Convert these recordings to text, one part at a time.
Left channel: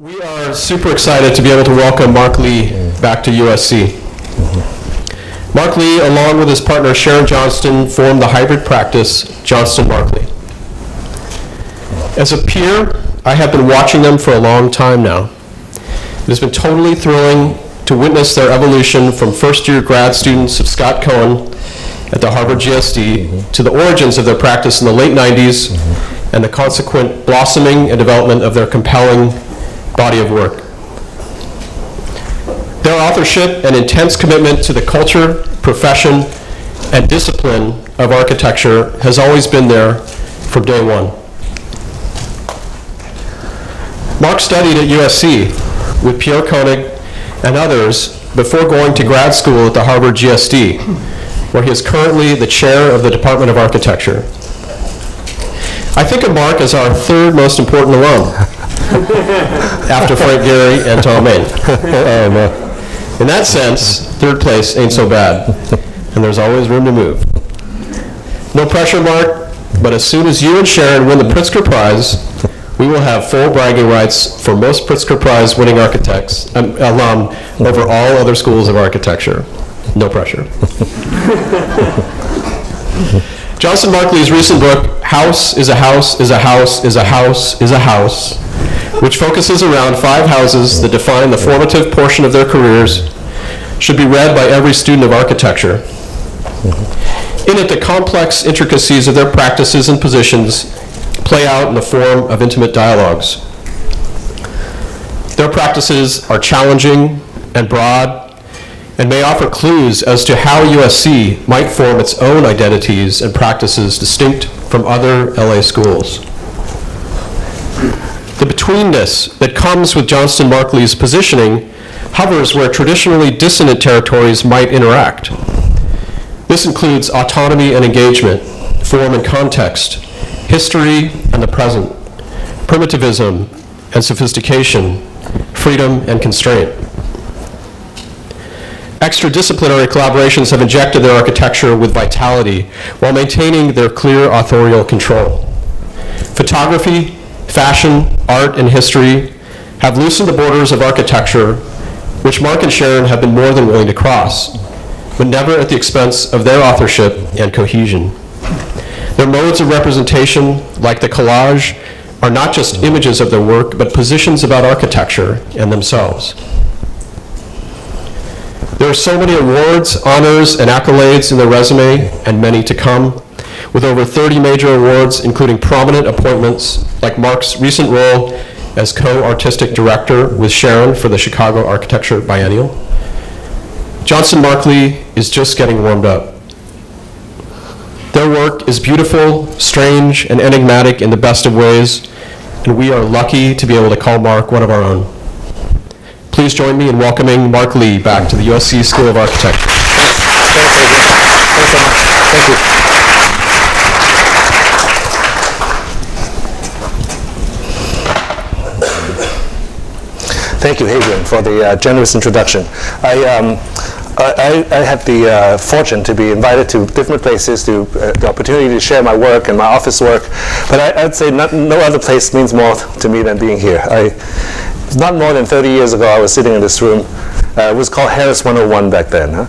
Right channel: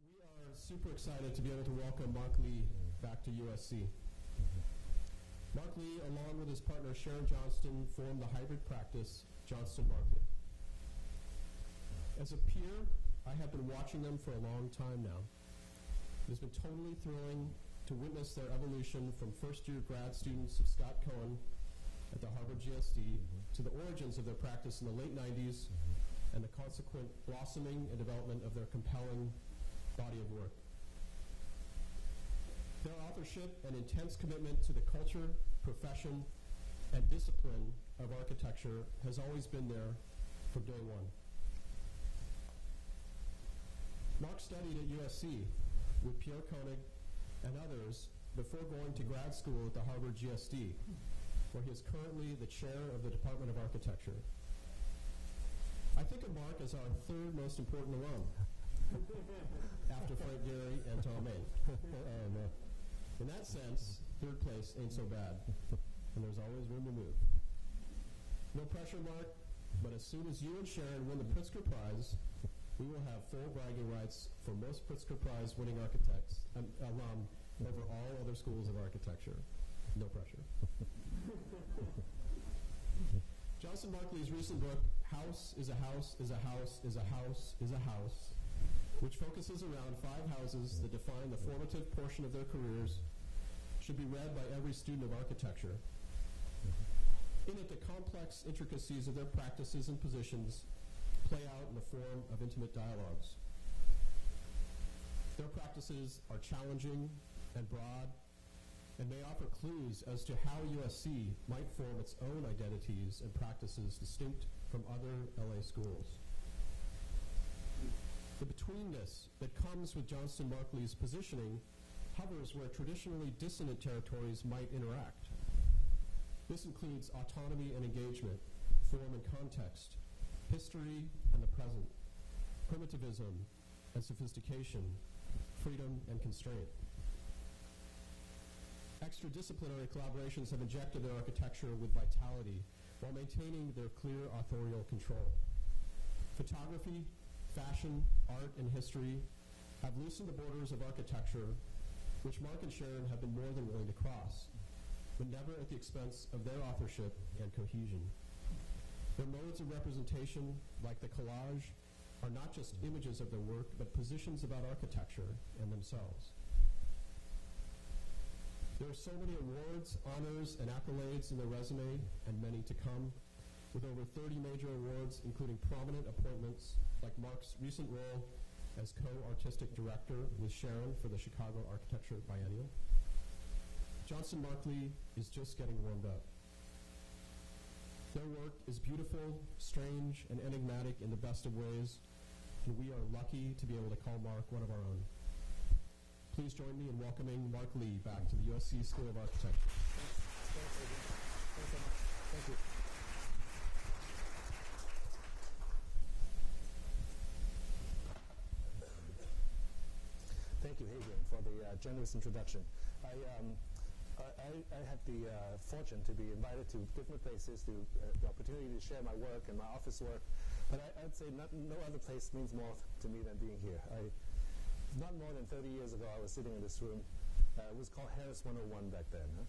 We are super excited to be able to welcome Mark Lee back to USC. Mark Lee, along with his partner Sharon Johnston, formed the hybrid practice Johnston-Mark Lee. As a peer, I have been watching them for a long time now. It has been totally thrilling to witness their evolution from first-year grad students of Scott Cohen at the Harvard GSD to the origins of their practice in the late 90s and the consequent blossoming and development of their compelling body of work. Their authorship and intense commitment to the culture, profession, and discipline of architecture has always been there from day one. Mark studied at USC with Pierre Koenig and others before going to grad school at the Harvard GSD, where he is currently the chair of the Department of Architecture. I think of Mark as our third most important alum, after Frank Gehry and Tom Main. In that sense, third place ain't so bad, and there's always room to move. No pressure, Mark, but as soon as you and Sharon win the Pritzker Prize, we will have full bragging rights for most Pritzker Prize winning architects, alum over all other schools of architecture. No pressure. Johnston-Mark Lee's recent book, House is a House is a House is a House is a House, which focuses around 5 houses that define the formative portion of their careers, should be read by every student of architecture. In it, the complex intricacies of their practices and positions play out in the form of intimate dialogues. Their practices are challenging and broad, and may offer clues as to how USC might form its own identities and practices distinct from other LA schools. The betweenness that comes with Johnston-Mark Lee's positioning hovers where traditionally dissonant territories might interact. This includes autonomy and engagement, form and context, history and the present, primitivism and sophistication, freedom and constraint. Extradisciplinary collaborations have injected their architecture with vitality while maintaining their clear authorial control. Photography, fashion, art, and history have loosened the borders of architecture, which Mark and Sharon have been more than willing to cross, but never at the expense of their authorship and cohesion. Their modes of representation, like the collage, are not just images of their work, but positions about architecture and themselves. There are so many awards, honors, and accolades in their resume, and many to come, with over 30 major awards, including prominent appointments, like Mark's recent role as co-artistic director with Sharon for the Chicago Architecture Biennial. Johnston-Mark Lee is just getting warmed up. Their work is beautiful, strange, and enigmatic in the best of ways, and we are lucky to be able to call Mark one of our own. Please join me in welcoming Mark Lee back to the USC School of Architecture. Thanks, Adrian. Thanks so much. Thank you. Thank you, Adrian, for the generous introduction. I had the fortune to be invited to different places, to the opportunity to share my work and my office work, but I'd say no other place means more to me than being here. Not more than 30 years ago, I was sitting in this room. It was called Harris 101 back then. Huh?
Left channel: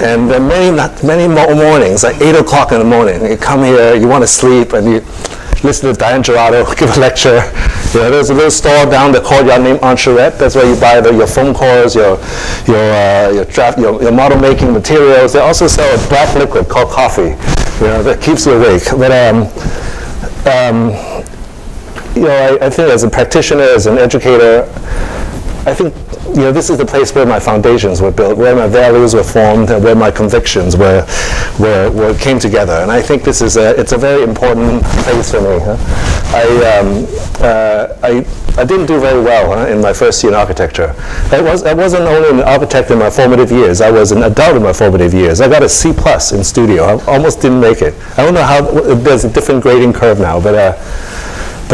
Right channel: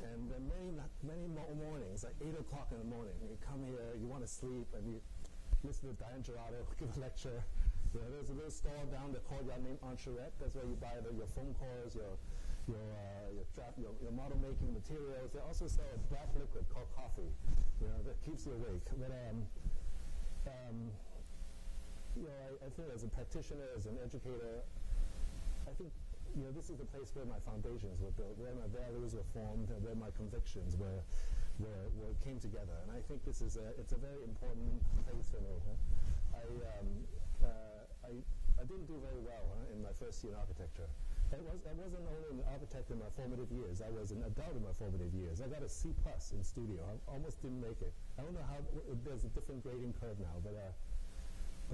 And many mornings, like 8 o'clock in the morning, you come here, you want to sleep, and you listen to Diane Gerardo give a lecture. You know, there's a little store down the courtyard named Ancherette. That's where you buy your foam cores, your model making materials. They also sell a black liquid called coffee, you know, that keeps you awake. But you know, I think as a practitioner, as an educator, I think, you know, this is the place where my foundations were built, where my values were formed, and where my convictions came together. And I think this is it's a very important place for me. Huh? I didn't do very well in my first year in architecture. I wasn't only an architect in my formative years. I was an adult in my formative years. I got a C+ in studio. I almost didn't make it. I don't know how. There's a different grading curve now, but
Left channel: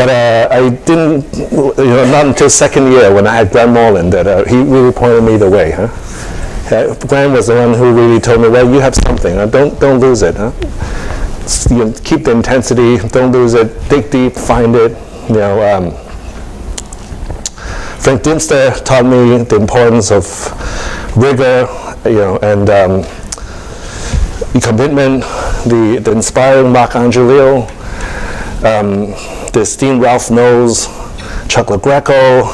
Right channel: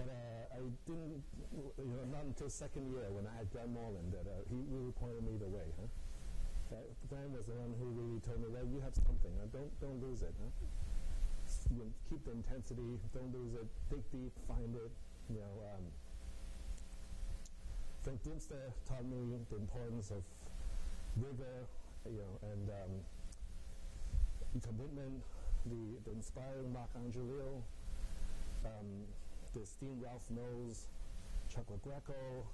I didn't, you know, not until second year when I had Graham Morland that he really pointed me the way. Huh? Graham was the one who really told me, well, you have something. Don't lose it. Huh? You know, keep the intensity. Don't lose it. Dig deep. Find it. You know, Frank Dinster taught me the importance of rigor, and commitment. The inspiring Mark Angelillo, the esteemed Ralph Knowles, Chuck LaGreco,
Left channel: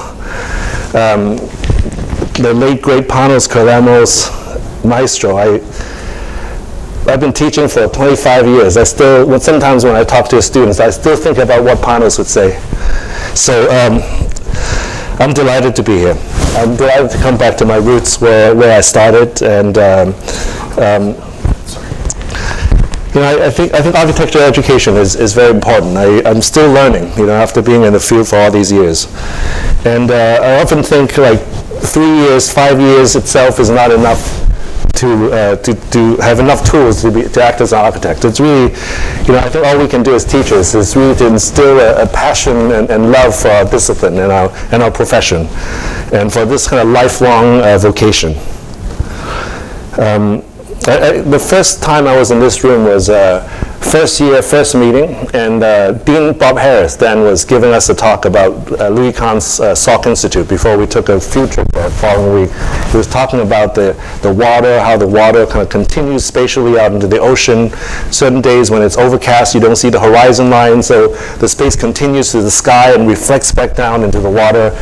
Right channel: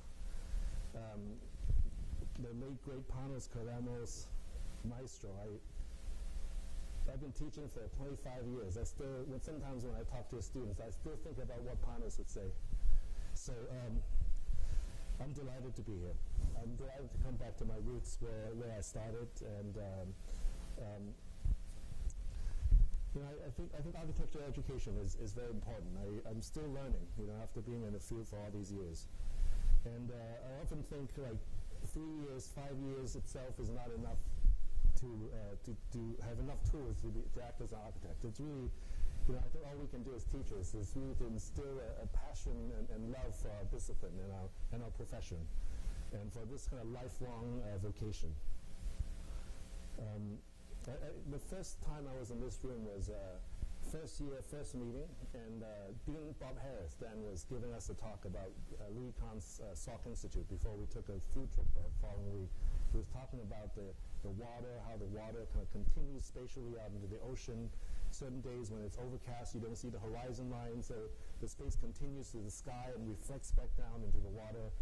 the late great Panos Carremos, maestro. I've been teaching for 25 years. Sometimes when I talk to students, I still think about what Panos would say. So I'm delighted to be here. I'm delighted to come back to my roots where I started, and I think architecture education is very important. I'm still learning, after being in the field for all these years, and I often think like 3 years, 5 years itself is not enough to have enough tools to act as an architect. It's really, I think all we can do as teachers is really to instill a passion and love for our discipline and our profession, and for this kind of lifelong vocation. The first time I was in this room was first year, first meeting, and Dean Bob Harris then was giving us a talk about Louis Kahn's Salk Institute before we took a field trip there the following week. He was talking about the water, how the water kind of continues spatially out into the ocean. Certain days when it's overcast, you don't see the horizon line, so the space continues to the sky and reflects back down into the water.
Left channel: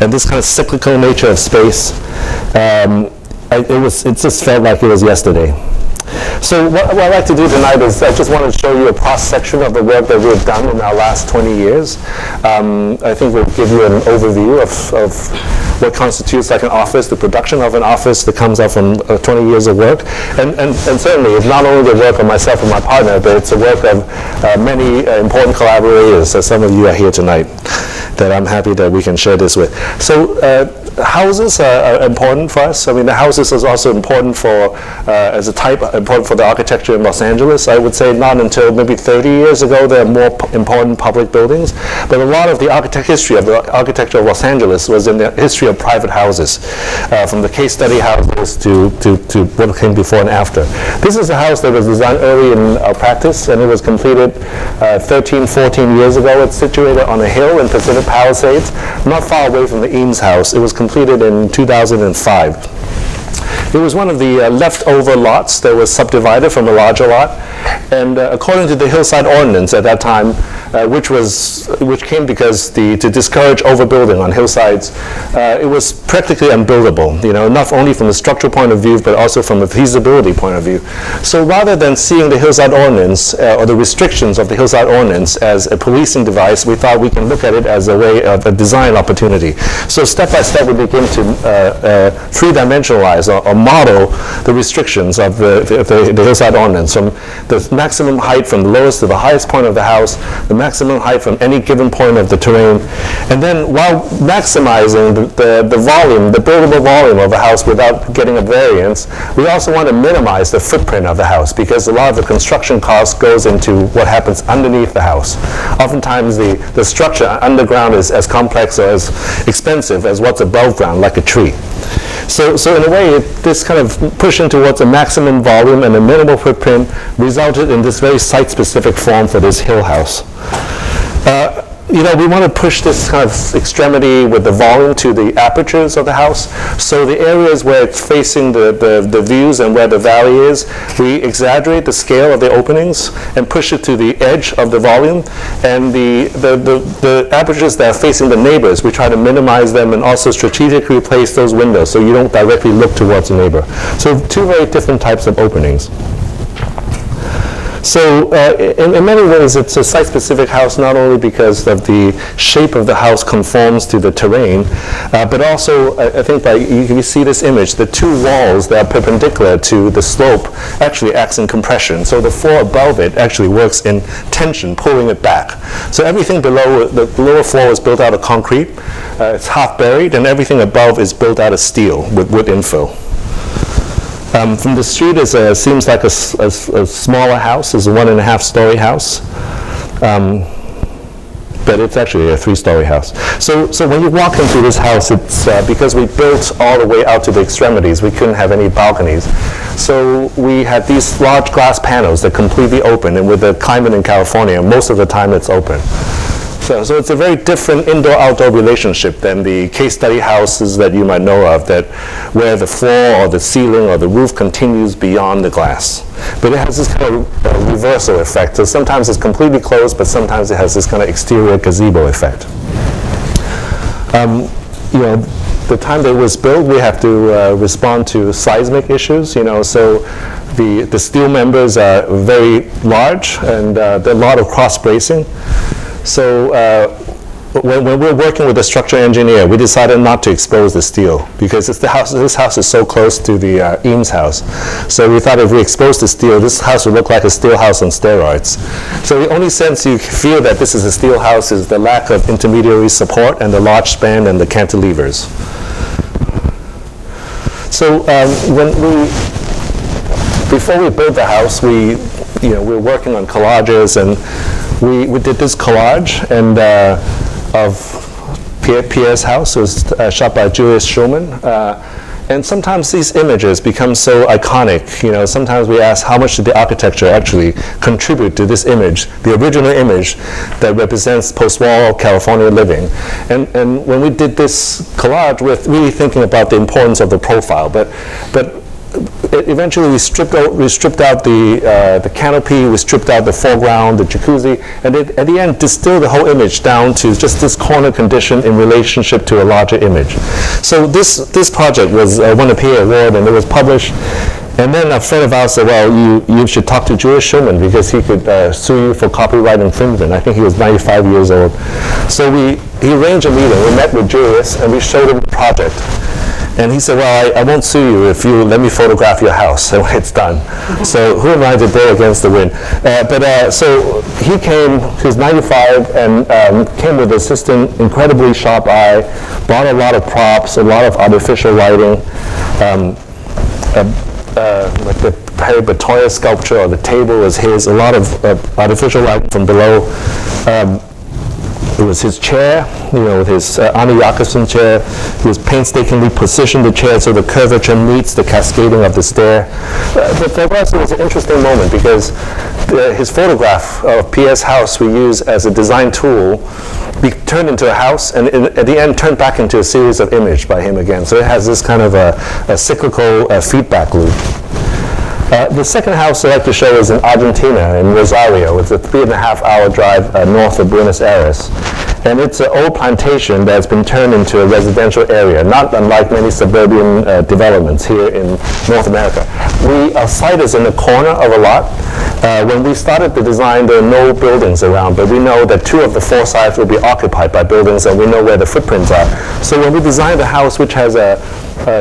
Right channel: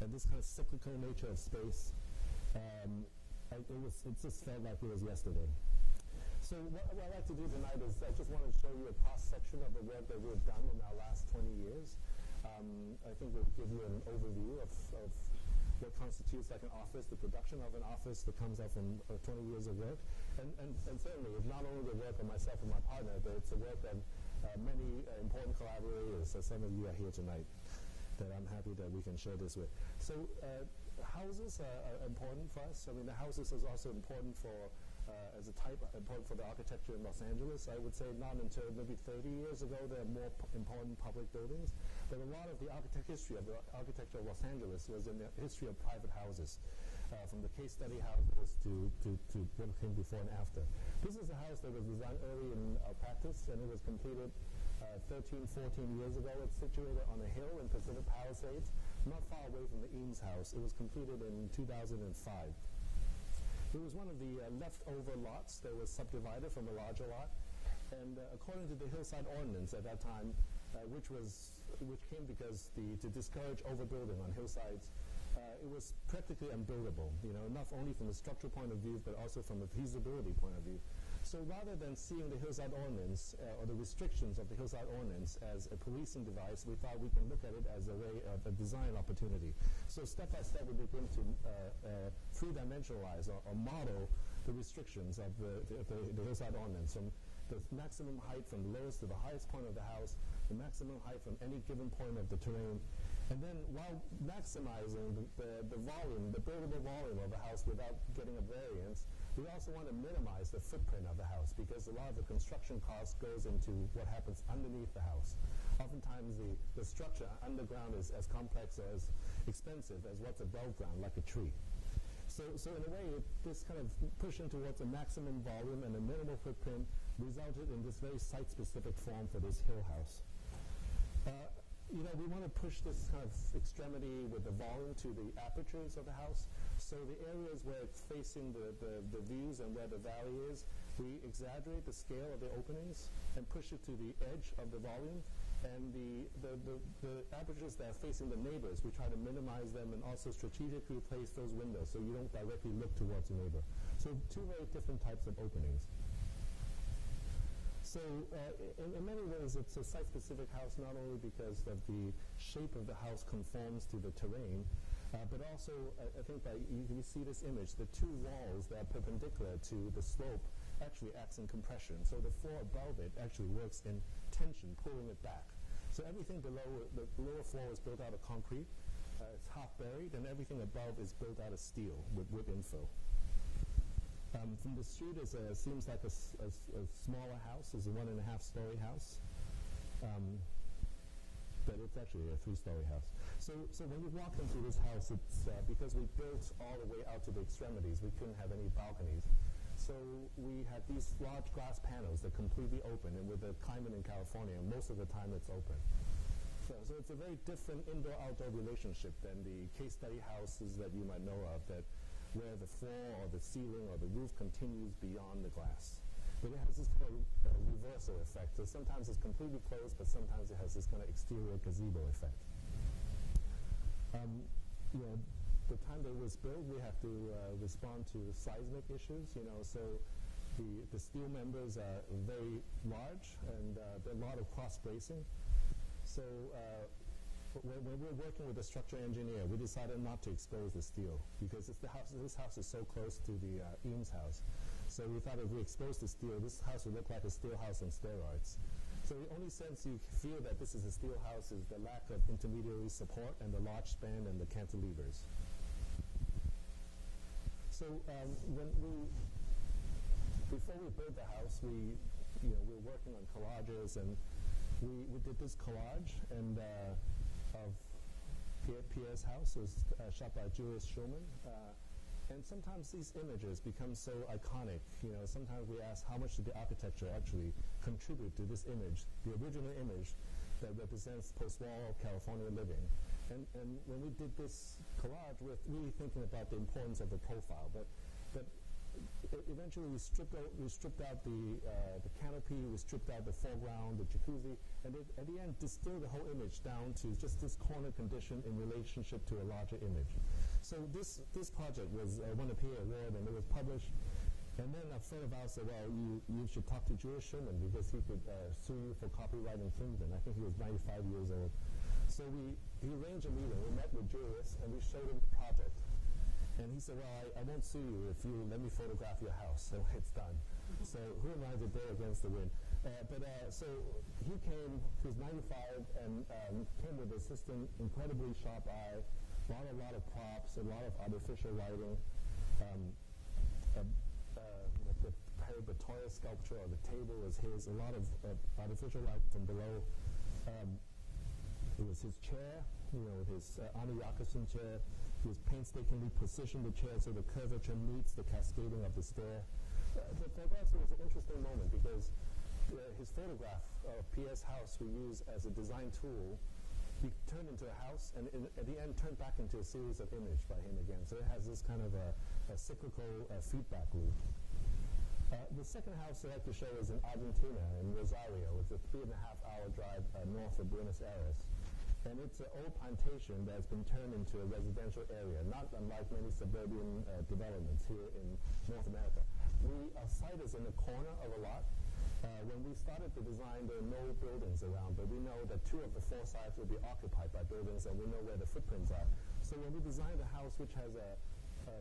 And this kind of cyclical nature of space, it just felt like it was yesterday. So what I'd like to do tonight is I just want to show you a cross-section of the work that we've done in our last 20 years. I think we'll give you an overview of what constitutes like an office, the production of an office that comes out from 20 years of work. And certainly it's not only the work of myself and my partner, but it's the work of many important collaborators, as some of you are here tonight, that I'm happy that we can share this with. So houses are important for us. I mean, the houses is also important for, as a type, important for the architecture in Los Angeles. I would say not until maybe 30 years ago there are more important public buildings. But a lot of the history of the architecture of Los Angeles was in the history of private houses, from the case study houses to what came before and after. This is a house that was designed early in our practice, and it was completed 13, 14 years ago. It's situated on a hill in Pacific Palisades, not far away from the Eames House. It was completed in 2005. It was one of the leftover lots that was subdivided from a larger lot, and according to the hillside ordinance at that time, which came because to discourage overbuilding on hillsides, it was practically unbuildable, not only from a structural point of view, but also from a feasibility point of view. So rather than seeing the hillside ordinance or the restrictions of the hillside ordinance as a policing device, we thought we can look at it as a way of a design opportunity. So step by step, we begin to three-dimensionalize or model the restrictions of the hillside ordinance, from the maximum height from the lowest to the highest point of the house, the maximum height from any given point of the terrain, and then while maximizing the volume, the buildable volume of a house without getting a variance, we also want to minimize the footprint of the house, because a lot of the construction cost goes into what happens underneath the house. Oftentimes the structure underground is as complex or as expensive as what's above ground, like a tree. So in a way, this kind of pushing towards a maximum volume and a minimal footprint resulted in this very site-specific form for this hill house. We want to push this kind of extremity with the volume to the apertures of the house. So the areas where it's facing the views and where the valley is, we exaggerate the scale of the openings and push it to the edge of the volume. And the apertures that are facing the neighbors, we try to minimize them and also strategically place those windows so you don't directly look towards the neighbor. So two very different types of openings. So in many ways, it's a site-specific house, not only because of the shape of the house conforms to the terrain, but also, I think you see this image, the two walls that are perpendicular to the slope actually acts in compression. So the floor above it actually works in tension, pulling it back. So everything below, the lower floor is built out of concrete, it's half buried, and everything above is built out of steel with wood infill. From the street, it seems like a smaller house. It's a 1.5-story house, but it's actually a 3-story house. So when you walk into this house, it's because we built all the way out to the extremities, we couldn't have any balconies. So we had these large glass panels that completely open, and with the climate in California, most of the time it's open. So it's a very different indoor-outdoor relationship than the case study houses that you might know of, that where the floor or the ceiling or the roof continues beyond the glass. But it has this kind of reversal effect. So sometimes it's completely closed, but sometimes it has this kind of exterior gazebo effect. You know, the time that it was built, we have to respond to seismic issues. You know, so the steel members are very large, and there are a lot of cross bracing. So when we're working with a structural engineer, we decided not to expose the steel because this house is so close to the Eames house. So we thought if we expose the steel, this house would look like a steel house on steroids. So the only sense you feel that this is a steel house is the lack of intermediary support and the large span and the cantilevers. So before we built the house, we were working on collages, and we did this collage and of Pierre's house. It was shot by Julius Schulman. And sometimes these images become so iconic. You know, sometimes we ask how much did the architecture actually contribute to this image, the original image that represents post-war California living. And when we did this collage, we're really thinking about the importance of the profile. But eventually we stripped out the canopy, we stripped out the foreground, the jacuzzi, and at the end distilled the whole image down to just this corner condition in relationship to a larger image. So this project was won a PA award, and it was published. And then a friend of ours said, well, you should talk to Julius Schulman because he could sue you for copyright infringement. I think he was 95 years old. So he arranged a meeting. We met with Julius, and we showed him the project. And he said, well, I won't sue you if you let me photograph your house when it's done. So who am I to blow against the wind? So he came, he was 95, and came with an assistant, incredibly sharp eye, brought a lot of props, a lot of artificial lighting, like the Perry Batoya sculpture, or the table was his, a lot of artificial lighting from below. It was his chair, with his Arne Jacobsen chair. He was painstakingly positioned the chair so the curvature meets the cascading of the stair. But for us, it was an interesting moment because his photograph of Pierre's house we use as a design tool turned into a house, and at the end turned back into a series of images by him again. So it has this kind of a cyclical feedback loop. The second house I'd like to show is in Argentina, in Rosario. It's a 3.5-hour drive north of Buenos Aires. And it's an old plantation that's been turned into a residential area, not unlike many suburban developments here in North America. Our site is in the corner of a lot. When we started the design, there are no buildings around, but we know that 2 of the 4 sides will be occupied by buildings, and we know where the footprints are. So when we designed the house, which has a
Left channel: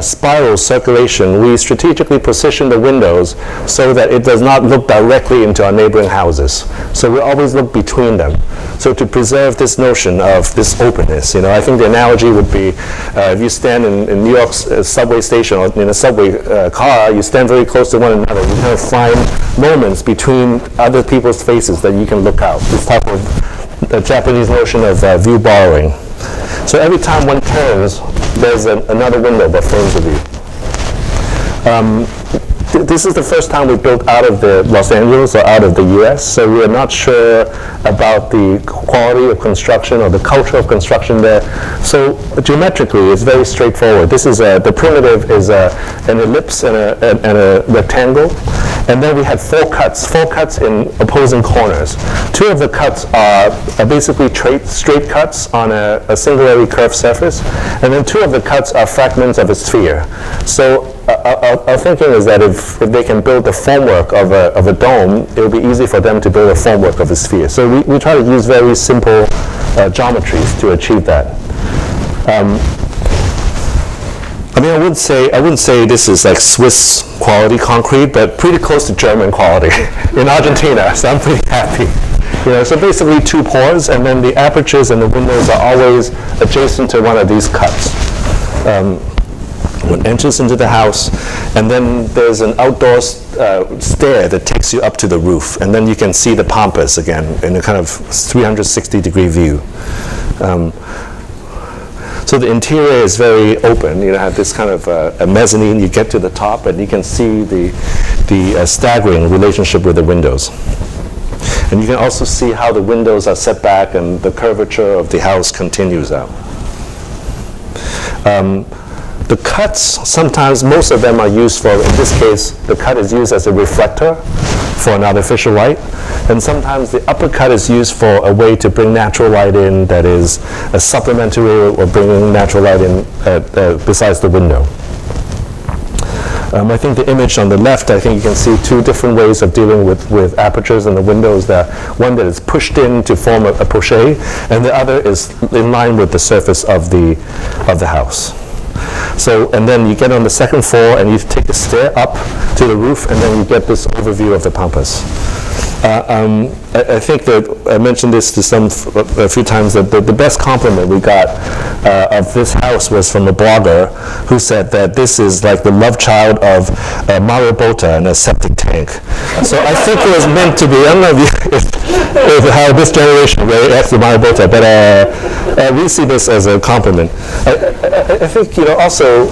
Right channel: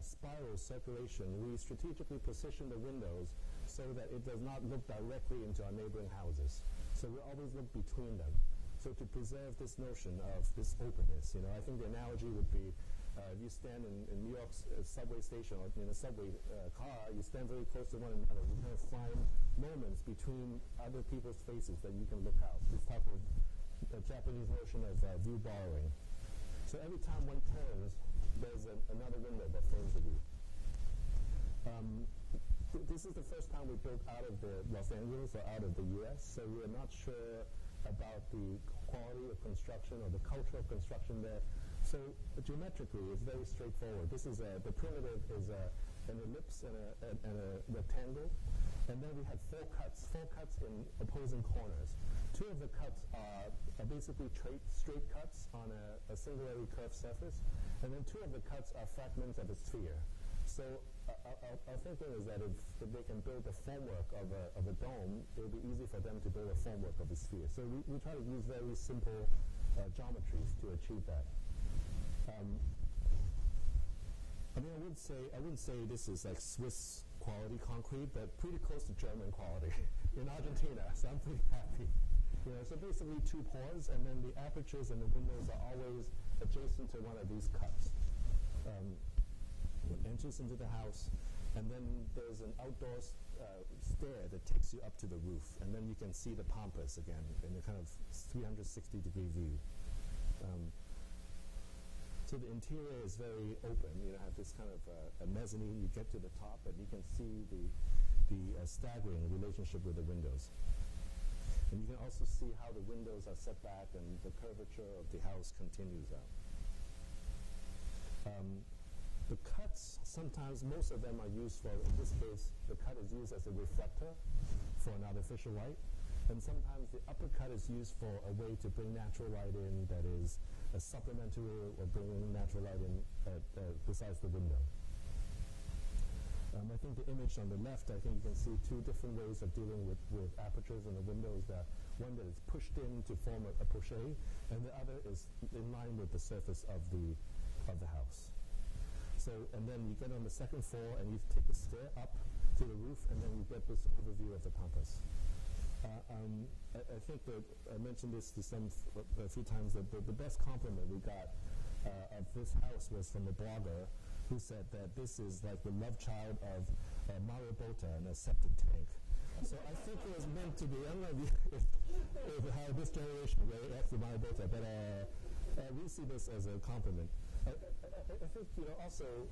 spiral circulation, we strategically position the windows so that it does not look directly into our neighboring houses. So we always look between them. So to preserve this notion of this openness, I think the analogy would be if you stand in New York's subway station or in a subway car, you stand very close to one another. You kind of find moments between other people's faces that you can look out. This type of Japanese notion of view borrowing. So every time one turns, there's another window that frames the view. This is the first time we built out of Los Angeles or out of the US, so we are not sure about the quality of construction or the culture of construction there. So geometrically, it's very straightforward. This is the primitive is an ellipse and a rectangle, and then we had 4 cuts in opposing corners. 2 of the cuts are basically straight cuts on a singularly curved surface, and then 2 of the cuts are fragments of a sphere. So our thinking is that if they can build the formwork of a dome, it will be easy for them to build a formwork of a sphere. So we try to use very simple geometries to achieve that. I wouldn't say this is like Swiss quality concrete, but pretty close to German quality in Argentina. So I'm pretty happy. So basically 2 pores, and then the apertures and the windows are always adjacent to one of these cuts. One enters into the house, and then there's an outdoor stair that takes you up to the roof, and then you can see the pampas again in a kind of 360-degree view. So the interior is very open. You have this kind of a mezzanine. You get to the top, and you can see the staggering relationship with the windows. And you can also see how the windows are set back and the curvature of the house continues out. The cuts, sometimes most of them are used for, in this case, the cut is used as a reflector for an artificial light. And sometimes the upper cut is used for a way to bring natural light in that is a supplementary or bringing natural light in besides the window. I think the image on the left, I think you can see two different ways of dealing with apertures in the windows. One that is pushed in to form a poché, and the other is in line with the surface of the house. So, and then you get on the second floor and you take a stair up to the roof, and then you get this overview of the pampas. I think that I mentioned this to a few times, that the best compliment we got of this house was from a blogger who said that this is like the love child of Mario Botta and a septic tank. So I think it was meant to be. I don't know if how this generation really acts with Mario Botta, but we see this as a compliment. I think, you know, also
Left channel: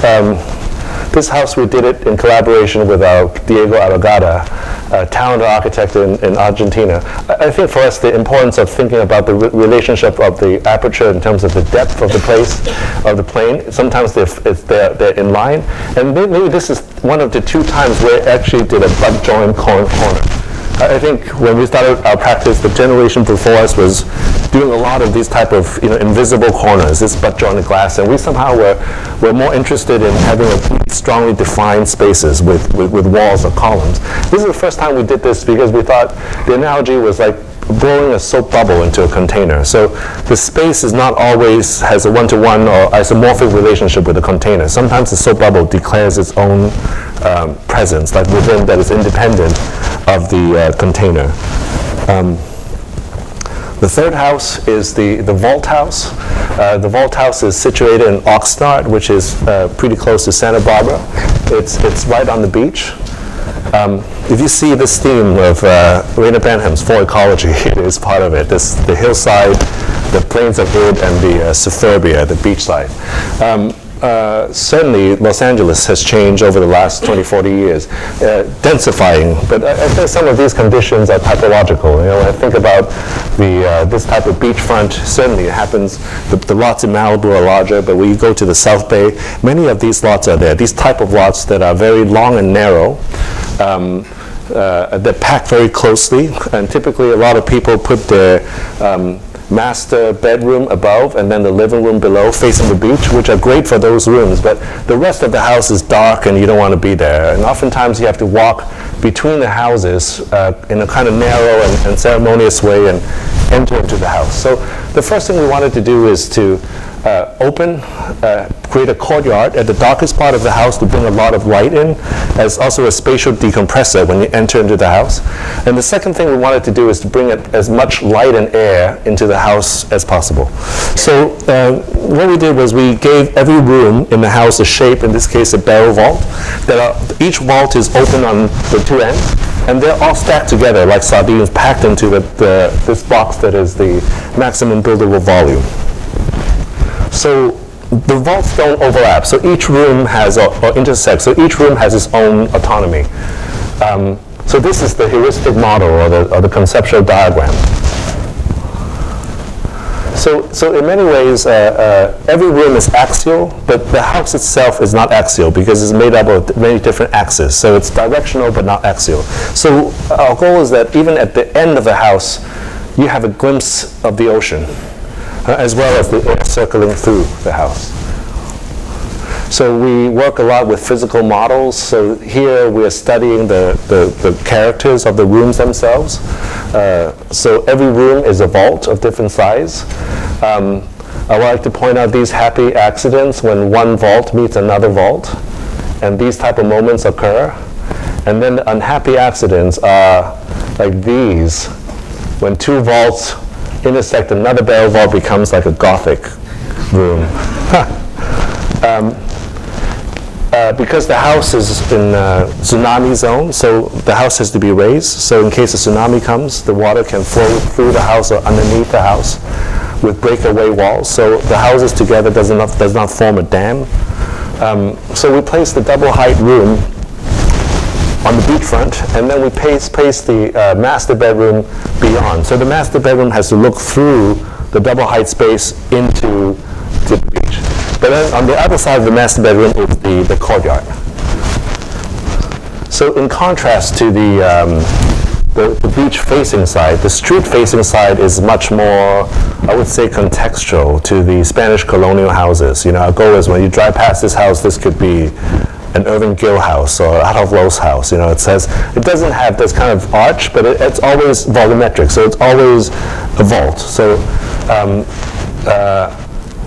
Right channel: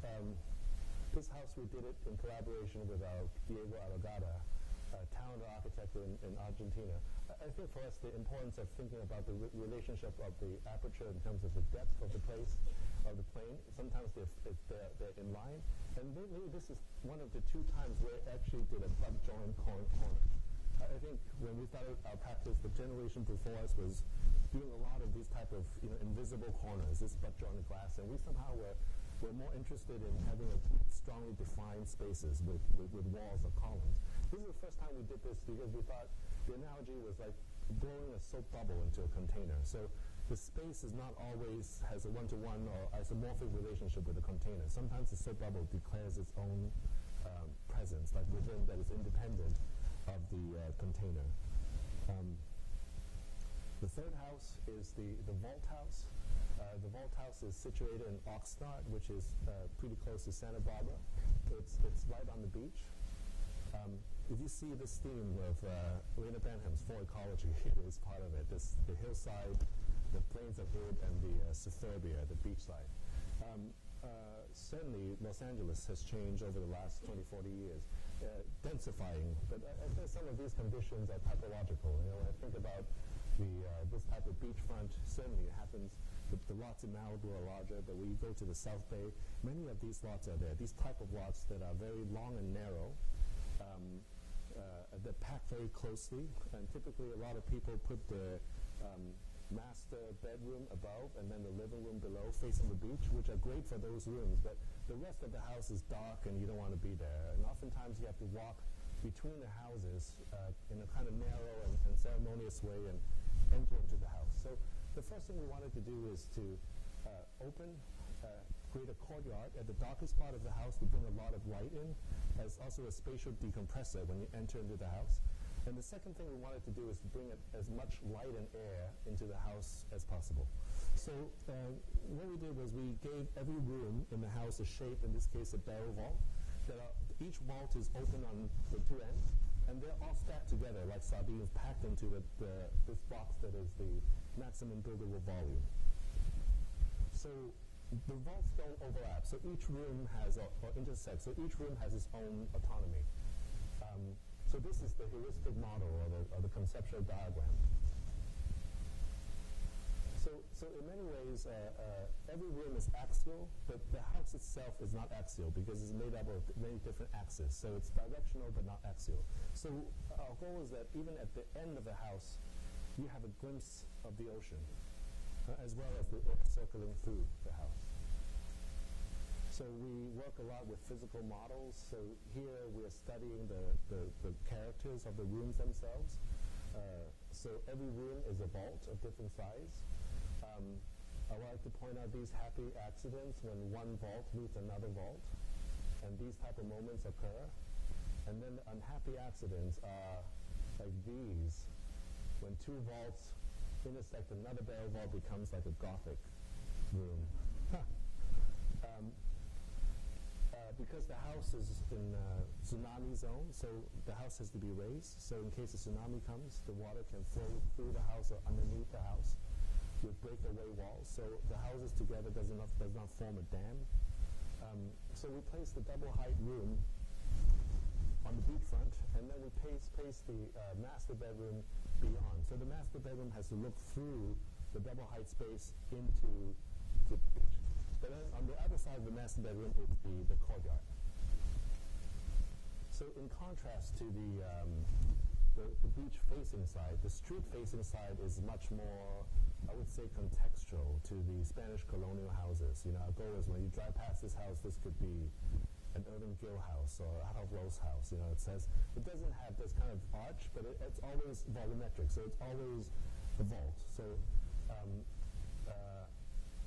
this house, we did it in collaboration with our Diego Aragada, a talented architect in Argentina. I think for us, the importance of thinking about the relationship of the aperture in terms of the depth of the place, of the plane, sometimes they're in line. And maybe this is one of the two times where it actually did a butt joint corner. I think when we started our practice, the generation before us was doing a lot of these type of, you know, invisible corners, this butt jointed glass, and we somehow were more interested in having a strongly defined spaces with walls or columns. This is the first time we did this because we thought the analogy was like blowing a soap bubble into a container. So the space is not always has a one-to-one or isomorphic relationship with the container. Sometimes the soap bubble declares its own presence, like within, that is independent of the container. The third house is the vault house. The vault house is situated in Oxnard, which is pretty close to Santa Barbara. It's right on the beach. If you see this theme of Raina Benham's For Ecology, it is part of it. The hillside, the plains of wood, and the suburbia, the beachside. Certainly, Los Angeles has changed over the last 20, 40 years, densifying. But I think some of these conditions are typological. You know, when I think about this type of beachfront, certainly it happens. The lots in Malibu are larger, but when you go to the South Bay, many of these lots are there. These type of lots that are very long and narrow. They're packed very closely, and typically a lot of people put their master bedroom above and then the living room below facing the beach, which are great for those rooms, but the rest of the house is dark and you don't want to be there. And oftentimes you have to walk between the houses in a kind of narrow and ceremonious way and enter into the house. So the first thing we wanted to do is to create a courtyard at the darkest part of the house to bring a lot of light in, as also a spatial decompressor when you enter into the house. And the second thing we wanted to do is to bring as much light and air into the house as possible. So what we did was we gave every room in the house a shape, in this case a barrel vault. Each vault is open on the two ends, and they're all stacked together like sardines, packed into this box that is the maximum buildable volume. So the vaults don't overlap. So each room has, or intersect, so each room has its own autonomy. So this is the heuristic model or the conceptual diagram. So in many ways, every room is axial, but the house itself is not axial because it's made up of many different axes. So it's directional but not axial. So our goal is that even at the end of the house, you have a glimpse of the ocean, as well as the air circling through the house. So we work a lot with physical models. So here we are studying the characters of the rooms themselves. So every room is a vault of different size. I would like to point out these happy accidents when one vault meets another vault, and these type of moments occur. And then the unhappy accidents are like these, when two vaults intersect, another barrel vault becomes like a Gothic room. Because the house is in tsunami zone, so the house has to be raised. So in case a tsunami comes, the water can flow through the house or underneath the house with breakaway walls. So the houses together does not form a dam. So we place the double height room on the beachfront, and then we place the master bedroom beyond. So the master bedroom has to look through the double height space into the beach. But then on the other side of the master bedroom is the courtyard. So in contrast to the beach-facing side, the street-facing side is much more, I would say, contextual to the Spanish colonial houses. You know, our goal is when you drive past this house, this could be an Irving Gill house or Adolf Loos house. You know, it doesn't have this kind of arch, but it's always volumetric, so it's always a vault. So,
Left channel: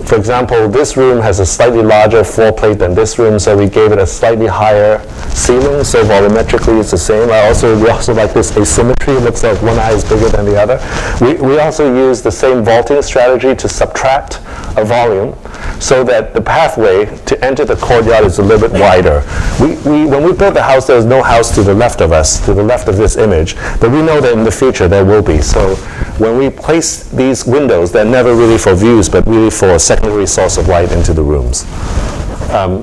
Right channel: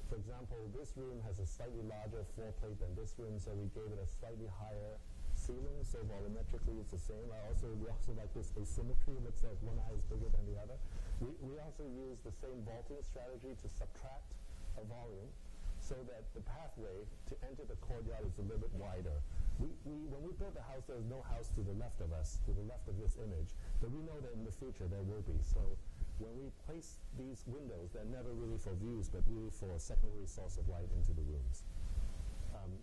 for example, this room has a slightly larger floor plate than this room, so we gave it a slightly higher ceiling, so volumetrically it's the same. We also like this asymmetry. It looks like one eye is bigger than the other. We also use the same vaulting strategy to subtract a volume so that the pathway to enter the courtyard is a little bit wider. When we built the house, there was no house to the left of us, to the left of this image, but we know that in the future there will be. So when we place these windows, they're never really for views, but really for a secondary source of light into the rooms.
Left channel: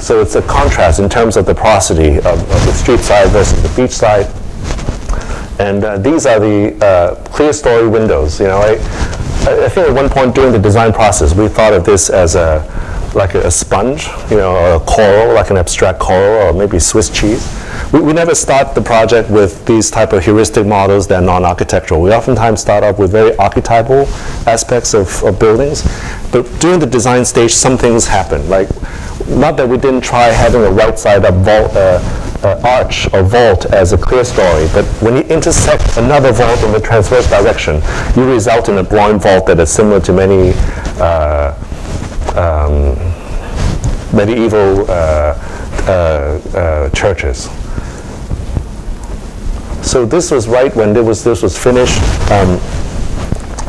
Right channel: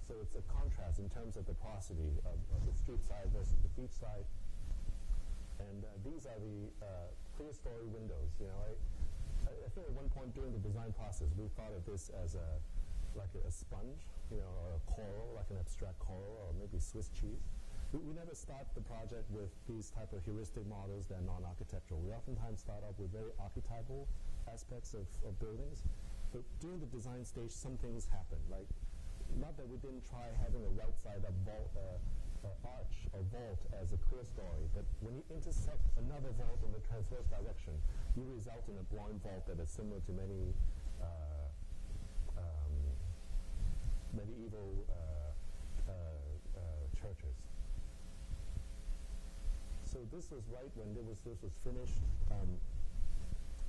So it's a contrast in terms of the porosity of the street side versus the beach side. And these are the clear story windows. You know, I think at one point during the design process, we thought of this as like a sponge, you know, or a coral, like an abstract coral, or maybe Swiss cheese. We never start the project with these type of heuristic models that are non-architectural. We oftentimes start off with very archetypal aspects of buildings. But during the design stage, some things happen. Like, not that we didn't try having a right-side-up vault, arch or vault as a clear story, but when you intersect another vault in the transverse direction, you result in a groin vault that is similar to many medieval churches. So this was right when this was finished.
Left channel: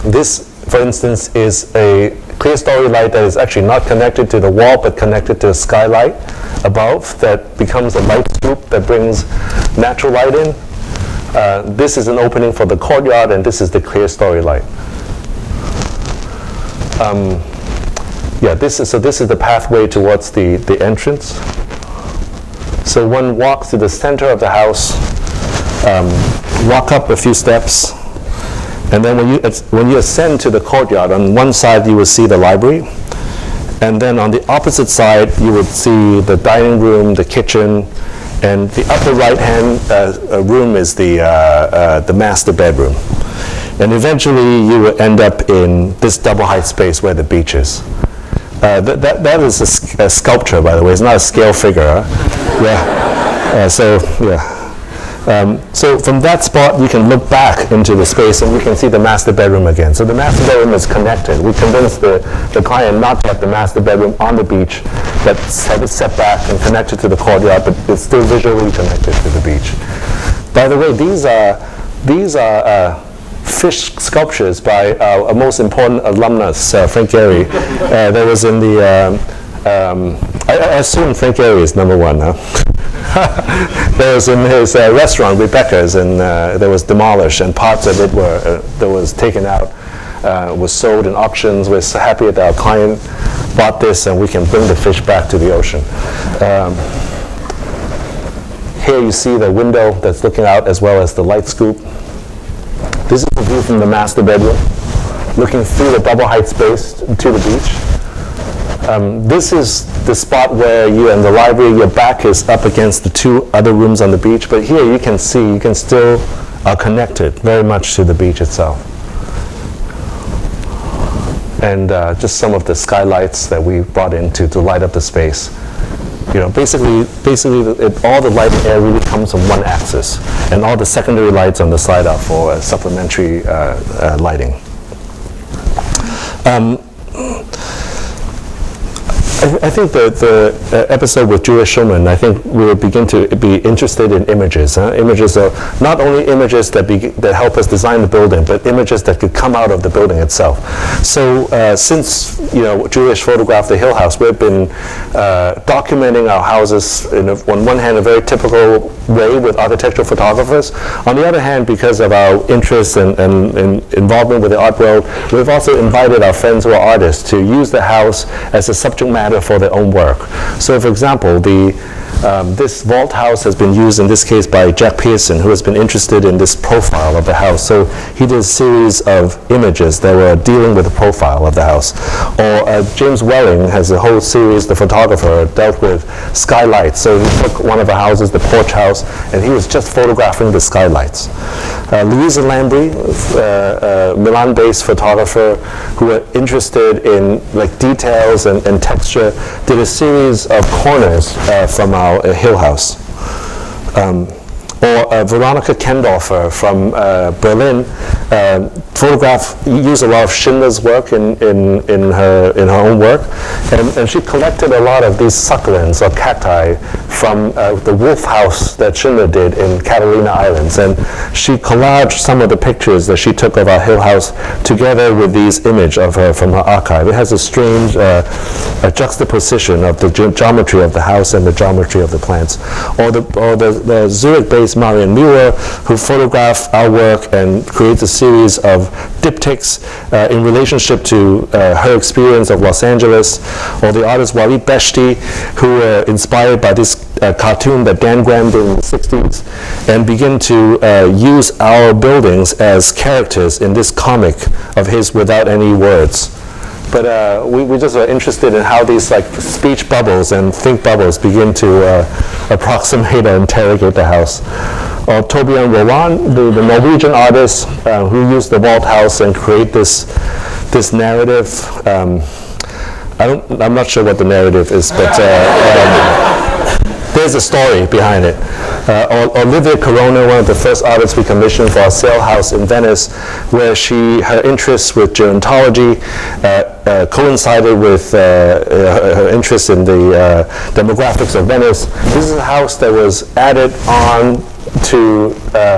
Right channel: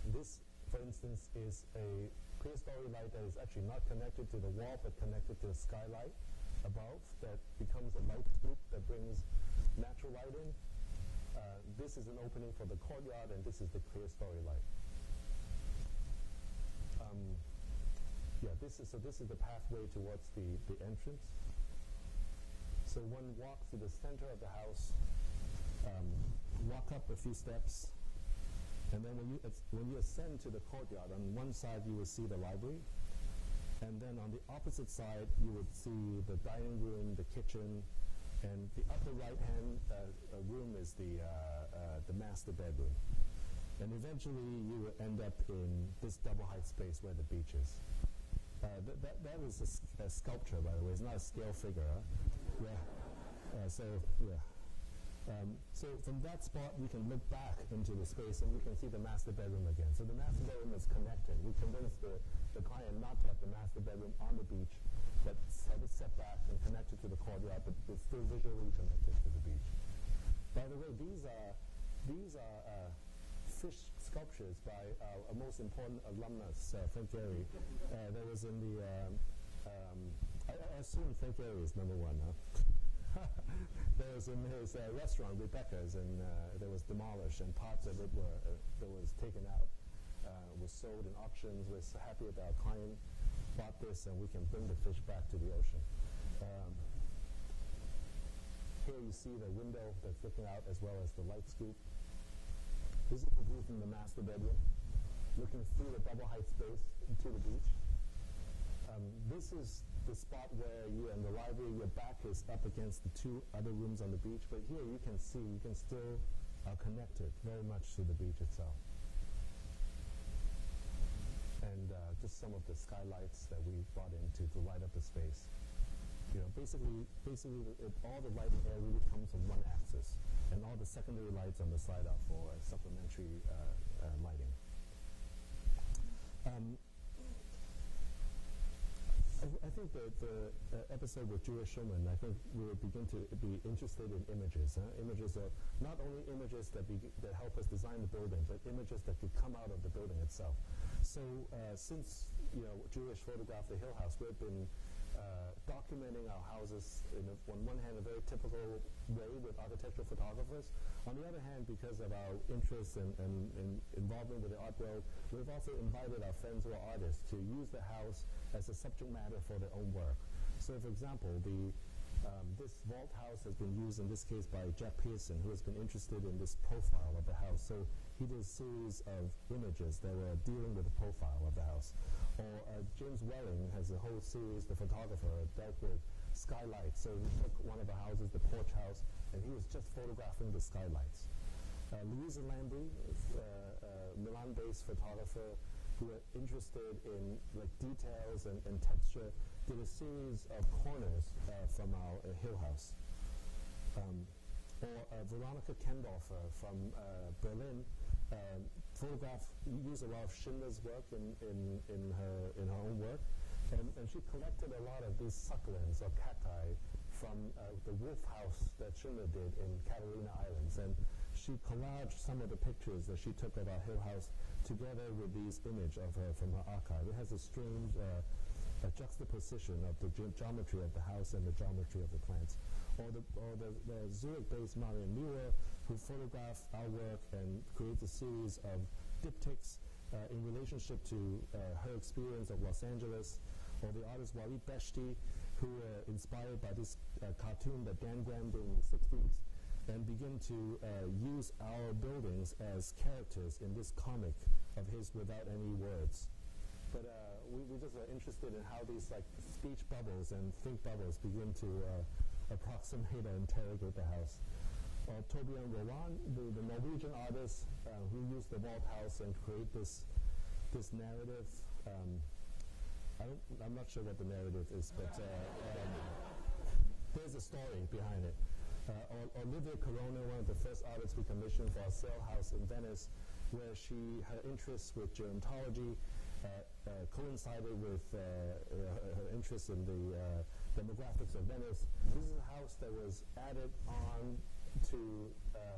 This, for instance, is a clear story light that is actually not connected to the wall, but connected to a skylight above that becomes a light scoop that brings natural light in. This is an opening for the courtyard, and this is the clear story light. This is the pathway towards the entrance. So one walks to the center of the house, walk up a few steps, and then when you ascend to the courtyard, on one side you will see the library, and then on the opposite side you would see the dining room, the kitchen, and the upper right-hand room is the master bedroom. And eventually you will end up in this double height space where the beach is. That is a sculpture, by the way. It's not a scale figure. Huh? So from that spot, you can look back into the space and you can see the master bedroom again. So the master bedroom is connected. We convinced the client not to have the master bedroom on the beach, but have it set back and connected to the courtyard, but it's still visually connected to the beach. By the way, these are fish sculptures by a most important alumnus, Frank Gehry. That was in the, I assume Frank Gehry is number one, huh? There was in his restaurant, Rebecca's, and that was demolished, and parts of it that was taken out, was sold in auctions. We're so happy that our client bought this, and we can bring the fish back to the ocean. Here you see the window that's looking out, as well as the light scoop. This is the view from the master bedroom, looking through the double height space to the beach. This is the spot where you and the library, your back is up against the two other rooms on the beach, but here you can see, you can still are connected very much to the beach itself. And just some of the skylights that we brought in to light up the space. You know, basically all the light and air really comes from one axis, and all the secondary lights on the side are for supplementary lighting. I think the episode with Julia Schulman, I think we will begin to be interested in images. Images are not only images that help us design the building, but images that could come out of the building itself. So since Julia photographed the Hill House, we've been documenting our houses on one hand a very typical way with architectural photographers. On the other hand, because of our interest and involvement with the art world, we've also invited our friends who are artists to use the house as a subject matter for their own work. So for example, the This vault house has been used in this case by Jack Pearson, who has been interested in this profile of the house. So he did a series of images that were dealing with the profile of the house. Or James Welling has a whole series, the photographer, dealt with skylights. So he took one of the houses, the porch house, and he was just photographing the skylights. Louisa Lambry, Milan-based photographer who were interested in like details and texture, did a series of corners from our Hill House. Or Veronica Kendorfer from Berlin used a lot of Schindler's work in her own work, and she collected a lot of these succulents or cacti from the wolf house that Schindler did in Catalina Islands, and she collaged some of the pictures that she took of our Hill House together with these images of her from her archive. It has a strange juxtaposition of the geometry of the house and the geometry of the plants. Or the Zurich-based Marian Muir, who photographed our work and creates a series of diptychs in relationship to her experience of Los Angeles. Or the artist Walid Beshti, who were inspired by this cartoon that Dan Graham did in the 60s, and begin to use our buildings as characters in this comic of his without any words. But we just are interested in how these like speech bubbles and think bubbles begin to approximate or interrogate the house. Or Torbjørn Rowan, the Norwegian artist who used the vault house and create this narrative. I'm not sure what the narrative is, but there's a story behind it. Olivia Corona, one of the first artists we commissioned for our sale house in Venice, where her interest with gerontology coincided with her interest in the demographics of Venice. This is a house that was added on to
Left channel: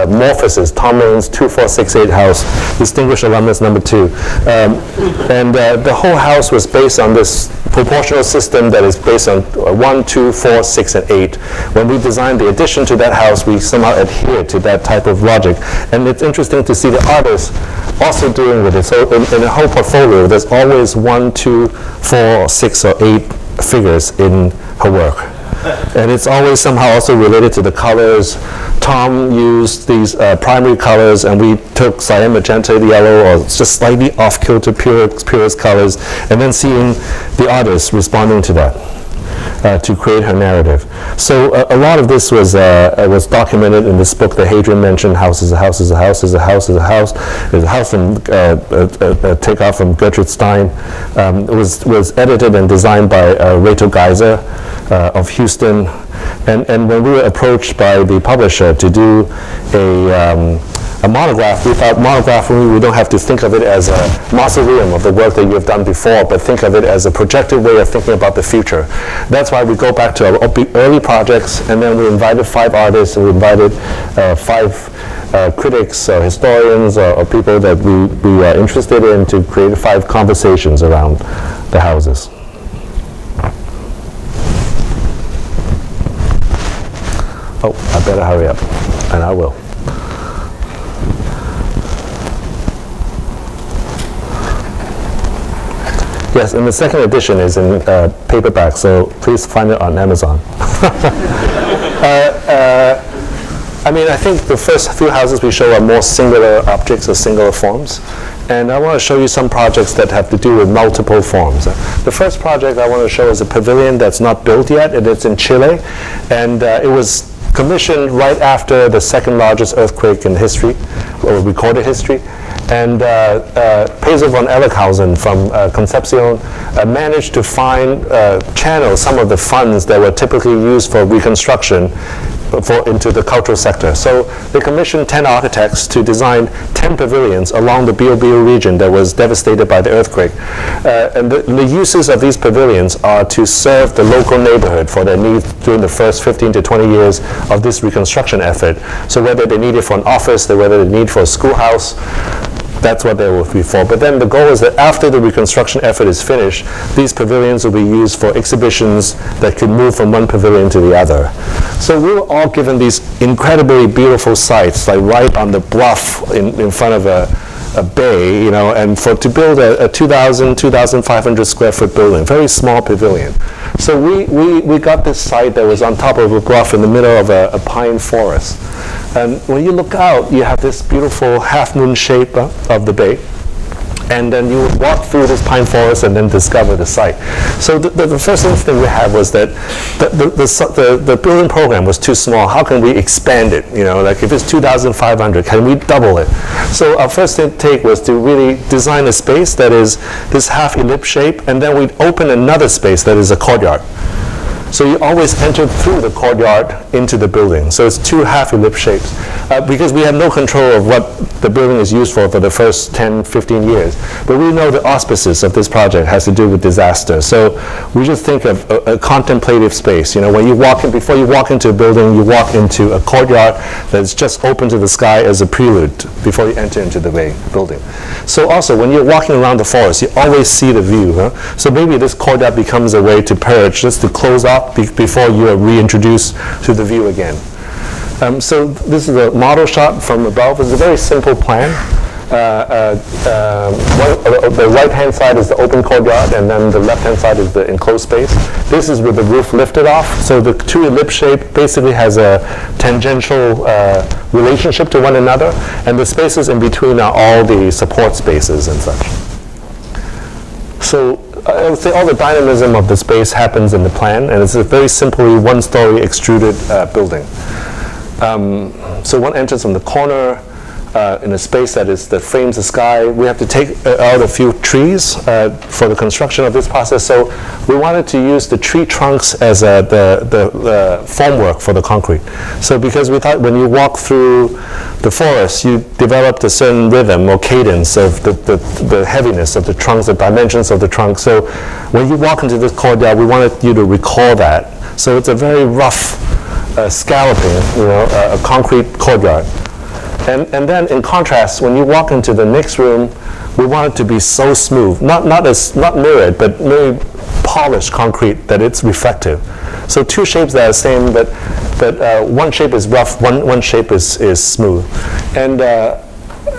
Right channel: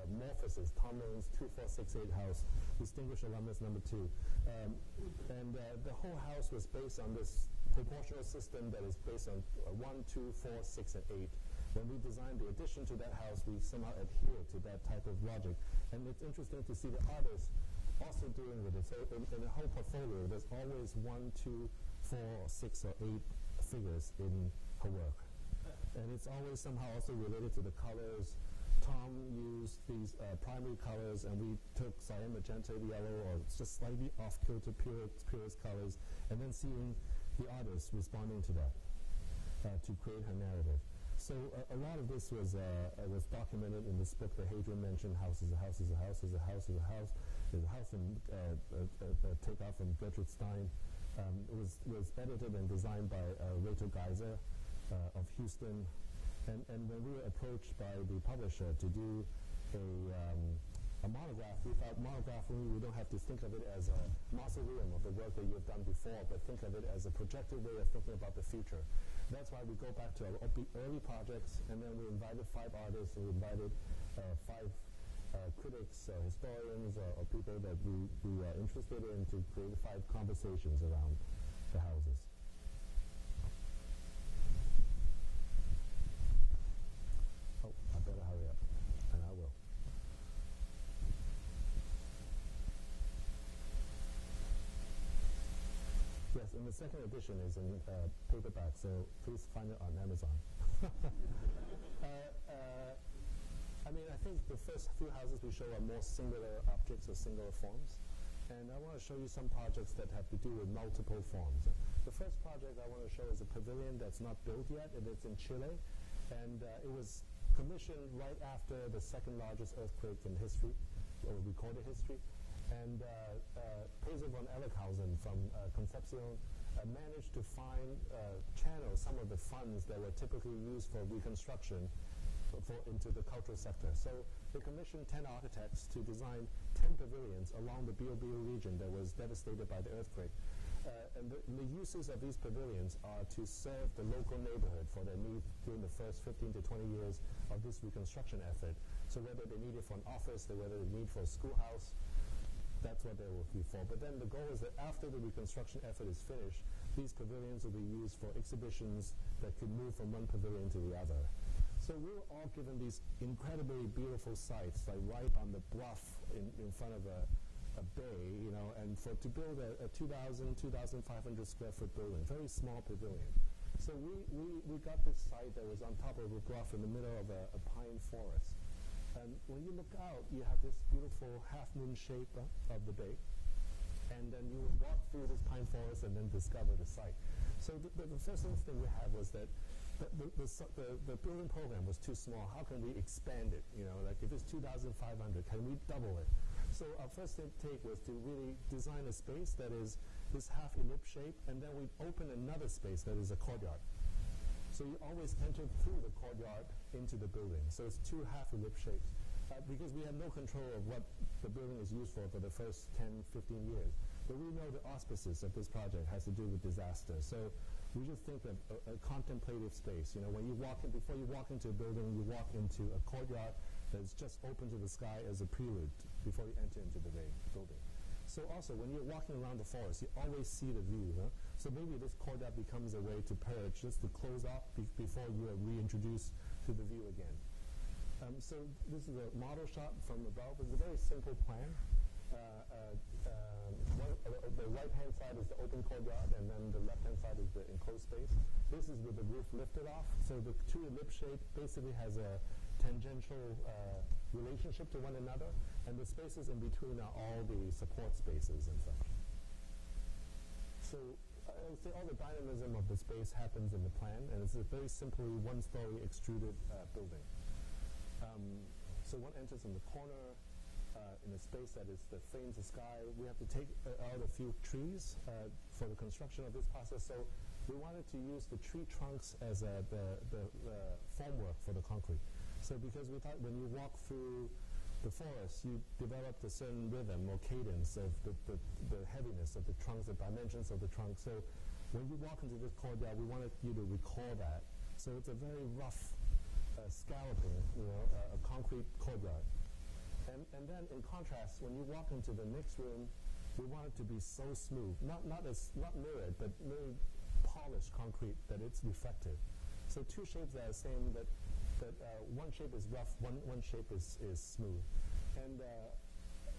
Morpheus' Tom Lane's 2468 house, Distinguished Alumnus number 2. And the whole house was based on this proportional system that is based on 1, 2, 4, 6, and 8. When we designed the addition to that house, we somehow adhered to that type of logic. And it's interesting to see the artists also doing with it. So in the whole portfolio, there's always 1, 2, 4, 6, or 8 figures in her work. And it's always somehow also related to the colors. Tom used these primary colors, and we took cyan, magenta, yellow, or just slightly off-kilter purest colors, and then seeing the artist responding to that to create her narrative. So a lot of this was documented in this book that Hadrian mentioned, House is a House is a House is a House is a House. There's a house from takeoff from Gertrude Stein. It was edited and designed by Rachel Geiser of Houston. And when we were approached by the publisher to do a monograph, we thought monographing, we don't have to think of it as a mausoleum of the work that you've done before, but think of it as a projected way of thinking about the future. That's why we go back to our early projects, and then we invited 5 artists, and we invited 5 critics or historians or people that we are interested in to create 5 conversations around the houses. Oh, I better hurry up, and I will. Yes, and the second edition is in paperback, so please find it on Amazon. I mean, I think the first few houses we show are more singular objects or singular forms. And I want to show you some projects that have to do with multiple forms. The first project I want to show is a pavilion that's not built yet, and it's in Chile. And it was commissioned right after the second largest earthquake in history, or recorded history. And Pedro von Ellickhausen from Concepcion managed to channel some of the funds that were typically used for reconstruction into the cultural sector. So they commissioned 10 architects to design 10 pavilions along the Biobío region that was devastated by the earthquake. And the uses of these pavilions are to serve the local neighborhood for their needs during the first 15 to 20 years of this reconstruction effort. So whether they need it for an office, whether they need it for a schoolhouse, that's what they will be for. But then the goal is that after the reconstruction effort is finished, these pavilions will be used for exhibitions that could move from one pavilion to the other. So we were all given these incredibly beautiful sites, like right on the bluff in front of a bay, you know, and to build a 2,500 square foot building, very small pavilion. So we got this site that was on top of a bluff in the middle of a pine forest. And when you look out, you have this beautiful half-moon shape of the bay. And then you would walk through this pine forest and then discover the site. So the first instinct we had was that the building program was too small. How can we expand it? You know, like if it's 2,500, can we double it? So our first take was to really design a space that is this half ellipse shape, and then we'd open another space that is a courtyard. So you always enter through the courtyard into the building. So it's two half ellipse shapes. Because we have no control of what the building is used for the first 10, 15 years. But we know the auspices of this project has to do with disaster. So we just think of a contemplative space. You know, when you walk in, before you walk into a building, you walk into a courtyard that's just open to the sky as a prelude before you enter into the building. So also, when you're walking around the forest, you always see the view. Huh? So maybe this courtyard becomes a way to purge, just to close off before you are reintroduced to the view again. So this is a model shot from above. It's a very simple plan. The right-hand side is the open courtyard, and then the left-hand side is the enclosed space. This is with the roof lifted off. So the two ellipse shape basically has a tangential relationship to one another, and the spaces in between are all the support spaces and such. So I would say all the dynamism of the space happens in the plan, and it's a very simply one-story extruded building. So one enters from the corner in a space that frames the sky. We have to take out a few trees for the construction of this process. So we wanted to use the tree trunks as the formwork for the concrete. So because we thought when you walk through the forest, you developed a certain rhythm or cadence of the heaviness of the trunks, the dimensions of the trunk. So when you walk into this courtyard, we wanted you to recall that. So it's a very rough scalloping, you know, a concrete courtyard. And then in contrast, when you walk into the next room, we want it to be so smooth, not mirrored, but very polished concrete that it's reflective. So two shapes that are the same, but one shape is rough, one shape is smooth.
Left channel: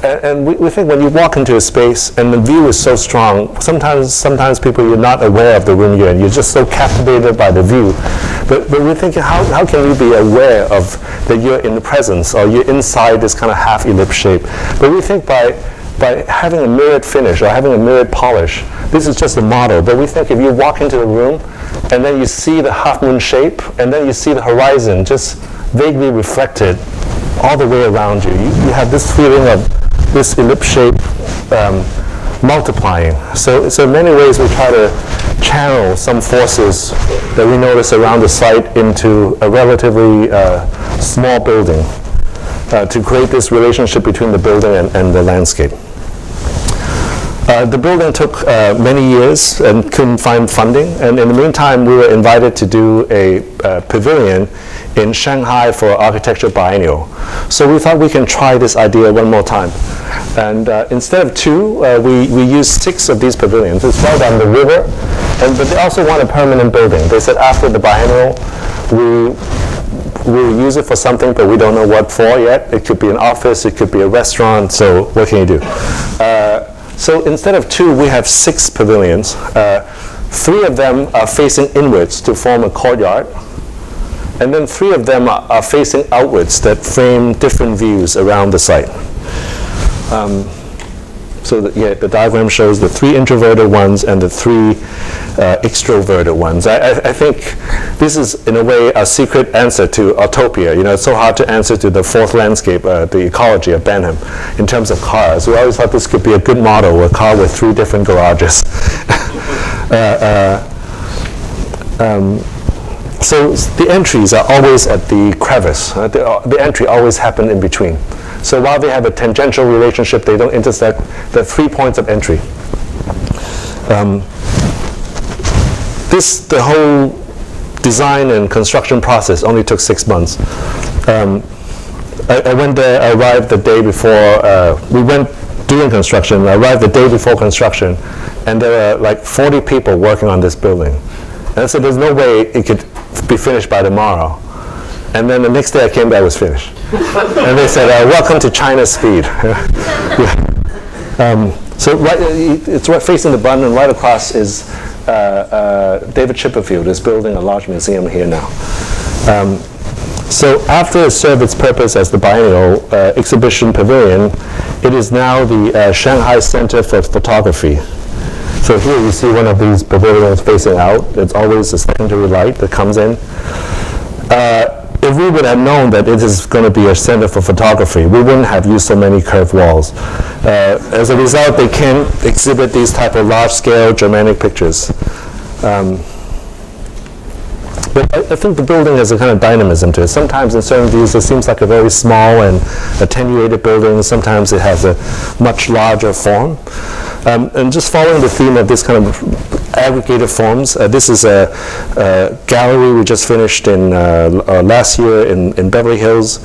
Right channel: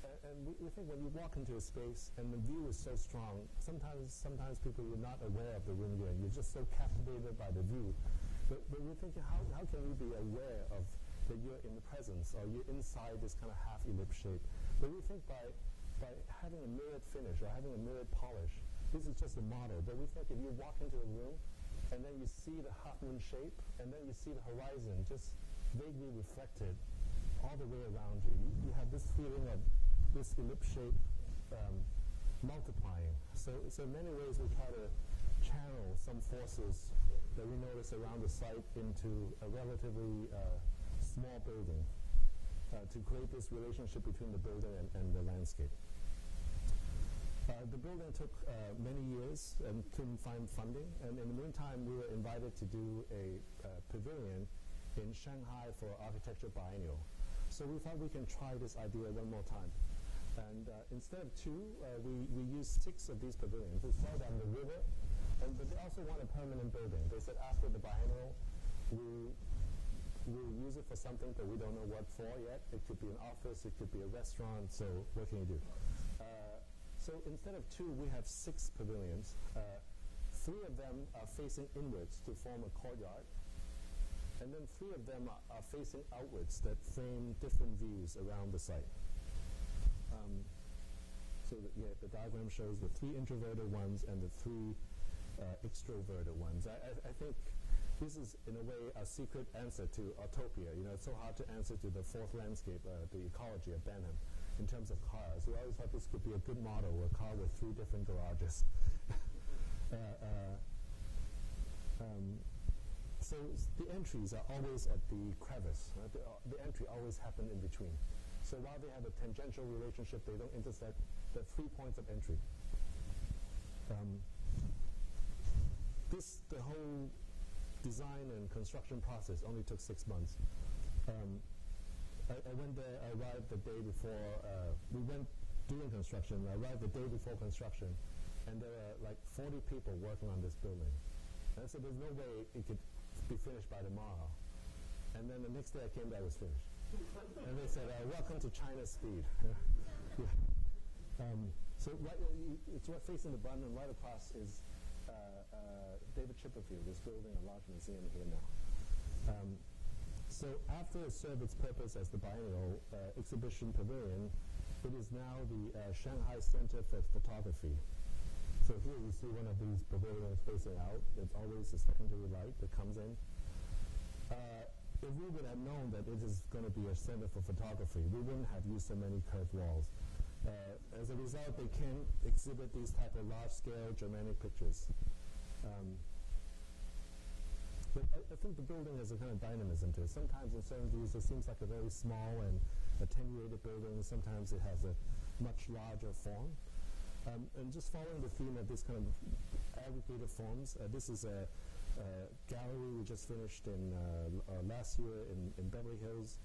And we think when you walk into a space and the view is so strong, sometimes people, you're not aware of the room you're in. You're just so captivated by the view. But we're thinking, how can you be aware of that you're in the presence or you're inside this kind of half ellipse shape? But we think by having a mirrored finish or having a mirrored polish, this is just a model. But we think if you walk into the room and then you see the half moon shape and then you see the horizon just vaguely reflected all the way around you, you have this feeling of this ellipse shape multiplying. So in many ways we try to channel some forces that we notice around the site into a relatively small building to create this relationship between the building and the landscape. The building took many years and couldn't find funding, and in the meantime we were invited to do a pavilion in Shanghai for Architecture Biennial. So we thought we can try this idea one more time. And instead of two, we used 6 of these pavilions. It's right on the river, but they also want a permanent building. They said after the biennial, we'll use it for something, but we don't know what for yet. It could be an office, it could be a restaurant, so what can you do? So instead of 2, we have 6 pavilions. 3 of them are facing inwards to form a courtyard. And then 3 of them are facing outwards that frame different views around the site. So the diagram shows the 3 introverted ones and the 3 extroverted ones. I think this is, in a way, a secret answer to utopia. You know, it's so hard to answer to the 4th landscape, the ecology of Benham, in terms of cars. We always thought this could be a good model, a car with 3 different garages. So the entries are always at the crevice. The entry always happens in between. So while they have a tangential relationship, they don't intersect. There are 3 points of entry. The whole design and construction process only took 6 months. I went there, I arrived the day before, we went doing construction, I arrived the day before construction, and there were like 40 people working on this building. And I said, there's no way it could be finished by tomorrow. And then the next day I came back, it was finished. And they said, welcome to China's speed. So it's right facing the bund, and right across is David Chipperfield is building a large museum here now. So after it served its purpose as the biennial exhibition pavilion, it is now the Shanghai Center for Photography. So here you see one of these pavilions facing out. It's always a secondary light that comes in. If we would have known that it is going to be a center for photography, we wouldn't have used so many curved walls. As a result, they can exhibit these type of large-scale Germanic pictures. But I think the building has a kind of dynamism to it. Sometimes in certain views it seems like a very small and attenuated building. Sometimes it has a much larger form. And just following the theme of this kind of aggregated forms, this is a gallery we just finished in last year in Beverly Hills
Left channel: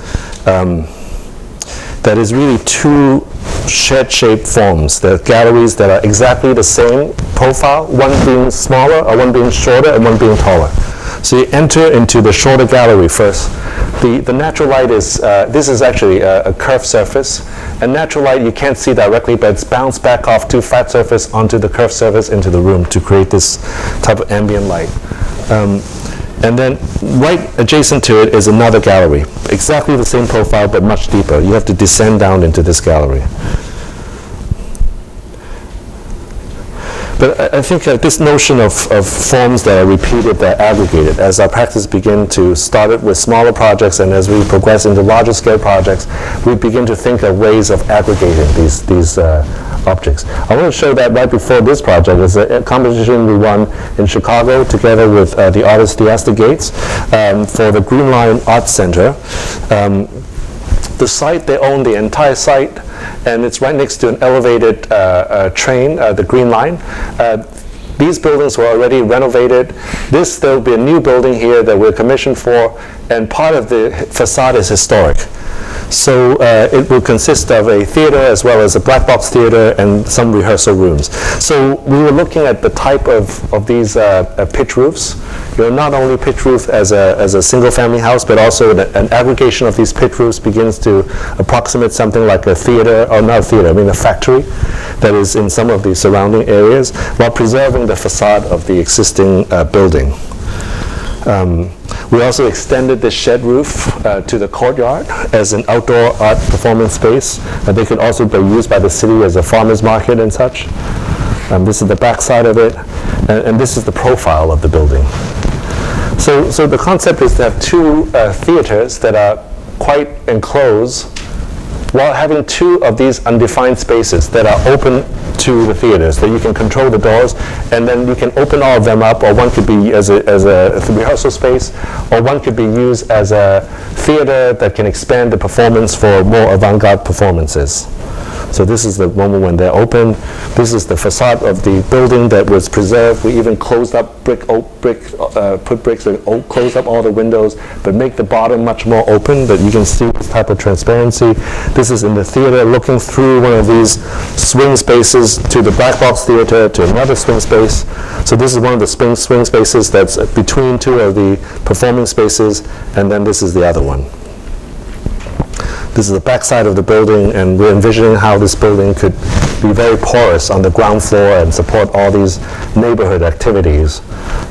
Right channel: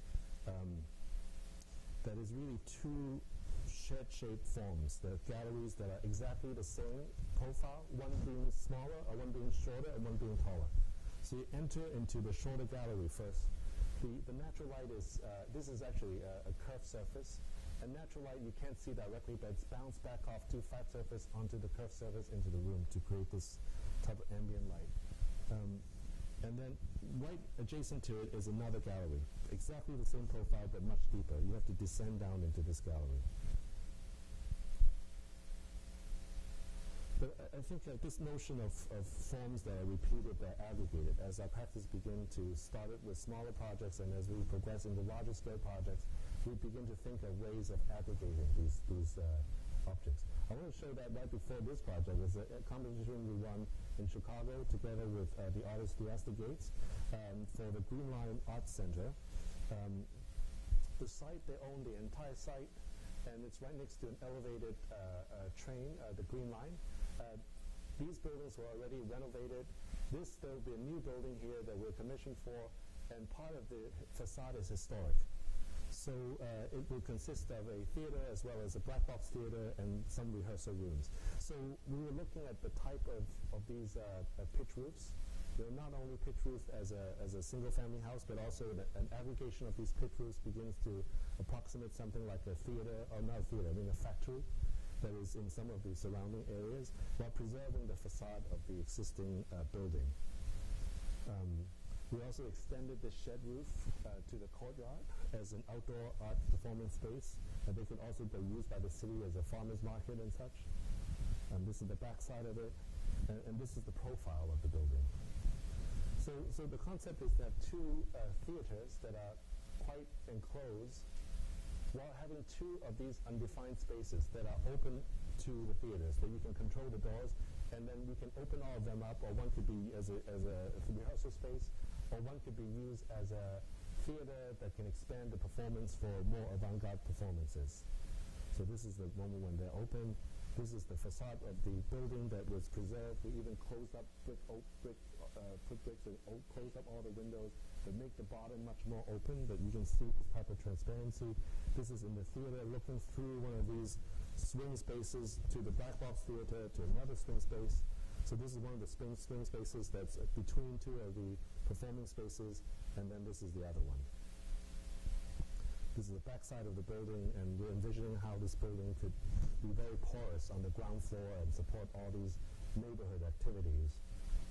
that is really two shed-shaped forms. They're galleries that are exactly the same profile, one being smaller or one being shorter and one being taller. So you enter into the shorter gallery first. The natural light is, this is actually a curved surface. And natural light you can't see directly, but it's bounced back off to flat surface onto the curved surface into the room to create this type of ambient light. And then right adjacent to it is another gallery. Exactly the same profile, but much deeper. You have to descend down into this gallery. But I think this notion of forms that are repeated, that are aggregated, as our practice begin to start it with smaller projects, and as we progress into larger scale projects, we begin to think of ways of aggregating these objects. I want to show that right before this project. It's a competition we won in Chicago together with the artist Theaster Gates for the Green Line Arts Center. The site, they own the entire site, and it's right next to an elevated train, the Green Line. These buildings were already renovated. There will be a new building here that we're commissioned for, and part of the facade is historic. So it will consist of a theater as well as a black box theater and some rehearsal rooms. So we were looking at the type of these pitch roofs. Not only pitch roof as a single family house, but also an aggregation of these pitch roofs begins to approximate something like a theater, or not a theater, I mean a factory that is in some of the surrounding areas, while preserving the facade of the existing building. We also extended the shed roof to the courtyard as an outdoor art performance space. They could also be used by the city as a farmer's market and such. This is the back side of it, and this is the profile of the building. So the concept is to have two theaters that are quite enclosed, while having two of these undefined spaces that are open to the theaters, that you can control the doors, and then you can open all of them up, or one could be as a rehearsal space, or one could be used as a theater that can expand the performance for more avant-garde performances. So this is the moment when they're open. This is the facade of the building that was preserved. We even closed up put bricks and closed up all the windows, but make the bottom much more open, that you can see this type of transparency. This is in the theater, looking through one of these swing spaces to the black box theater, to another swing space. So this is one of the swing spaces that's between two of the performing spaces, and then this is the other one. This is the back side of the building, and we're envisioning how this building could be very porous on the ground floor and support all these neighborhood activities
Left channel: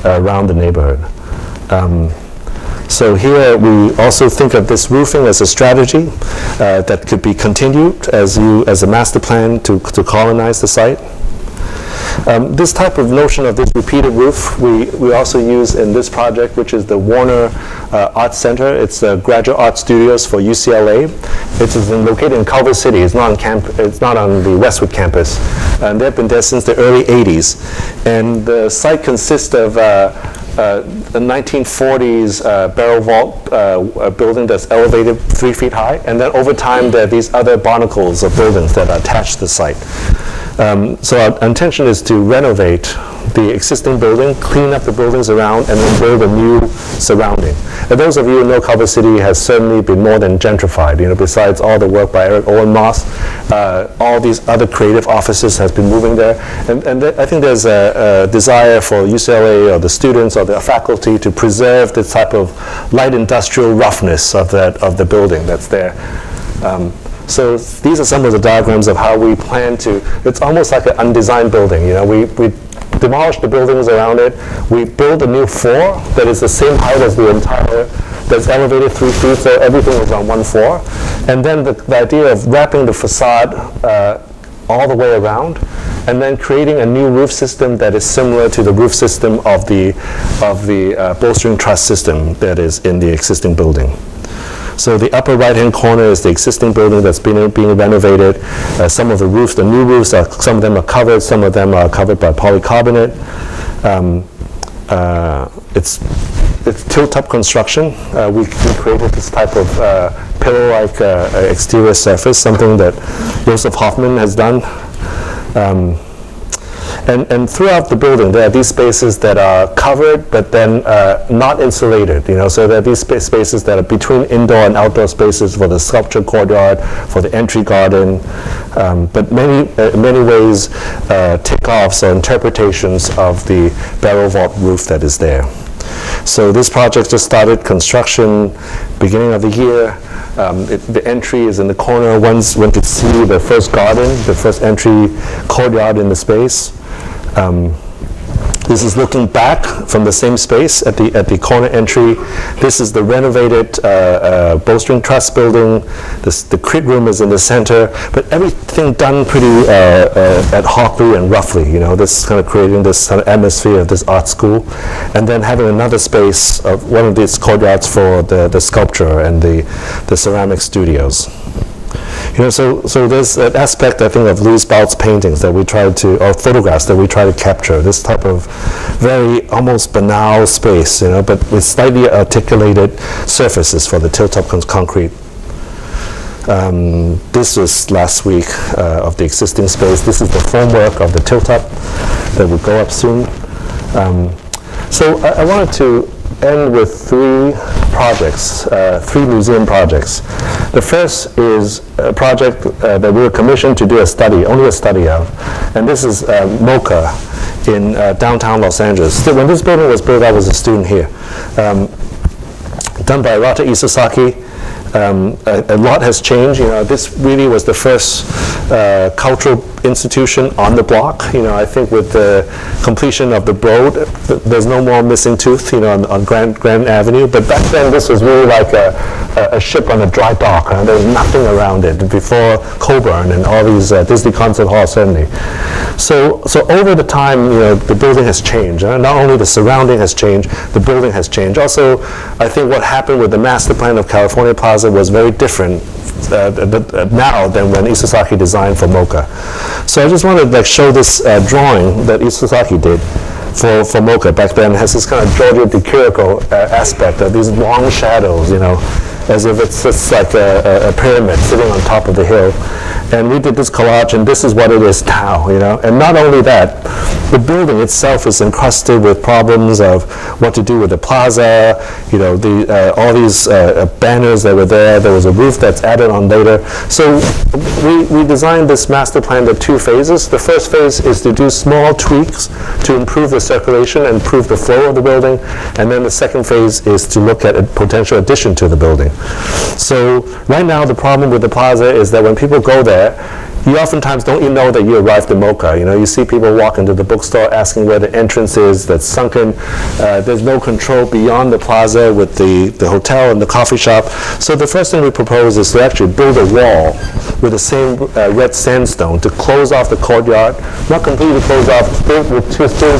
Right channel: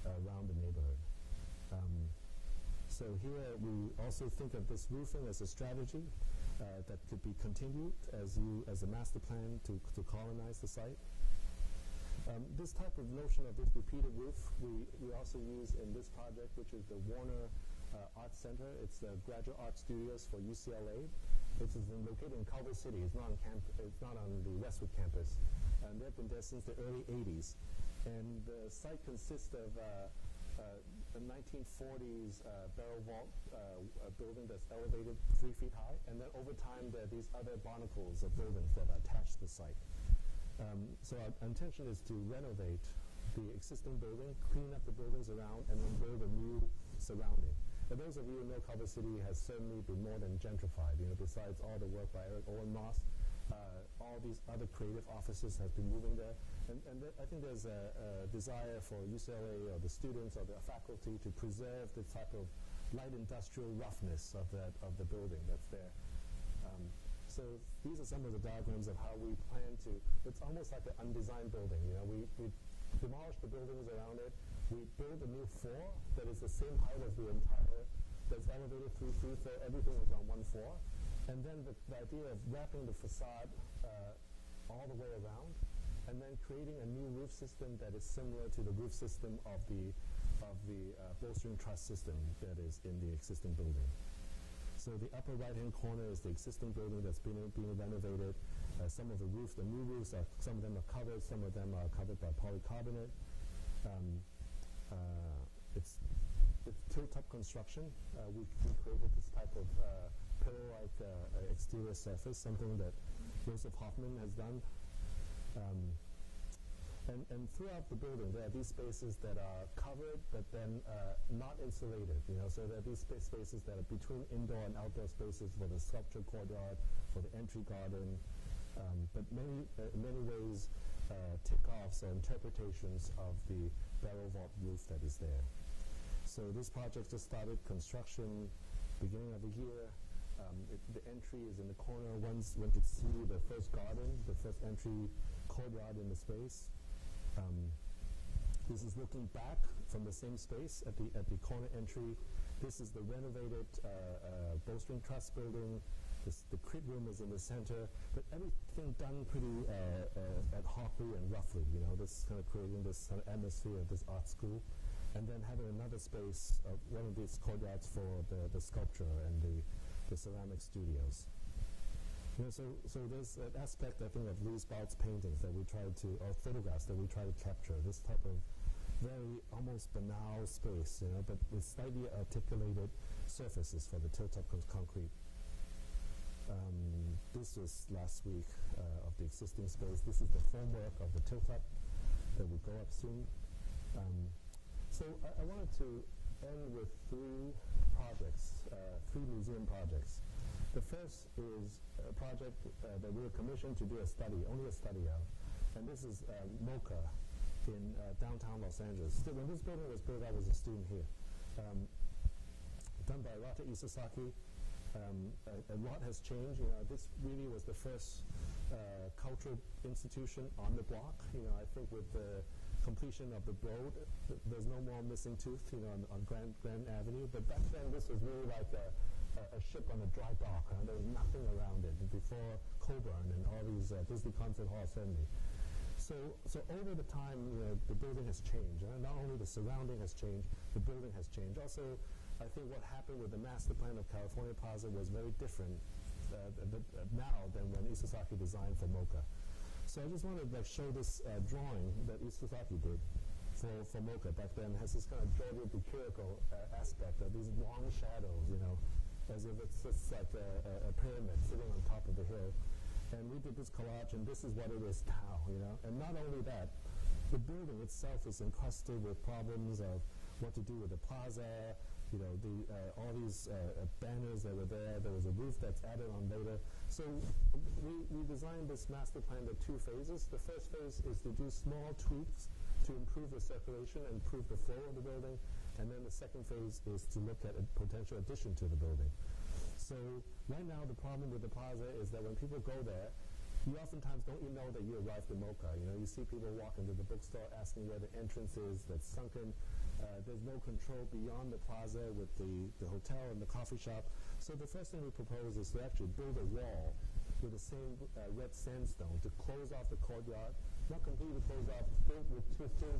around the neighborhood. So here we also think of this roofing as a strategy that could be continued as a master plan to colonize the site. This type of notion of this repeated roof we also use in this project, which is the Warner Arts Center. It's the Graduate Art Studios for UCLA. It's located in Culver City. It's not on the Westwood campus. And they've been there since the early 80s. And the site consists of the 1940s barrel vault building that's elevated 3 feet high. And then over time, there are these other barnacles of buildings that are attached to the site. So our intention is to renovate the existing building, clean up the buildings around, and then build a new surrounding. And those of you who know Culver City has certainly been more than gentrified. Besides all the work by Eric Owen Moss, all these other creative offices has been moving there. And I think there's a desire for UCLA or the students or the faculty to preserve this type of light industrial roughness of the building that's there. So these are some of the diagrams of how we plan to, it's almost like an undesigned building. We demolished the buildings around it. We built a new floor that is the same height as the entire, that's elevated 3 feet, so everything is on one floor. And then the idea of wrapping the facade all the way around, and then creating a new roof system that is similar to the roof system of the bolstering truss system that is in the existing building. So the upper right-hand corner is the existing building that's being renovated. Some of the roofs, the new roofs, some of them are covered, some of them are covered by polycarbonate. It's tilt-up construction. We created this type of pillow-like exterior surface, something that Joseph Hoffman has done. And throughout the building, there are these spaces that are covered, but then not insulated. So there are these spaces that are between indoor and outdoor spaces for the sculpture courtyard, for the entry garden, but many ways takeoffs or interpretations of the barrel vault roof that is there. So this project just started construction beginning of the year. The entry is in the corner. Once went to see the first garden, the first entry courtyard in the space. This is looking back from the same space at the corner entry. This is the renovated bolstering truss building. The crit room is in the center, but everything done pretty ad hocly and roughly. This kind of creating this kind of atmosphere of this art school, and then having another space of one of these courtyards for the sculpture and the ceramic studios. So there's an aspect, I think, of Louis Baut's paintings that we tried to, or photographs that we try to capture, this type of very almost banal space, but with slightly articulated surfaces for the tilt-up concrete. This was last week of the existing space. This is the formwork of the tilt-up that will go up soon. So I wanted to end with 3 projects, 3 museum projects. The first is a project that we were commissioned to do a study, only a study of, and this is MOCA in downtown Los Angeles. So when this building was built, I was a student here. Done by Rata Isozaki. A lot has changed. This really was the first cultural institution on the block. I think with the completion of the road, there's no more missing tooth, on Grand Avenue. But back then, this was really like a ship on a dry dock. There was nothing around it before Coburn and all these Disney Concert Hall, certainly. So over the time, the building has changed. Not only the surrounding has changed, the building has changed. Also, I think what happened with the master plan of California Plaza was very different now than when Isozaki designed for MOCA. So I just wanted to show this drawing that Isozaki did for MOCA back then. It has this kind of Giorgio de Chirico aspect of these long shadows, as if it's just like a pyramid sitting on top of the hill. And we did this collage, and this is what it is now, And not only that, the building itself is encrusted with problems of what to do with the plaza, all these banners that were there. There was a roof that's added on later. So we designed this master plan in 2 phases. The first phase is to do small tweaks to improve the circulation and improve the flow of the building. And then the second phase is to look at a potential addition to the building. So right now, the problem with the plaza is that when people go there, you oftentimes don't even know that you arrived at MOCA. You see people walk into the bookstore asking where the entrance is that's sunken. There's no control beyond the plaza with the hotel and the coffee shop. So the first thing we propose is to actually build a wall with the same red sandstone to close off the courtyard. Not completely close off, built with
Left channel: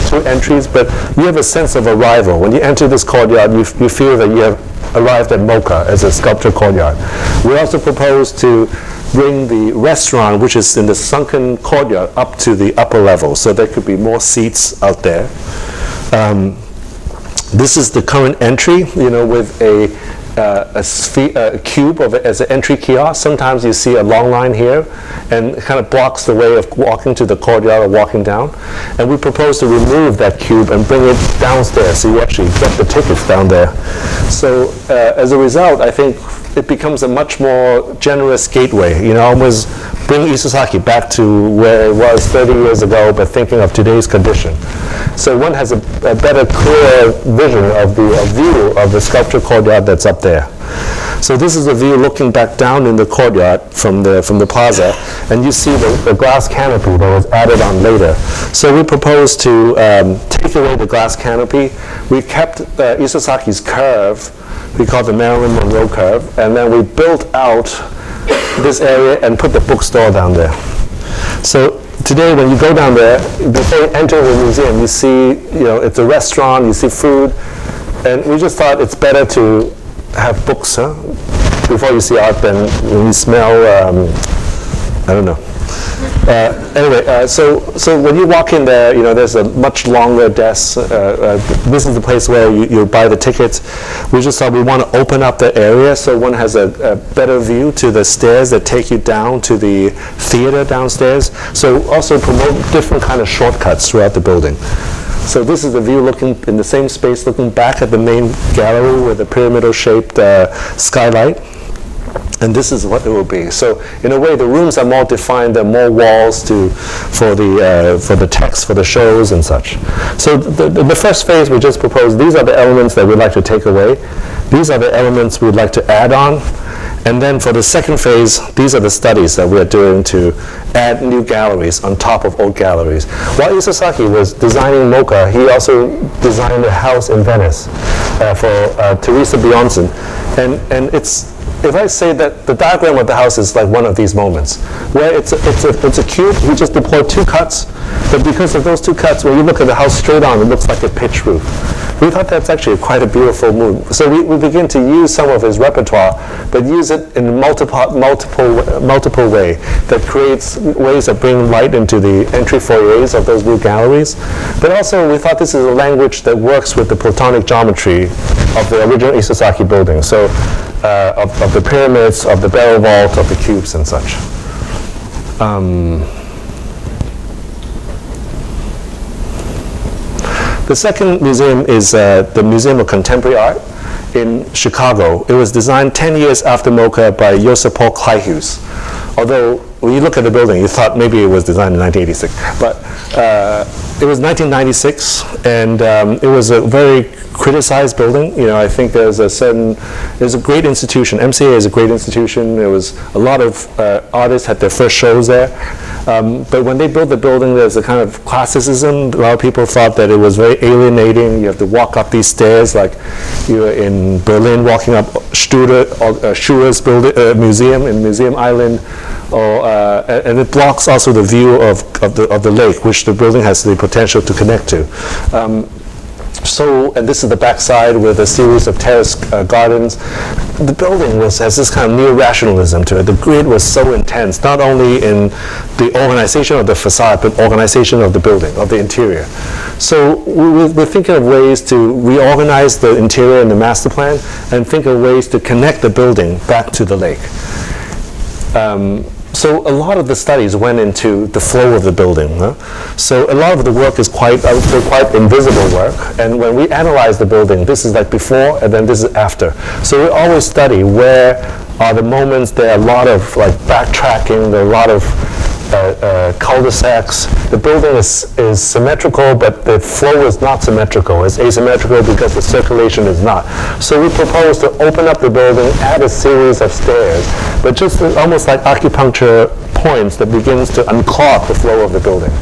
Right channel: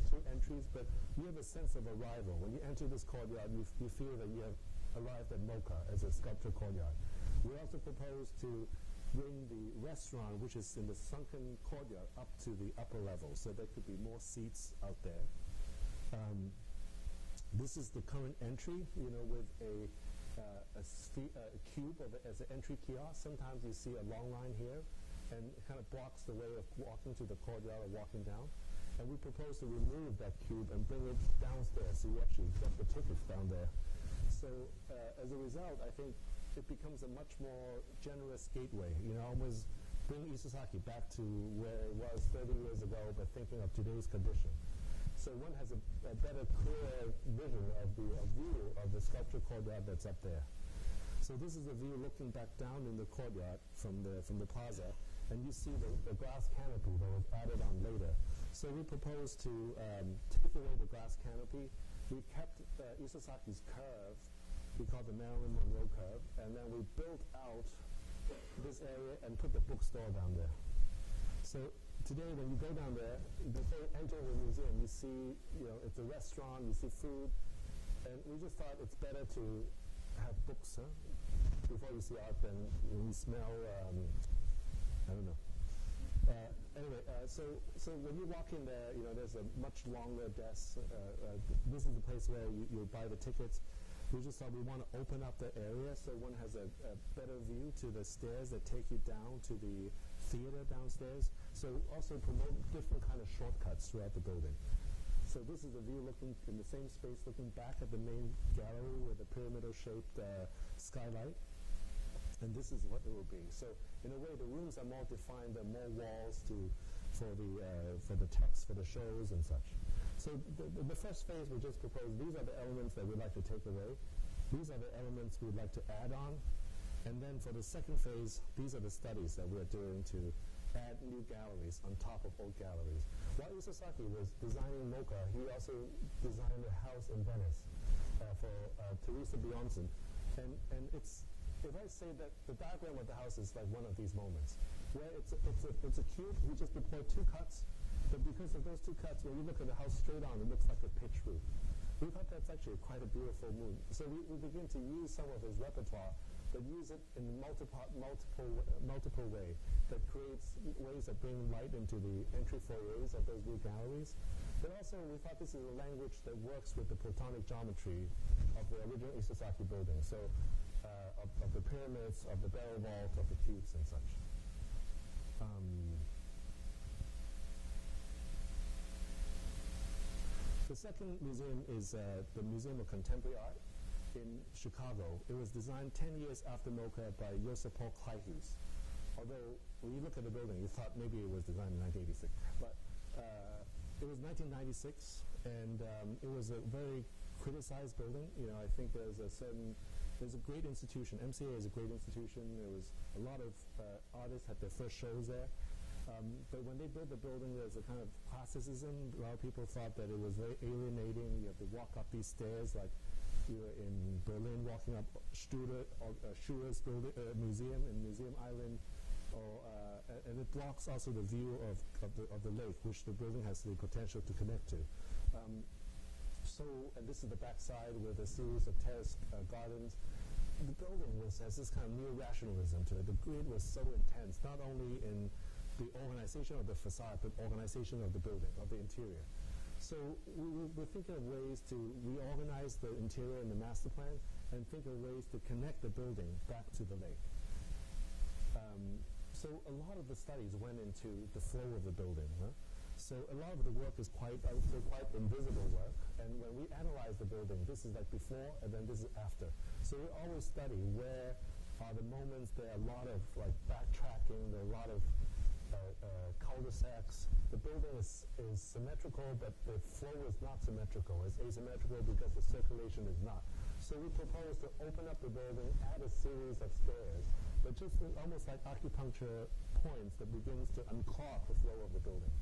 two entries, but you have a sense of arrival. When you enter this courtyard, you feel that you have arrived at MOCA as a sculpture courtyard. We also propose to bring the restaurant, which is in the sunken courtyard, up to the upper level, so there could be more seats out there. This is the current entry, with a cube of it as an entry kiosk. Sometimes you see a long line here, and it kind of blocks the way of walking to the courtyard or walking down. And we propose to remove that cube and bring it downstairs, so you actually get the tickets down there. So as a result, I think it becomes a much more generous gateway. Almost bring Isozaki back to where it was 30 years ago, but thinking of today's condition. So one has a better, clear vision of the view of the sculpture courtyard that's up there. So this is a view looking back down in the courtyard from the plaza, and you see the glass canopy that was added on later. So we proposed to take away the glass canopy. We kept Isasaki's curve, we call it the Marilyn Monroe curve, and then we built out this area and put the bookstore down there. So today when you go down there, before you enter the museum, you see, it's a restaurant, you see food, and we just thought it's better to have books, before you see art than when you smell, I don't know. Anyway, so when you walk in there, there's a much longer desk. This is the place where you buy the tickets. We just thought we want to open up the area so one has a better view to the stairs that take you down to the theater downstairs. So also promote different kind of shortcuts throughout the building. So this is the view looking in the same space, looking back at the main gallery with a pyramidal-shaped skylight. And this is what it will be. So in a way, the rooms are more defined. There are more walls for the text, for the shows and such. So the first phase we just proposed, these are the elements that we'd like to take away. These are the elements we'd like to add on. And then for the second phase, these are the studies that we're doing to add new galleries on top of old galleries. While Isasaki was designing MOCA, he also designed a house in Venice for Teresa Bjornson. And if I say that the diagram of the house is like one of these moments, where it's a cube, we just deployed 2 cuts, but because of those 2 cuts, when you look at the house straight on, it looks like a pitch roof. We thought that's actually quite a beautiful move. So we begin to use some of his repertoire, but use it in multiple way that creates ways of bringing light into the entry foyers of those new galleries. But also we thought this is a language that works with the Platonic geometry of the original Isasaki building. So of the pyramids, of the barrel vault, of the cubes and such. The second museum is the Museum of Contemporary Art in Chicago. It was designed 10 years after MOCA by Joseph Paul Clayhuse. Although when you look at the building, you thought maybe it was designed in 1986. But it was 1996, and it was a very criticized building. I think there's a great institution. MCA is a great institution. There was a lot of artists had their first shows there. But when they built the building, there's a kind of classicism. A lot of people thought that it was very alienating. You have to walk up these stairs like you're in Berlin walking up Schurer's museum in Museum Island. And it blocks also the view of the lake, which the building has the potential to connect to. And this is the backside with a series of terrace gardens. The building has this kind of neo-rationalism to it. The grid was so intense, not only in the organization of the facade, but organization of the building, of the interior. So we're thinking of ways to reorganize the interior in the master plan and think of ways to connect the building back to the lake. So a lot of the studies went into the flow of the building. So a lot of the work is quite invisible work. And when we analyze the building, this is like before and then this is after. So we always study where are the moments. There are a lot of like backtracking. There are a lot of cul-de-sacs. The building is symmetrical, but the flow is not symmetrical. It's asymmetrical because the circulation is not. So we propose to open up the building, add a series of stairs, but just almost like acupuncture points that begins to unclog the flow of the building.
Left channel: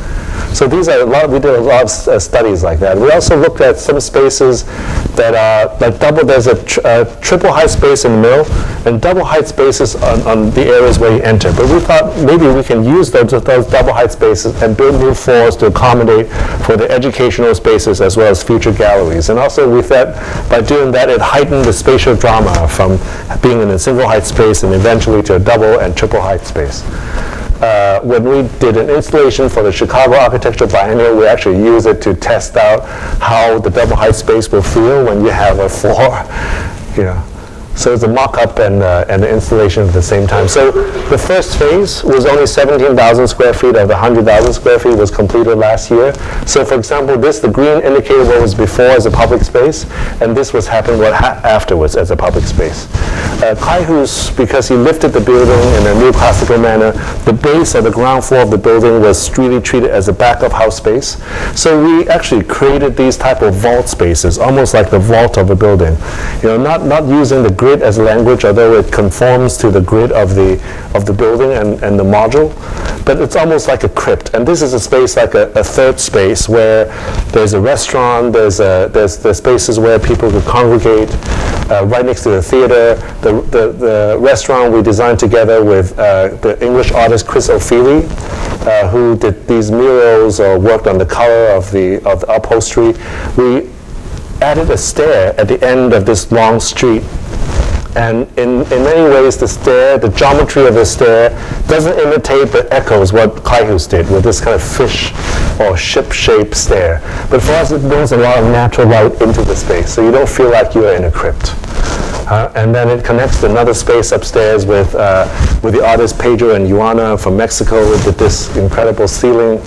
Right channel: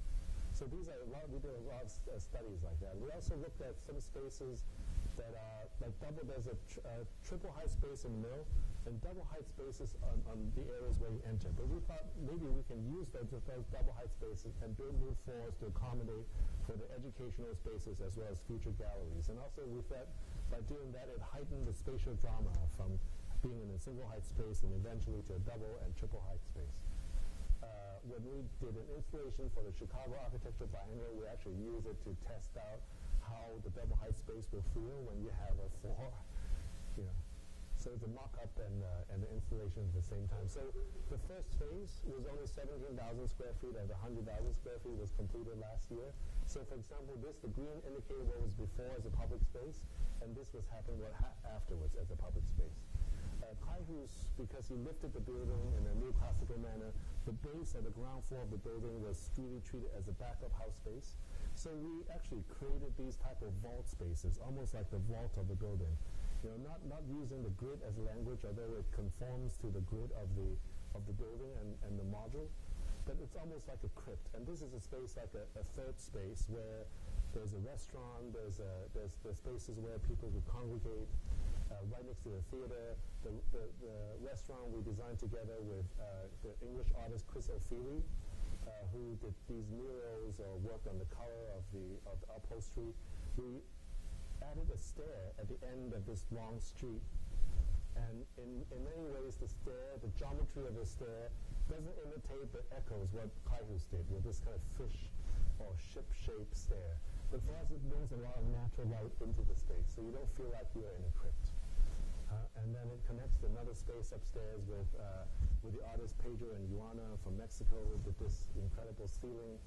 So these are we did a lot of studies like that. We also looked at some spaces that are like there's a triple height space in the middle and double height spaces on the areas where you enter. But we thought maybe we can use those double height spaces and build new floors to accommodate for the educational spaces as well as future galleries. And also we thought by doing that it heightened the spatial drama from being in a single height space and eventually to a double and triple height space. When we did an installation for the Chicago Architecture Biennial, we actually used it to test out how the double height space will feel when you have a floor. So it's a mock-up and an installation at the same time. So the first phase was only 17,000 square feet of the 100,000 square feet was completed last year. So for example, the green indicated what was before as a public space, and this was happened afterwards as a public space. Clayhuse, because he lifted the building in a neoclassical manner, the base of the ground floor of the building was really treated as a back-of house space. So we actually created these type of vault spaces, almost like the vault of a building. Not using the grid grid as a language, although it conforms to the grid of the building and the module. But it's almost like a crypt. And this is a space like a third space where there's a restaurant, there's spaces where people could congregate, right next to the theater. The restaurant we designed together with the English artist Chris O'Feely, who did these murals or worked on the color of the upholstery. We added a stair at the end of this long street. And in many ways, the geometry of the stair doesn't imitate but echoes what Clayhus did with this kind of fish or ship-shaped stair. But for us, it brings a lot of natural light into the space, so you don't feel like you're in a crypt. And then it connects to another space upstairs with the artists Pedro and Juana from Mexico with this incredible ceiling.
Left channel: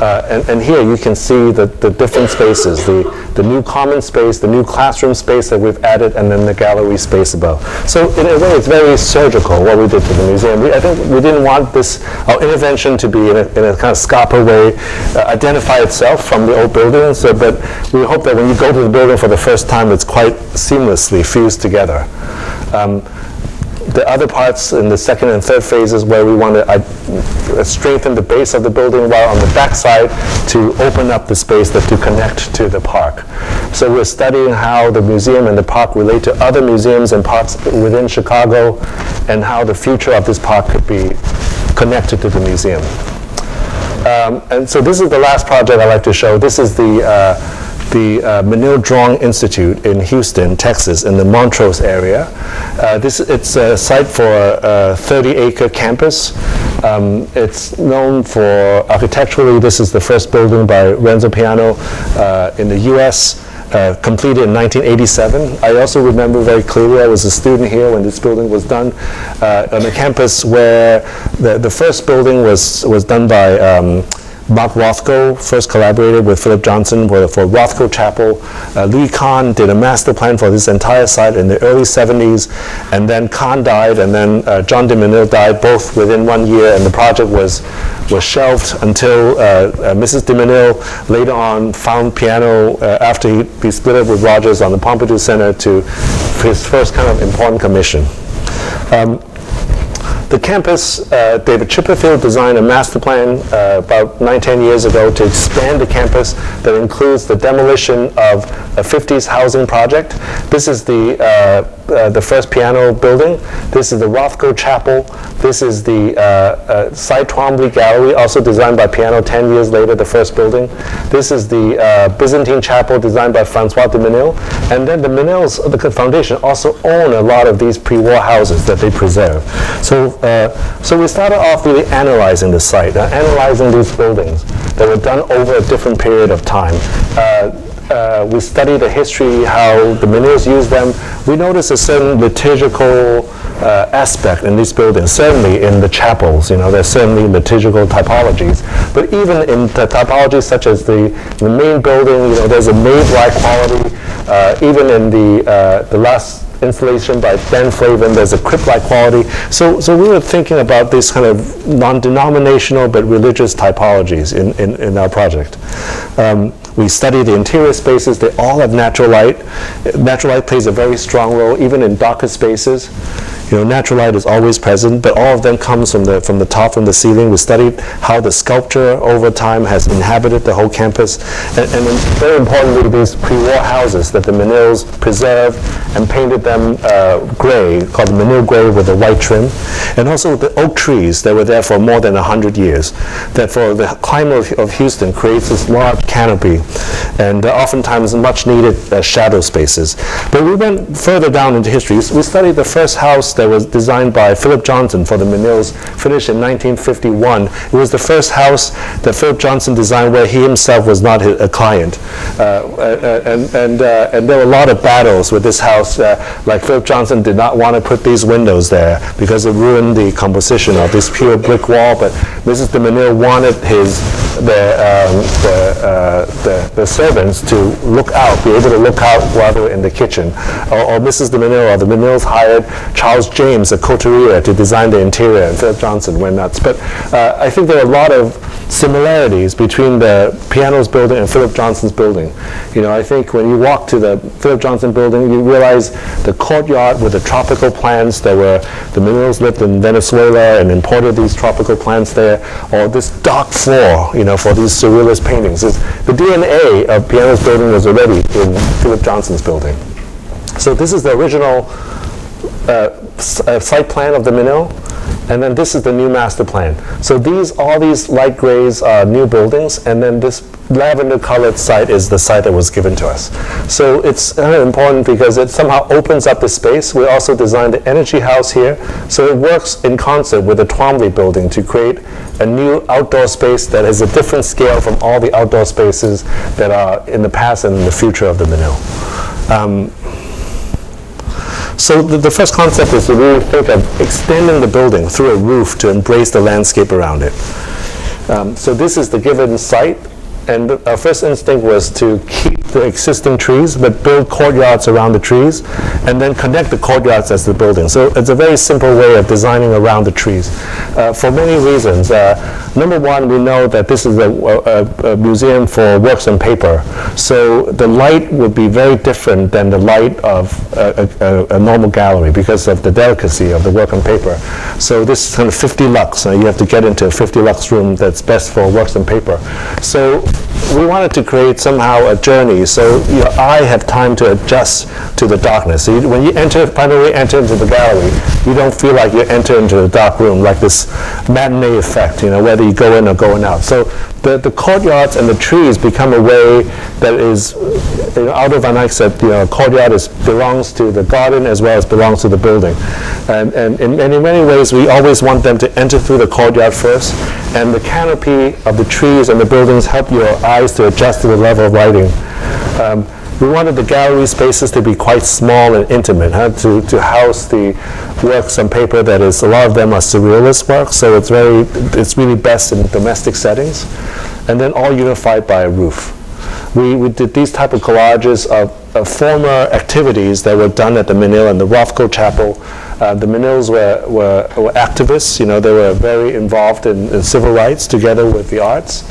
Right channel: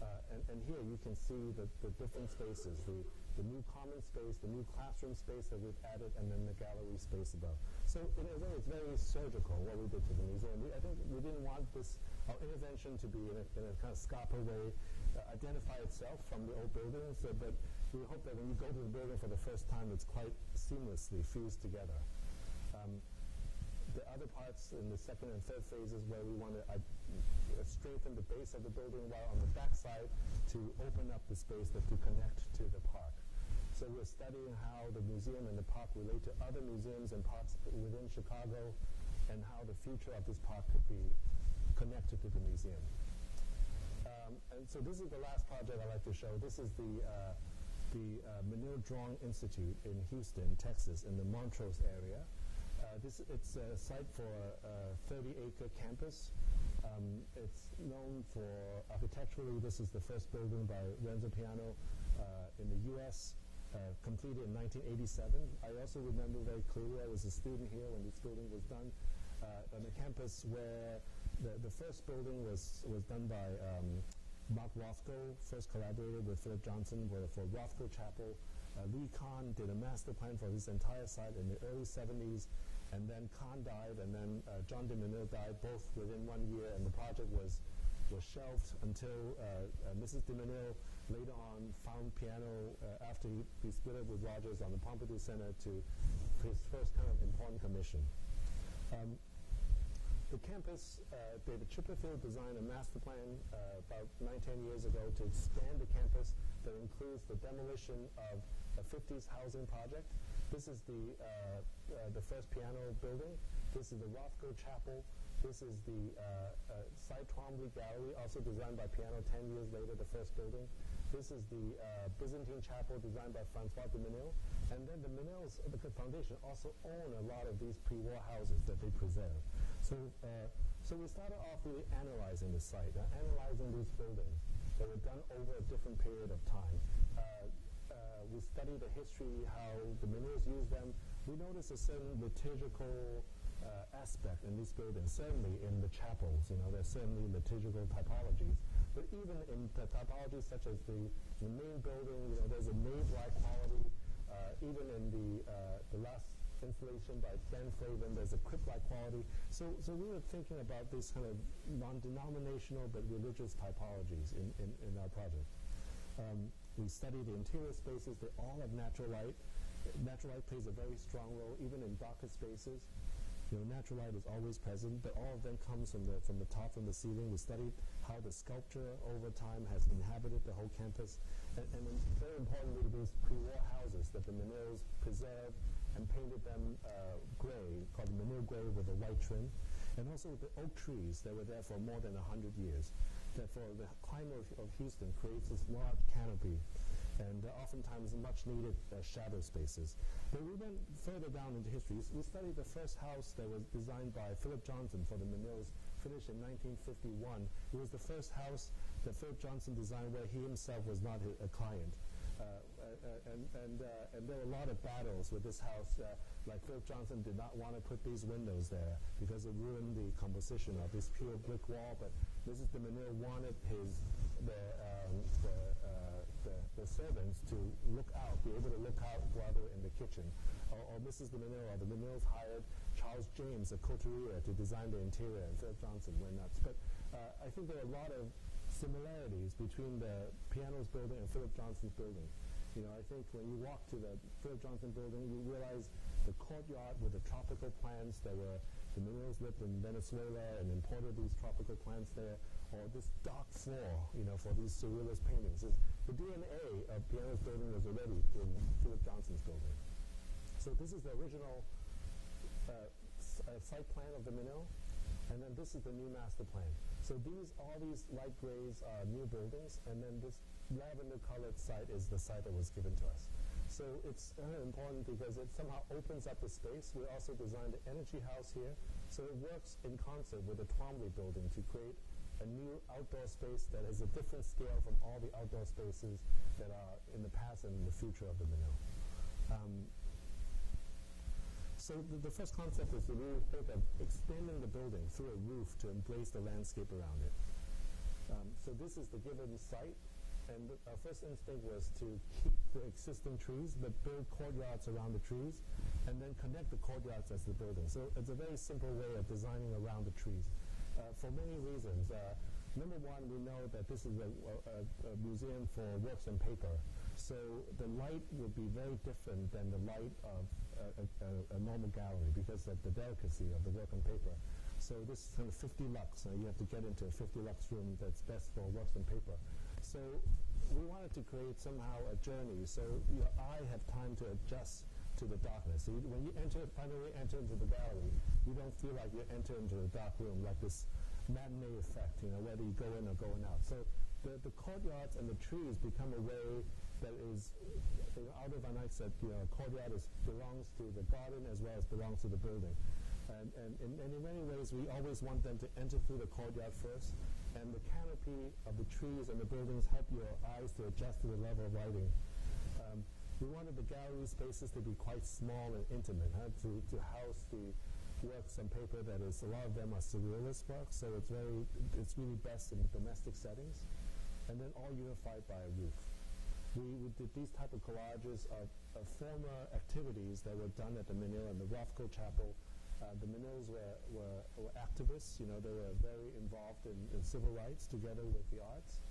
And here you can see the different spaces, the new common space, the new classroom space that we've added, and then the gallery space above. So in a way, it's very surgical what we did to the museum. I think we didn't want our intervention to be in a kind of Scarpa way, identify itself from the old building. But we hope that when you go to the building for the first time, it's quite seamlessly fused together. The other parts in the second and third phases where we want to strengthen the base of the building, while on the back side to open up the space to connect to the park. So we're studying how the museum and the park relate to other museums and parks within Chicago, and how the future of this park could be connected to the museum. And so this is the last project I'd like to show. This is the Menil Drawing Institute in Houston, Texas, in the Montrose area. It's a site for a 30-acre campus. It's known for architecturally, this is the first building by Renzo Piano in the US, completed in 1987. I also remember very clearly, I was a student here when this building was done on a campus where the first building was done by Mark Rothko first collaborated with Philip Johnson for Rothko Chapel. Louis Kahn did a master plan for this entire site in the early 70s, and then Kahn died, and then John de Menil died, both within 1 year, and the project was shelved until Mrs. de Menil later on found piano after he split up with Rogers on the Pompidou Center to his first kind of important commission. The campus, David Chipperfield designed a master plan about 9-10 years ago to expand the campus that includes the demolition of a 50s housing project. This is the first piano building. This is the Rothko Chapel. This is the Cy Twombly Gallery, also designed by Piano 10 years later, the first building. This is the Byzantine Chapel designed by Francois de Menil. And then the Menils, the foundation, also own a lot of these pre-war houses that they preserve. So we started off really analyzing the site, analyzing these buildings that were done over a different period of time. We studied the history, how the Menils used them. We noticed a certain liturgical aspect in these buildings, certainly in the chapels. There's certainly liturgical typologies. But even in the typologies such as the main building, there's a nave-like quality. Even in the last installation by Ben Flavin, there's a crypt-like quality. So we were thinking about these kind of non-denominational but religious typologies in our project. We study the interior spaces. They all have natural light. Natural light plays a very strong role, even in darker spaces. Natural light is always present, but all of them comes from the top, from the ceiling. We studied how the sculpture over time has inhabited the whole campus. And very importantly, these pre-war houses that the Menils preserved and painted them gray, called Menil gray with a white trim. And also the oak trees that were there for more than 100 years, that for the climate of Houston creates this large canopy and oftentimes much needed shadow spaces. But we went further down into history. We studied the first house that was designed by Philip Johnson for the Menils, finished in 1951. It was the first house that Philip Johnson designed where he himself was not a client. And there were a lot of battles with this house. Like Philip Johnson did not want to put these windows there because it ruined the composition of this pure brick wall, but Mrs. de Menil wanted the servants to look out, be able to look out while they were in the kitchen. Or Mrs. de Menil or the Menils hired Charles James, a couturier, to design the interior, and Philip Johnson went nuts. But I think there are a lot of similarities between the Pianos building and Philip Johnson's building. You know, I think when you walk to the Philip Johnson building, you realize the courtyard with the tropical plants. There were, the Menils lived in Venezuela and imported these tropical plants there, or this dark floor, you know, for these surrealist paintings. The DNA of Pianos building was already in Philip Johnson's building. So this is the original site plan of the Menil, and then this is the new master plan. So all these light grays are new buildings, and then this lavender colored site is the site that was given to us. So it's important because it somehow opens up the space. We also designed the Energy House here, so it works in concert with the Twombly building to create a new outdoor space that is a different scale from all the outdoor spaces that are in the past and in the future of the Menil. So the first concept is to really think of extending the building through a roof to embrace the landscape around it. So this is the given site, and our first instinct was to keep the existing trees, but build courtyards around the trees, and then connect the courtyards as the building. So it's a very simple way of designing around the trees. For many reasons. Number one, we know that this is a museum for works on paper, so the light would be very different than the light of a normal gallery because of the delicacy of the work on paper. So this is kind of 50 lux. You have to get into a 50 lux room that's best for works on paper. So we wanted to create somehow a journey so your eye have time to adjust to the darkness. So when you finally enter into the gallery, you don't feel like you enter into the dark room, like this matinee effect, you know, whether you go in or going out. So the courtyards and the trees become a way that is, you know, Aldo van Eyck said, you know, a courtyard belongs to the garden as well as belongs to the building. And in many ways, we always want them to enter through the courtyard first, and the canopy of the trees and the buildings help your eyes to adjust to the level of lighting. We wanted the gallery spaces to be quite small and intimate, to house the works on paper that is, a lot of them are surrealist works, so it's really best in domestic settings, and then all unified by a roof. We did these type of collages of former activities that were done at the Menil and the Rothko Chapel. The Menils were activists, you know, they were very involved in civil rights together with the arts.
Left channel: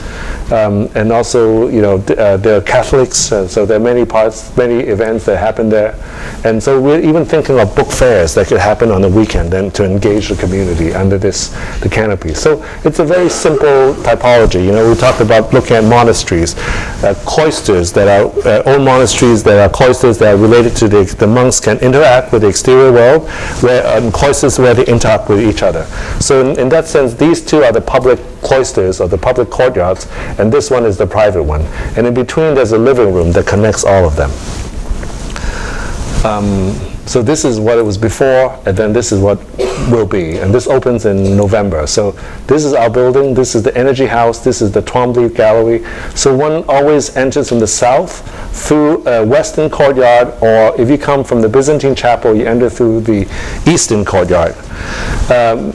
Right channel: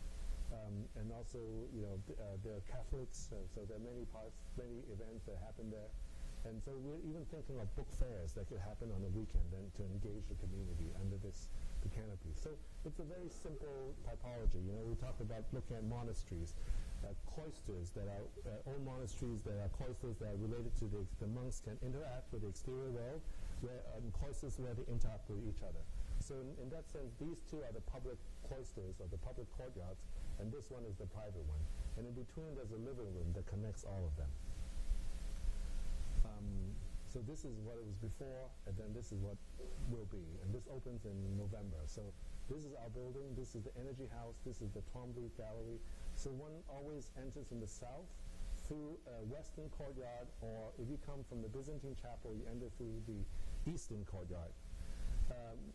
And also, you know, they're Catholics, so there are many events that happen there. And so we're even thinking of book fairs that could happen on the weekend and to engage the community under the canopy. So it's a very simple typology. You know, we talked about looking at monasteries, cloisters that are old monasteries that are cloisters that are related to the monks can interact with the exterior world, cloisters where they interact with each other. So in that sense, these two are the public cloisters or the public courtyards, and this one is the private one. And in between, there's a living room that connects all of them. So this is what it was before, and then this is what will be. And this opens in November. So this is our building. This is the Energy House. This is the Twombly Gallery. So one always enters from the south through a western courtyard, or if you come from the Byzantine Chapel, you enter through the eastern courtyard. And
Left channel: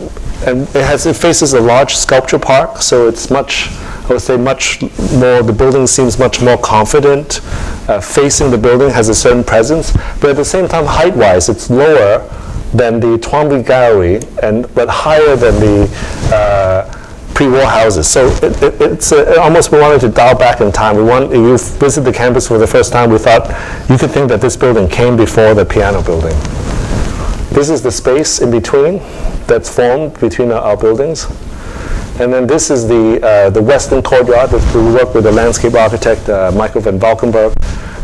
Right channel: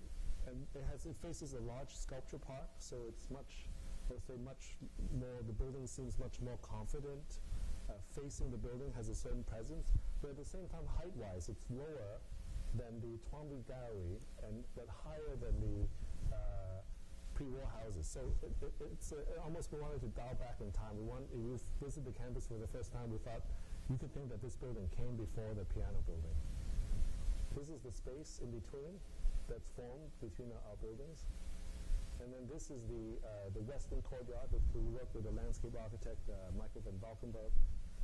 it faces a large sculpture park, so it's much, I would say, much more, the building seems much more confident. Facing the building has a certain presence, but at the same time, height-wise, it's lower than the Twombly Gallery, but higher than the pre-war houses. So it's almost we wanted to dial back in time. If you visit the campus for the first time, we thought you could think that this building came before the piano building. This is the space in between that's formed between our buildings. And then this is the western courtyard. We worked with the landscape architect, Michael van Valkenburg,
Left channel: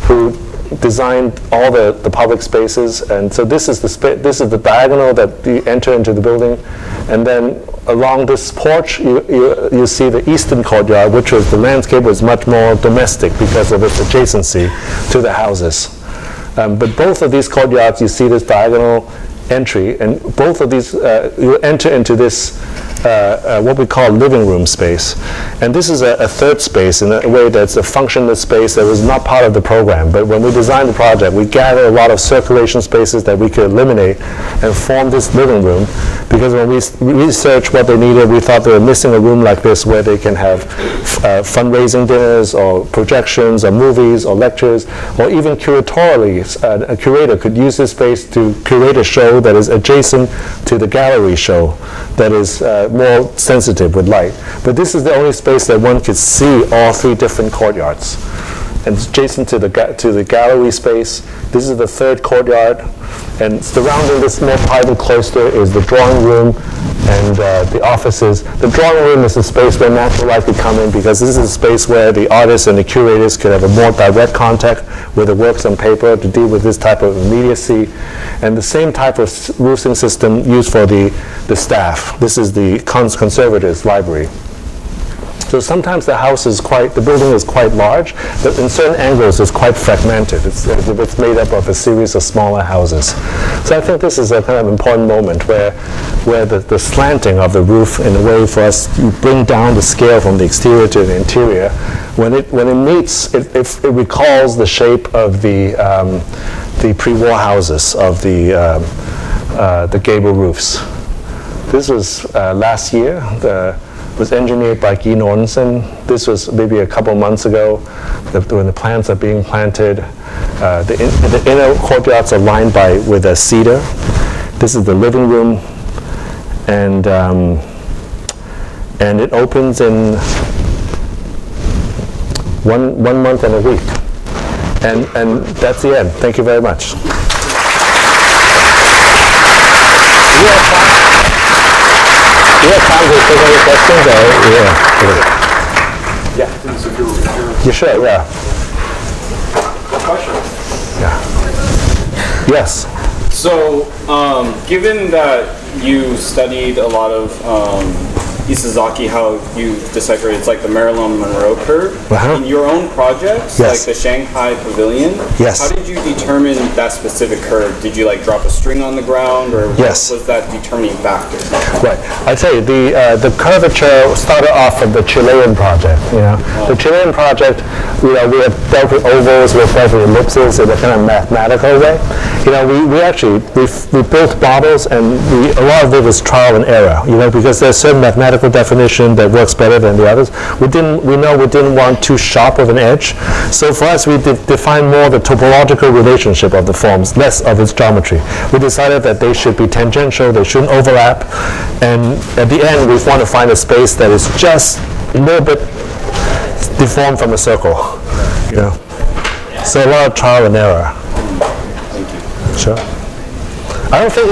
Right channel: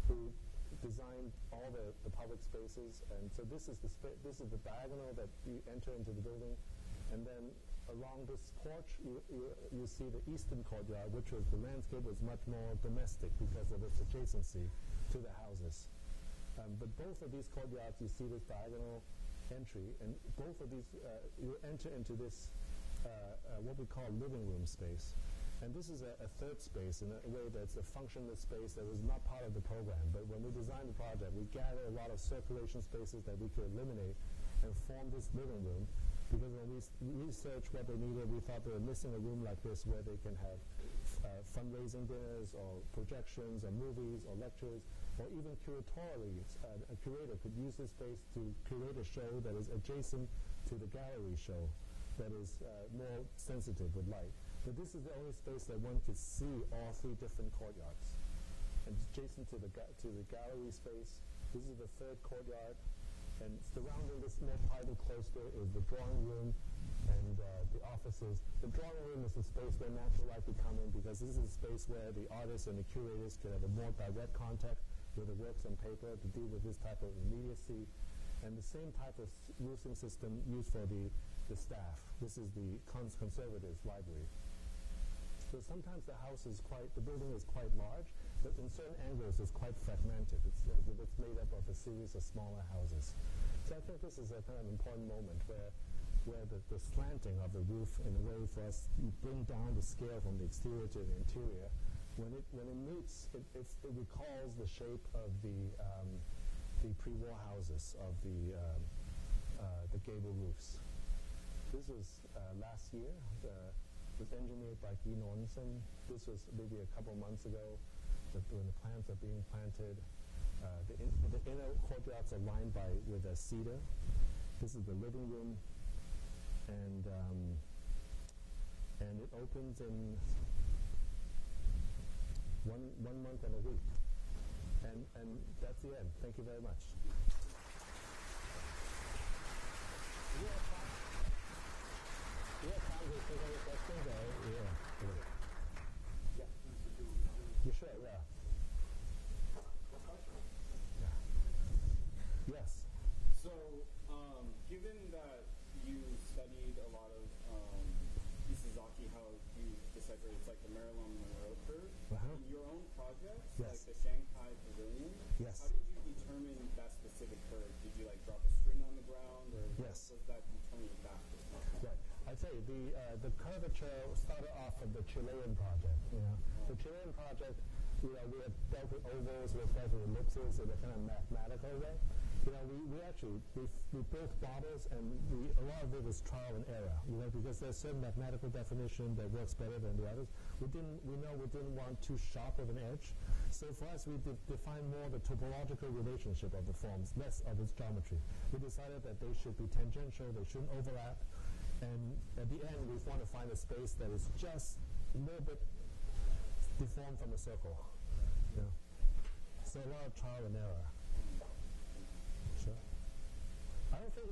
who designed all the public spaces. And so this is the diagonal that you enter into the building. And then along this porch, you see the eastern courtyard, which was, the landscape was much more domestic because of its adjacency to the houses. But both of these courtyards, you see this diagonal entry, and both of these, you enter into this what we call living room space. And this is a third space in a way that's a functionless space that was not part of the program. But when we designed the project, we gathered a lot of circulation spaces that we could eliminate and form this living room because when we researched what they needed, we thought they were missing a room like this where they can have fundraising dinners or projections or movies or lectures, or even curatorially, a curator could use this space to curate a show that is adjacent to the gallery show that is more sensitive with light. But this is the only space that one could see all three different courtyards. And it's adjacent to the gallery space. This is the third courtyard. And surrounding this more private cloister is the drawing room and the offices. The drawing room is a space where natural light could come in, because this is a space where the artists and the curators could have a more direct contact with the works on paper to deal with this type of immediacy. And the same type of roofing system used for the staff. This is the conservators' library. So sometimes the building is quite large, but in certain angles it's quite fragmented. It's made up of a series of smaller houses. So I think this is a kind of important moment where the slanting of the roof, in a way for us to bring down the scale from the exterior to the interior, when it meets, it recalls the shape of the pre-war houses of the gable roofs. This was last year. Was engineered by Guy Nordensen. This was maybe a couple months ago when the plants are being planted. The inner courtyards are lined with a cedar. This is the living room, and it opens in one month and a week. And that's the end. Thank you very much. Do you have time to take any questions? Yeah. You should, yeah. Question? Yeah. Yes. So, given that you studied a lot of Isazaki, how you decipher it's like the Marilyn Monroe curve. In your own projects, like the Shanghai pavilion, how did you determine that specific curve? Did you like drop a string on the ground, or what was that determining factor? Right. I tell you, the curvature started off from the Chilean project. The Chilean project, we have dealt with ovals, we have dealt with ellipses in a kind of mathematical way. We built models, and a lot of it was trial and error. Because there's certain mathematical definition that works better than the others. We didn't want too sharp of an edge. So for us, we defined more the topological relationship of the forms, less of its geometry. We decided that they should be tangential, they shouldn't overlap, and at the end, we want to find a space that is just a little bit deformed from a circle. So a lot of trial and error. Thank you. Sure. I don't think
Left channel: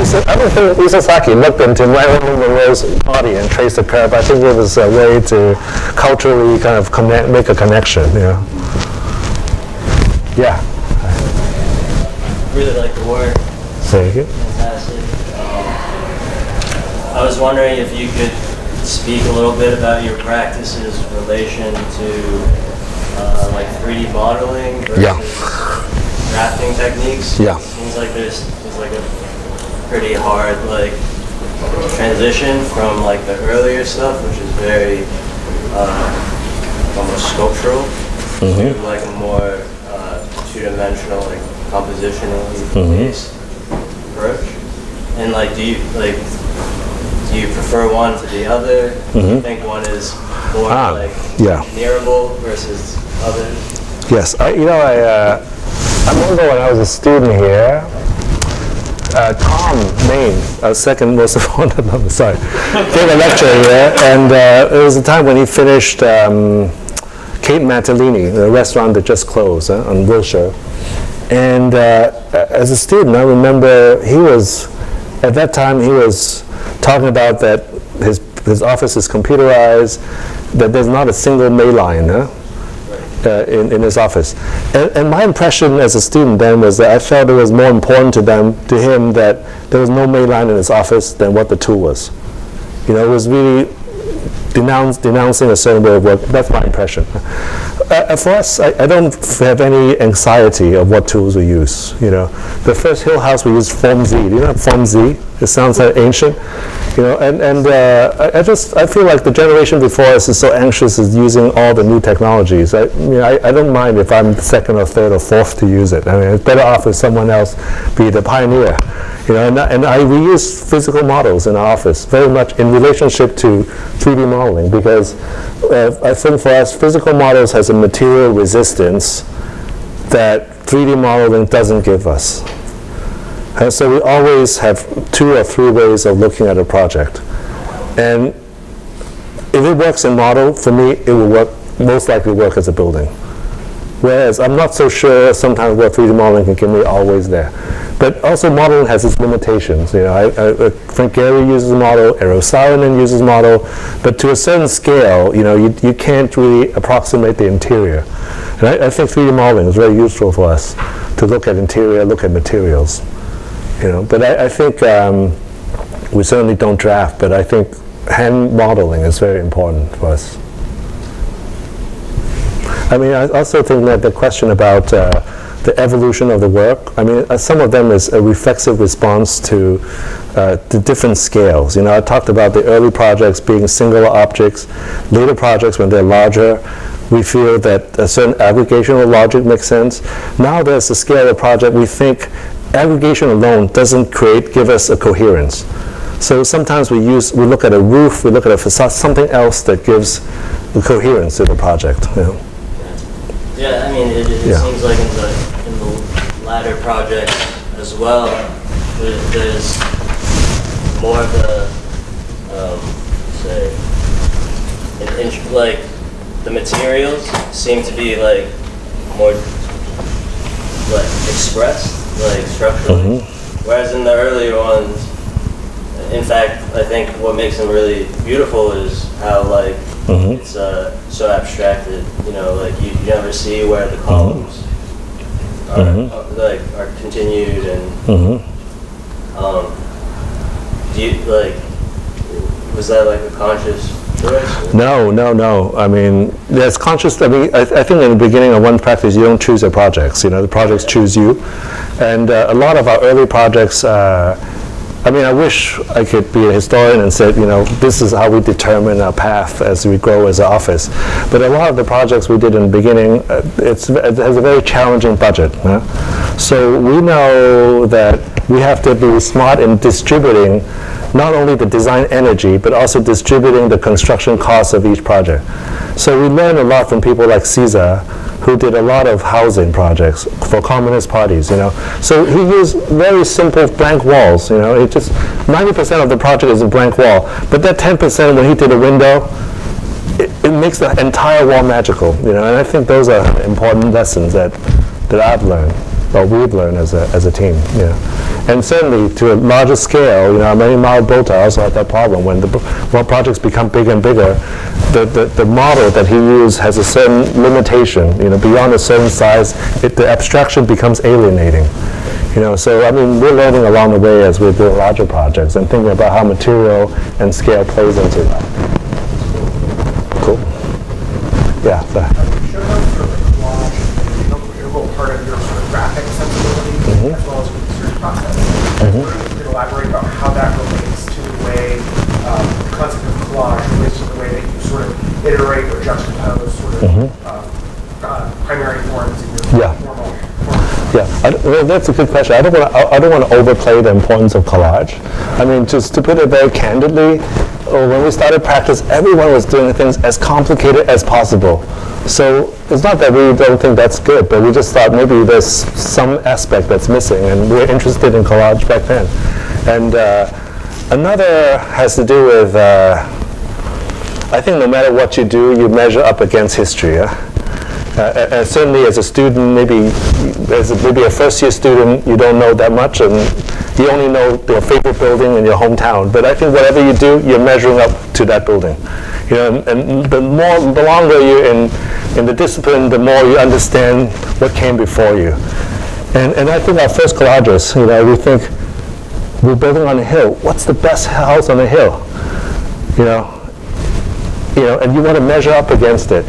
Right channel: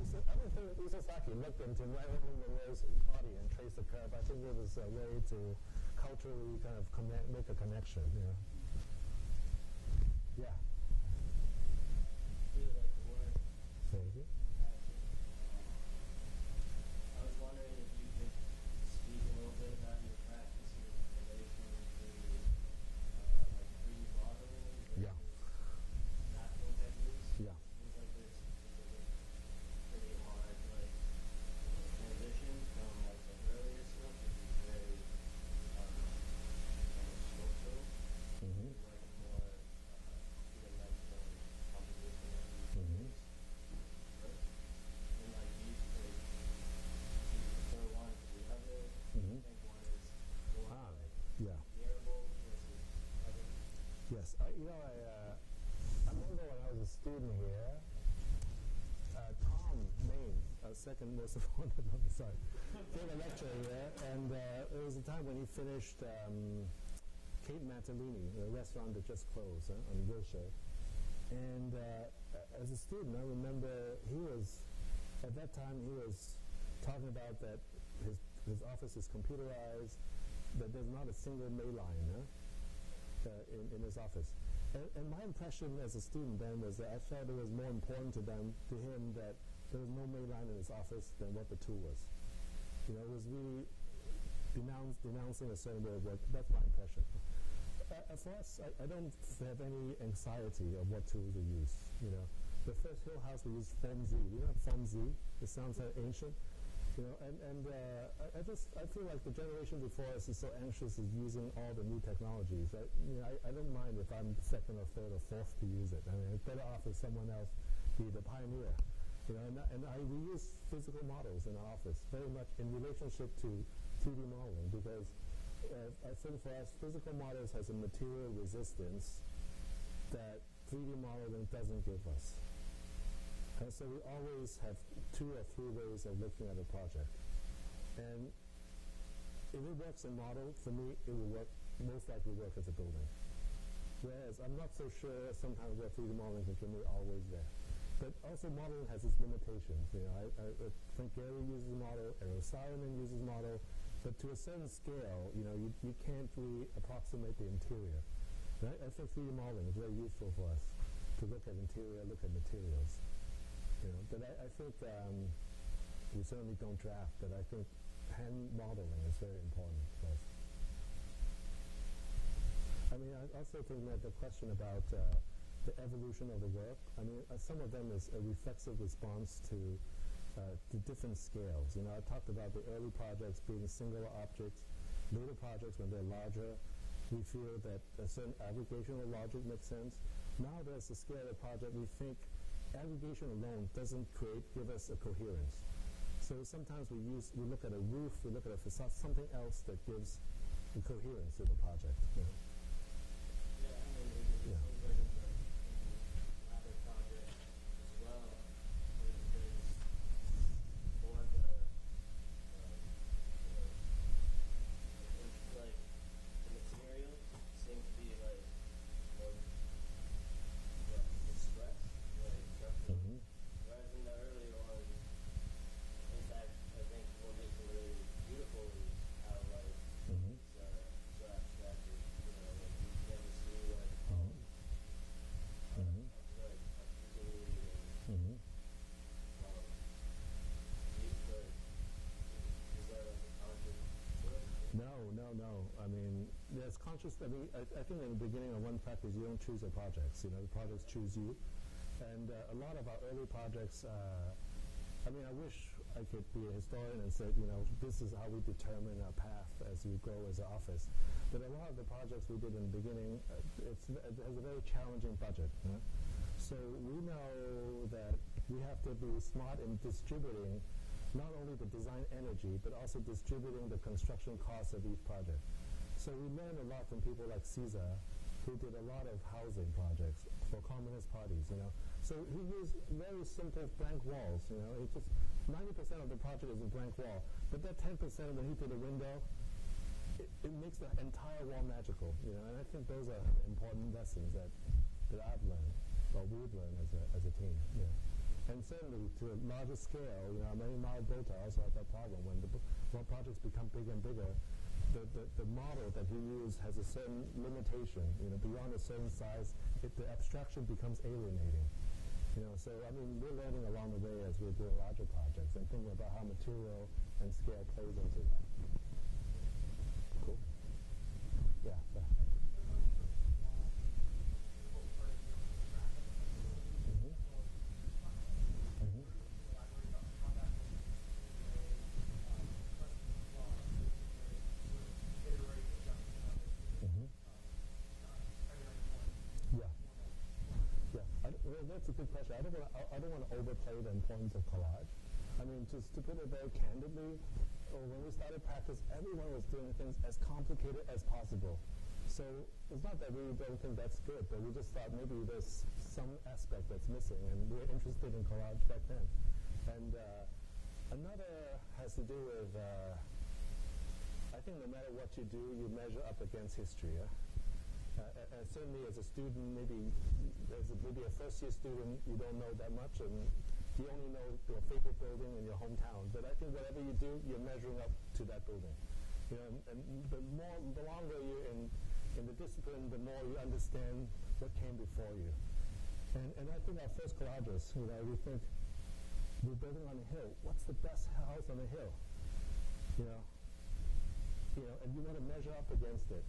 Isazaki looked into Marilyn Monroe's body and traced the curve. I think it was a way to culturally kind of make a connection. Yeah. Really like the work. Thank you. Fantastic. I was wondering if you could speak a little bit about your practices in relation to like 3D modeling versus drafting techniques. Yeah. Seems like there's like a pretty hard like transition from like the earlier stuff, which is very almost sculptural, to like a more two-dimensional, like compositionally based approach. And like, do you prefer one to the other? Do you think one is more like engineerable versus others? Yes, I remember when I was a student here. Tom Main, our second most important, gave a lecture here, and it was the time when he finished Kate Mattellini, the restaurant that just closed on Wilshire. And as a student, I remember at that time he was talking about that his office is computerized, that there's not a single mail line in his office. And my impression as a student then was that I felt it was more important to him that there was no mail line in his office than what the tool was. It was really denouncing a certain way of work. That's my impression. For us, I don't have any anxiety of what tools we use. The first Hill House we used Form Z. Do you know Form Z? It sounds like ancient. I feel like the generation before us is so anxious is using all the new technologies. I don't mind if I'm second or third or fourth to use it. I mean, it's better off if someone else be the pioneer. We use physical models in our office very much in relationship to 3D modeling, because I think for us, physical models has a material resistance that 3D modeling doesn't give us. And so we always have 2 or 3 ways of looking at a project. And if it works in model, for me, it will most likely work as a building. Whereas I'm not so sure sometimes what 3D modeling can give me always there. But also modeling has its limitations. I think Gary uses a model, Eero Saarinen uses a model, but to a certain scale, you can't really approximate the interior. And I think 3D modeling is very useful for us to look at interior, look at materials. But I think we certainly don't draft, but I think hand modeling is very important for us. I mean, I also think that the question about the evolution of the work, I mean, some of them is a reflexive response to the different scales. I talked about the early projects being singular objects. Later projects, when they're larger, we feel that a certain aggregational logic makes sense. Now there's a scale of the project, we think aggregation alone doesn't give us a coherence. So sometimes we look at a roof, we look at a facade, something else that gives the coherence to the project. Yeah, I mean, it seems like in the latter projects as well, there's more of the, like, the materials seem to be like more like expressed, like structurally. Whereas in the earlier ones, in fact, I think what makes them really beautiful is how like it's so abstracted. Like you never see where the columns are continued, and do you was that like a conscious choice? No. I mean, there's conscious. I mean, I think in the beginning of one practice, you don't choose your projects. The projects choose you. And a lot of our early projects, I mean, I wish I could be a historian and said, this is how we determine our path as we grow as an office. But a lot of the projects we did in the beginning, it has a very challenging budget. So we know that we have to be smart in distributing not only the design energy, but also distributing the construction costs of each project. So we learned a lot from people like Caesar, who did a lot of housing projects for communist parties, So he used very simple blank walls, It just 90% of the project is a blank wall, but that 10% when he did a window, it makes the entire wall magical, And I think those are important lessons that I've learned, or we've learned as a team, And certainly to a larger scale, many model builder also had that problem. When projects become bigger and bigger, the model that he used has a certain limitation. Beyond a certain size, the abstraction becomes alienating. So I mean, we're learning along the way as we do larger projects and thinking about how material and scale plays into that. Cool. Yeah. Sort of collage, integral part of your sort of graphic sensibility, as well as process. I was wondering if you could elaborate about how that relates to the way the concept of collage relates to the way that you sort of iterate or juxtapose sort of primary forms in your formal. Well, that's a good question. I don't want to overplay the importance of collage. I mean, just to put it very candidly, when we started practice, everyone was doing things as complicated as possible. So it's not that we don't think that's good, but we just thought maybe there's some aspect that's missing, and we're interested in collage back then. And another has to do with, I think no matter what you do, you measure up against history. Certainly as a student, maybe a first-year student, you don't know that much, and you only know your favorite building in your hometown. But I think whatever you do, you're measuring up to that building. And the longer you're in the discipline, the more you understand what came before you. And I think our first collages, we think we're building on a hill. What's the best house on the hill? And you want to measure up against it.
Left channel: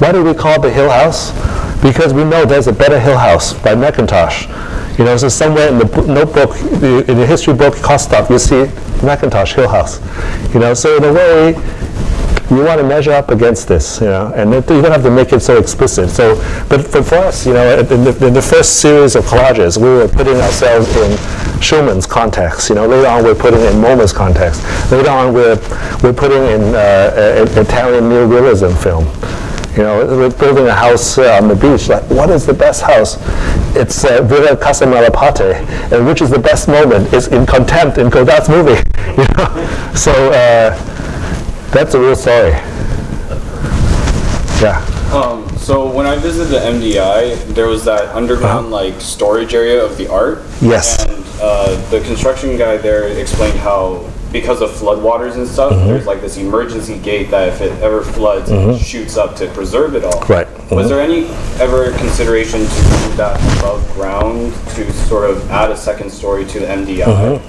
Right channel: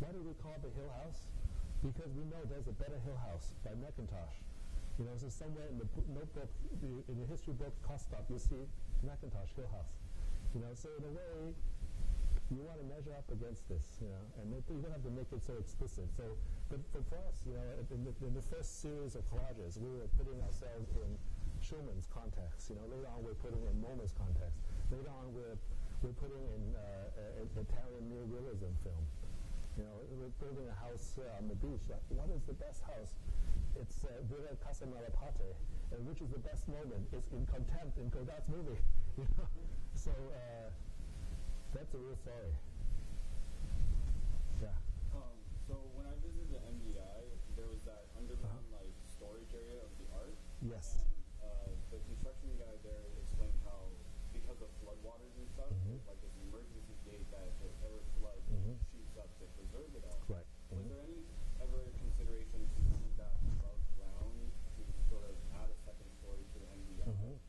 Why do we call it the Hill House? Because we know there's a better Hill House by Macintosh. So somewhere in the notebook, in the history book, cost stuff, you see Macintosh Hill House. So in a way, you want to measure up against this, you know, and you don't have to make it so explicit. So, but for us, you know, in the first series of collages, we were putting ourselves in Schumann's context. You know, later on we're putting in MoMA's context. Later on we're putting in Italian neorealism film. You know, we're building a house on the beach. Like, what is the best house? It's Villa Casa Malaparte. And which is the best moment? It's in Contempt in Godard's movie. You know, so that's a real story. Yeah. So when I visited the MDI, there was that underground like storage area of the art. Yes. And the construction guy there explained how, because of floodwaters and stuff, there's like this emergency gate that if it ever floods, it shoots up to preserve it all. Right. Was there any ever consideration to move that above ground to sort of add a second story to the MDI?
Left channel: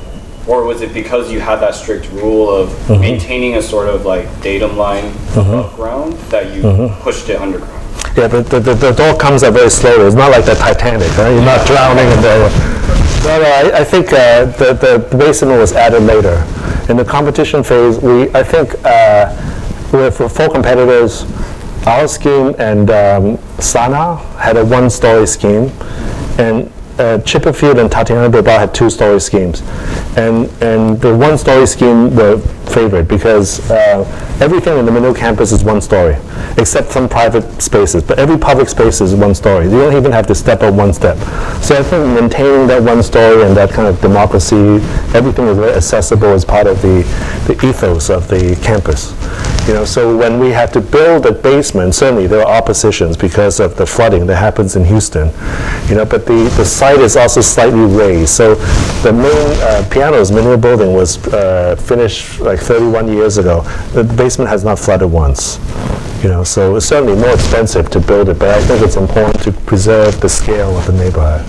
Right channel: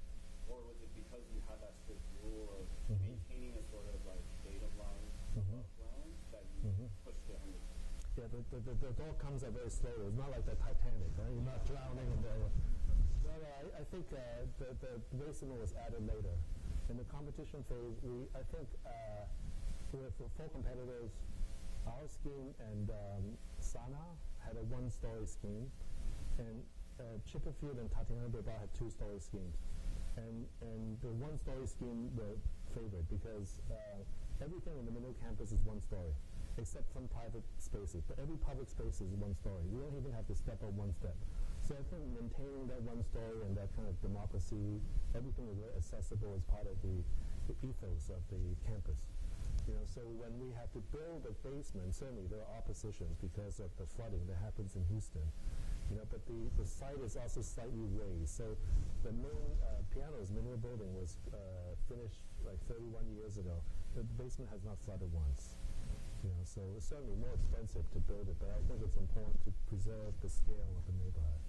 Or was it because you had that strict rule of maintaining a sort of like datum line above ground that you pushed it underground? Yeah, but the door comes up very slowly. It's not like the Titanic, right? You're not drowning in there. No, I think the basement was added later. In the competition phase, I think for 4 competitors, our scheme and Sana had a 1-story scheme, and Chipperfield and Tatiana Bilbao had 2-story schemes. And the 1-story scheme were favored because everything in the Menil campus is 1 story, except some private spaces. But every public space is 1 story. You don't even have to step up 1 step. So I think maintaining that 1 story and that kind of democracy, everything is very accessible as part of the ethos of the campus. You know, so when we had to build a basement, certainly there are oppositions because of the flooding that happens in Houston. You know, but the site is also slightly raised. So the main piano's Menil building was finished like 31 years ago. The basement has not flooded once. You know, so it's certainly more expensive to build it, but I think it's important to preserve the scale of the neighborhood.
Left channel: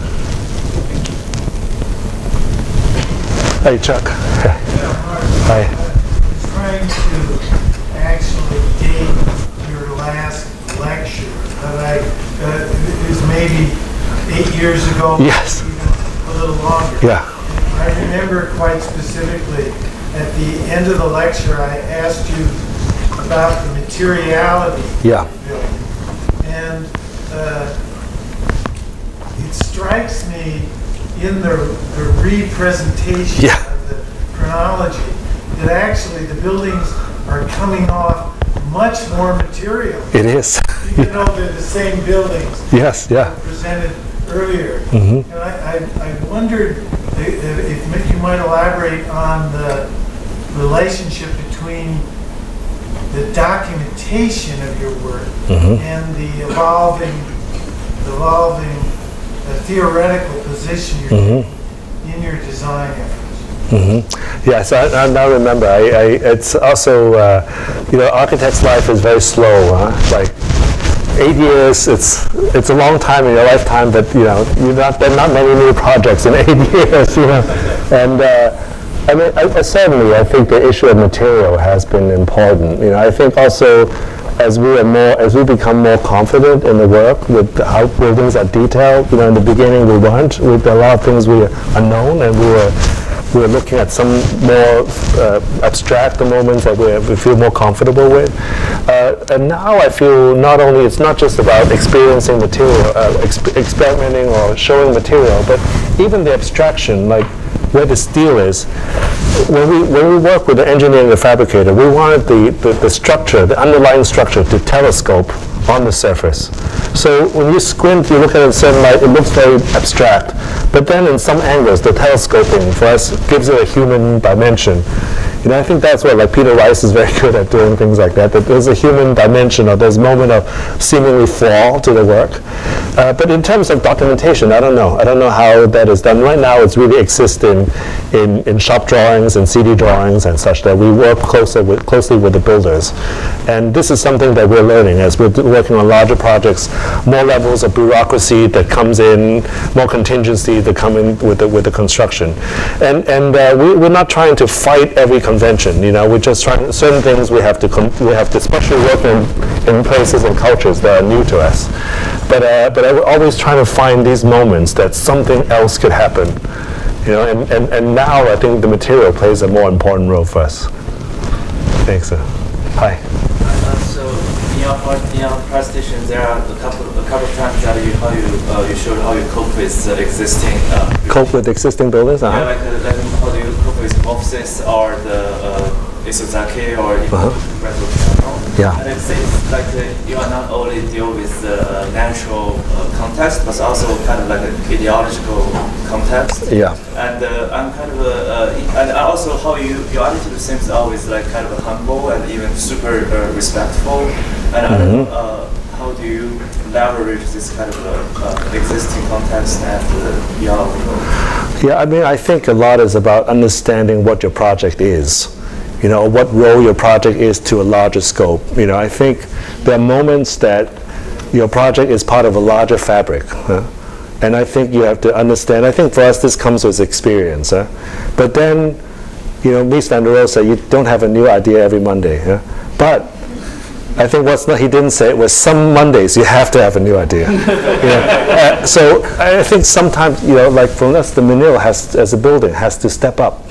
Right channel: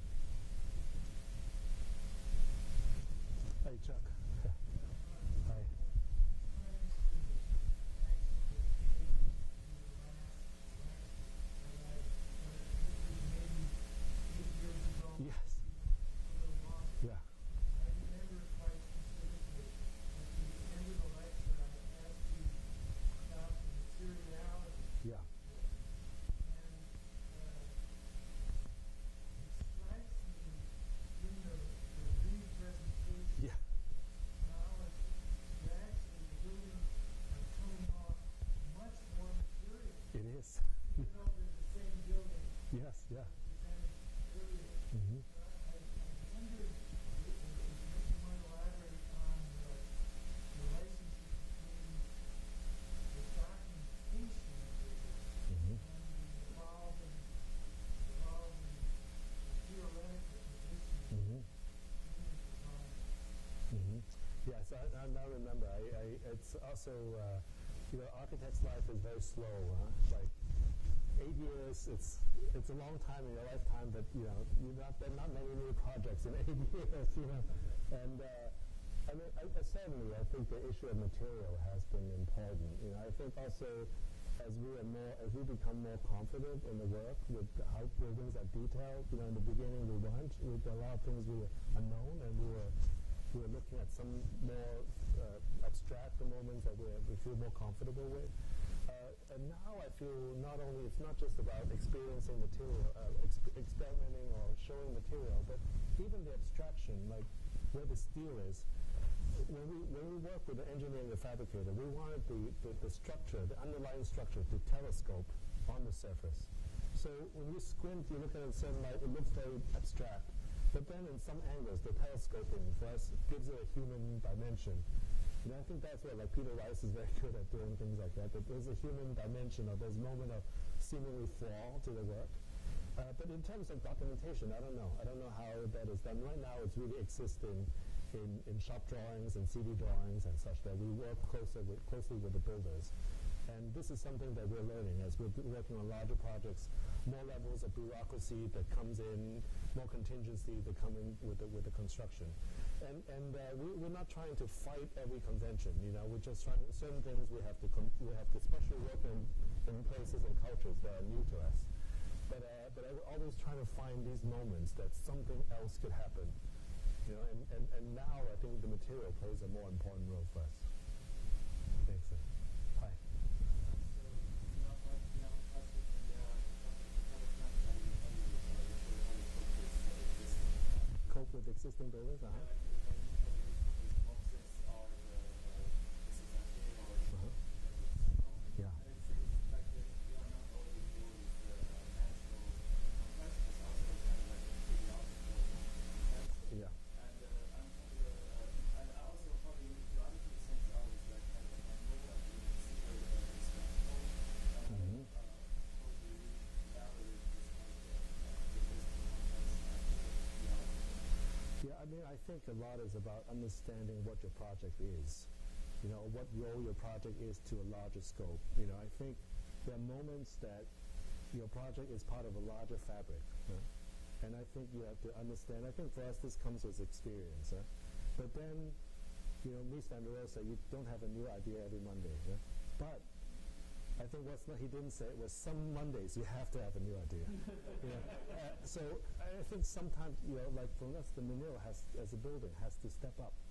Hey, Chuck. Hi. Trying to actually date your last lecture, but it was maybe 8 years ago. Yes. Even a little longer. Yeah. I remember quite specifically at the end of the lecture, I asked you about the materiality of the building. And it strikes me in the representation of the chronology that actually the buildings are coming off much more material. It is. Even though they're the same buildings. Yes, yeah. Presented earlier. And I wondered if you might elaborate on the relationship between the documentation of your work and the evolving theoretical position you're taking in your design efforts. Yes, I now remember. It's also, you know, architect's life is very slow. Like 8 years, it's a long time in your lifetime, but you know, there are not many new projects in 8 years. You know, and I mean, certainly, I think the issue of material has been important. You know, I think also as we become more confident in the work with how buildings are detailed. You know, in the beginning we weren't. With a lot of things we were unknown, and we were looking at some more abstract moments that we feel more comfortable with. And now I feel it's not just about experiencing material, experimenting or showing material, but even the abstraction, like where the steel is. When we work with the engineer and the fabricator, we wanted the structure, the underlying structure, to telescope on the surface. So when you squint, you look at it in certain light, it looks very abstract. But then in some angles, the telescoping for us gives it a human dimension. You know, I think that's what, like, Peter Rice is very good at doing things like that, that there's a human dimension, or there's a moment of seemingly flaw to the work. But in terms of documentation, I don't know. I don't know how that is done. Right now, it's really existing in shop drawings and CD drawings and such, that we work closely with the builders. And this is something that we're learning as we're working on larger projects, more levels of bureaucracy that comes in, more contingency that come in with the construction. And we're not trying to fight every convention. You know, we're just trying, certain things we have to especially work in places and cultures that are new to us. But we're always trying to find these moments that something else could happen. You know, and now I think the material plays a more important role for us. Thanks. Hi. in your presentation, there are a couple of times that you showed how you cope with existing cope with existing buildings. Yeah, like how do you cope with offices or the Isozaki or residential. Yeah. And it seems like you are not only deal with the natural context, but also kind of like an ideological context. Yeah. And I'm kind of and also how your attitude seems always like kind of humble and even super respectful. And I don't know, how do you leverage this kind of existing context and your Yeah, I mean, I think a lot is about understanding what your project is. You know, what role your project is to a larger scope. You know, I think there are moments that your project is part of a larger fabric. And I think you have to understand, I think for us this comes with experience. But then, you know, Mies van der Rohe said you don't have a new idea every Monday. But I think he didn't say it was some Mondays you have to have a new idea. So I think sometimes, you know, like for us, the Menil as a building has to step up.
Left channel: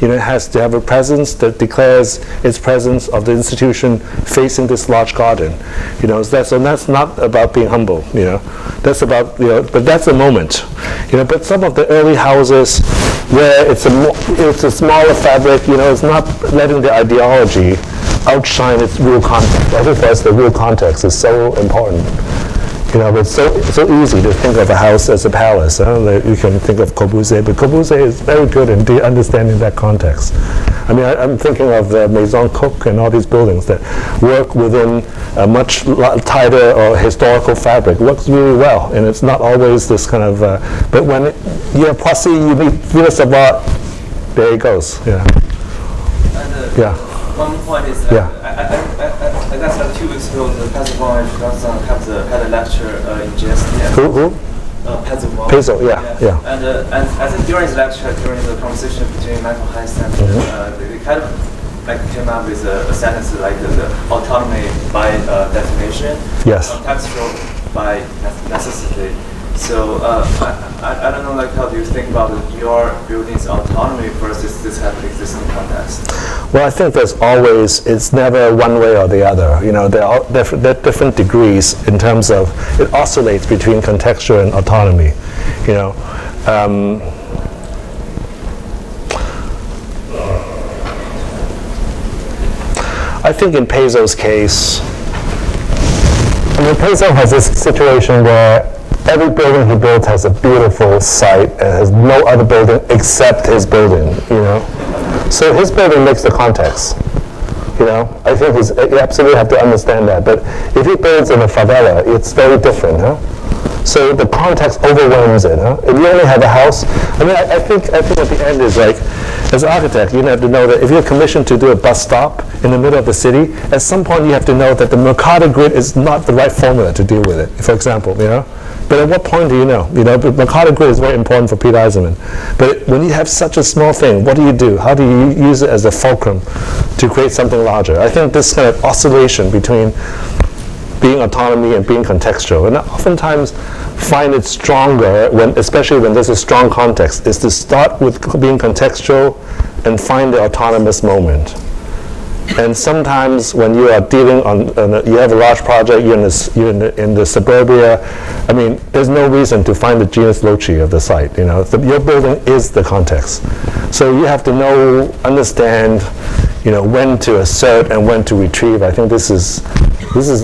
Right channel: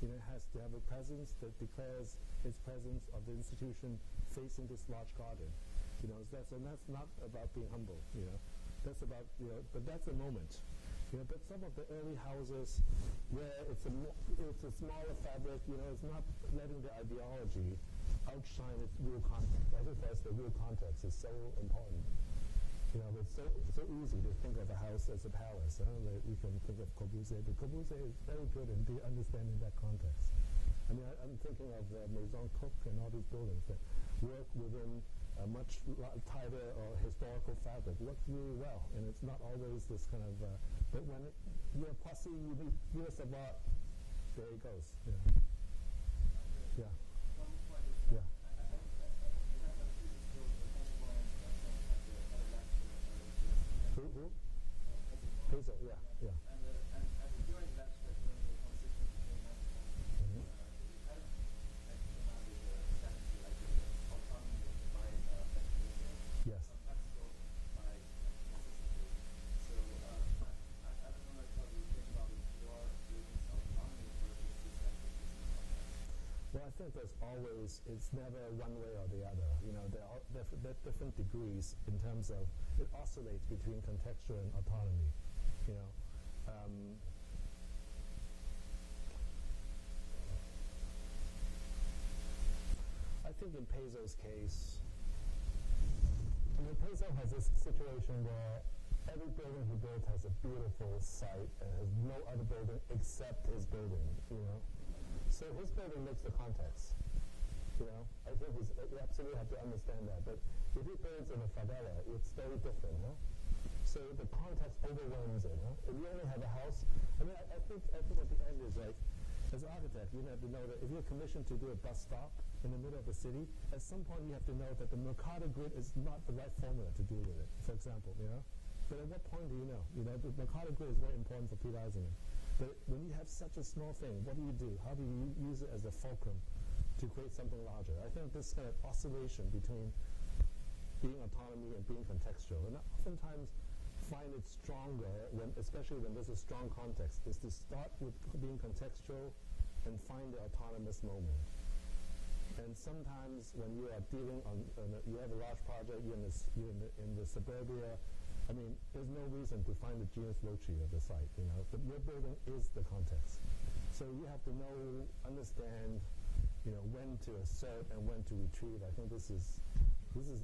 You know, it has to have a presence that declares its presence of the institution facing this large garden. You know, and that's not about being humble. You know, that's about, you know, but that's a moment. You know, but some of the early houses where it's a smaller fabric. You know, it's not letting the ideology outshine its real context. I think for us the real context is so important. You know, it's so easy to think of a house as a palace. You can think of Corbusier, but Corbusier is very good in understanding that context. I mean, I'm thinking of the Maison Cook and all these buildings that work within a much tighter or historical fabric. It works really well, and it's not always this kind of. But when you have Poissy, you meet Villa Savoie, there it goes. Yeah. And, yeah. One point is that I guess like 2 weeks ago, the Pezzo had a lecture in GST. Who? Pezzo, yeah. And I think during the lecture, during the conversation between Michael Heiss and they kind of like came up with a sentence like the autonomy by definition, yes, contextual by necessity. So I don't know, like how do you think about your building's autonomy versus this kind of existing context? Well, I think it's never one way or the other. You know, there are different degrees in terms of, it oscillates between contextual and autonomy. You know, I think in Pezzo's case, I mean, Pezzo has this situation where every building he builds has a beautiful site and has no other building except his building, you know. So his building makes the context, you know. I think you absolutely have to understand that. But if he builds in a favela, it's very different, huh? So the context overwhelms it, huh? If you only have a house, I mean, I think at the end is like, as an architect, you have to know that if you're commissioned to do a bus stop in the middle of the city, at some point you have to know that the Mercator grid is not the right formula to deal with it, for example, you know. But at what point do you know? You know, the Mercator grid is very important for Peter Eisenman. But when you have such a small thing, what do you do? How do you use it as a fulcrum to create something larger? I think this kind of oscillation between being autonomy and being contextual, and I oftentimes find it stronger, especially when there's a strong context, is to start with being contextual and find the autonomous moment. And sometimes when you are dealing you have a large project, you're in the suburbia, I mean, there's no reason to find the genus loci of the site, you know. Your building is the context. So you have to understand, you know, when to assert and when to retrieve. I think this is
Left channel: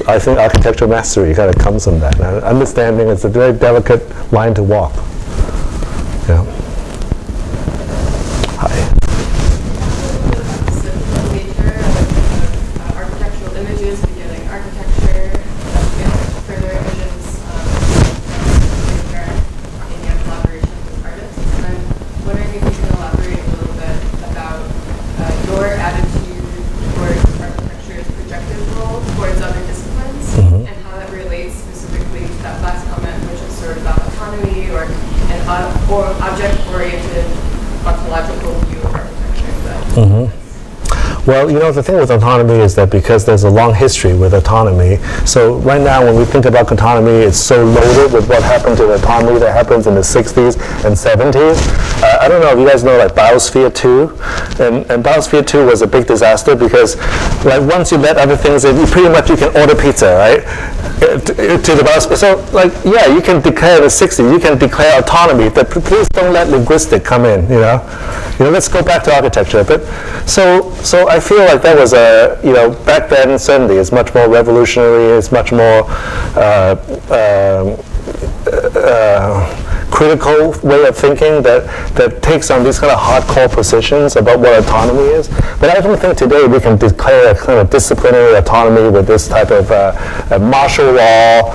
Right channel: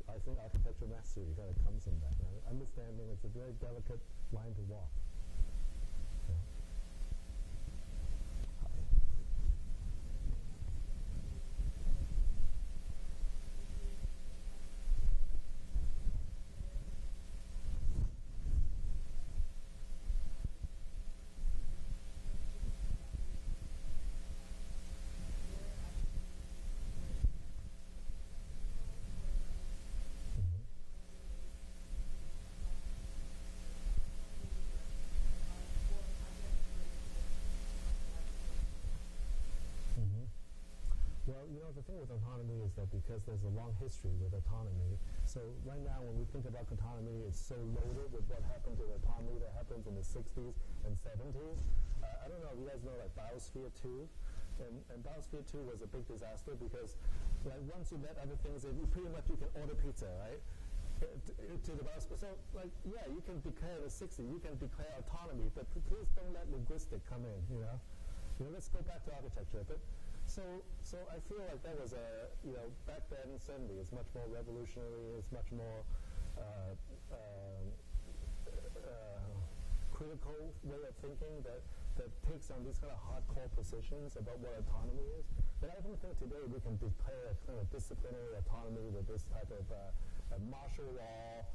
I think architectural mastery kind of comes from that. Now, understanding it's a very delicate line to walk. Yeah. Hi. Well, you know, the thing with autonomy is that because there's a long history with autonomy, so right now when we think about autonomy, it's so loaded with what happened to the autonomy that happens in the 60s and 70s. I don't know if you guys know like Biosphere 2, and Biosphere 2 was a big disaster because like once you let other things in, you pretty much you can order pizza, right? To the biosphere. So like, yeah, you can declare the 60s, you can declare autonomy, but please don't let linguistic come in, you know? Let's go back to architecture. But so I feel like that was a, back then certainly it's much more revolutionary, it's much more critical way of thinking that takes on these kind of hardcore positions about what autonomy is. But I don't think today we can declare a kind of disciplinary autonomy with this type of martial law,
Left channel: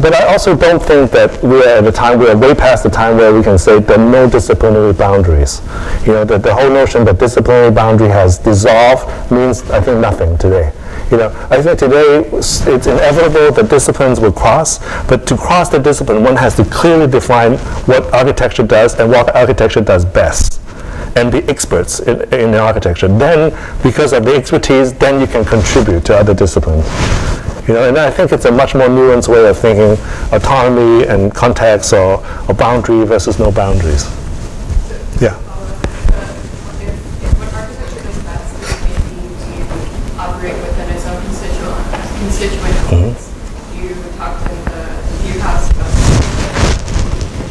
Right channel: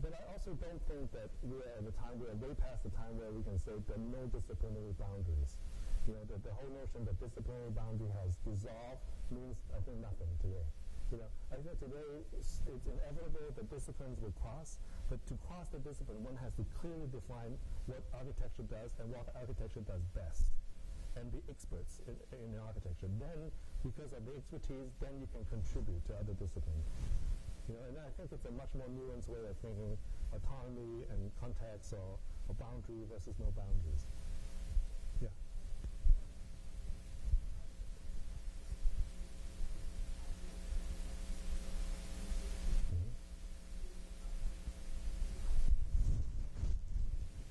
But I also don't think that we are way past the time where we can say there are no disciplinary boundaries. That the whole notion that disciplinary boundary has dissolved means, I think, nothing today. I think today it's inevitable that disciplines will cross, but to cross the discipline, one has to clearly define what architecture does and what architecture does best, and be experts in architecture. Then, because of the expertise, then you can contribute to other disciplines. And I think it's a much more nuanced way of thinking autonomy and context or boundary versus no boundaries. Yeah. Constituent elements. You talked in the view house about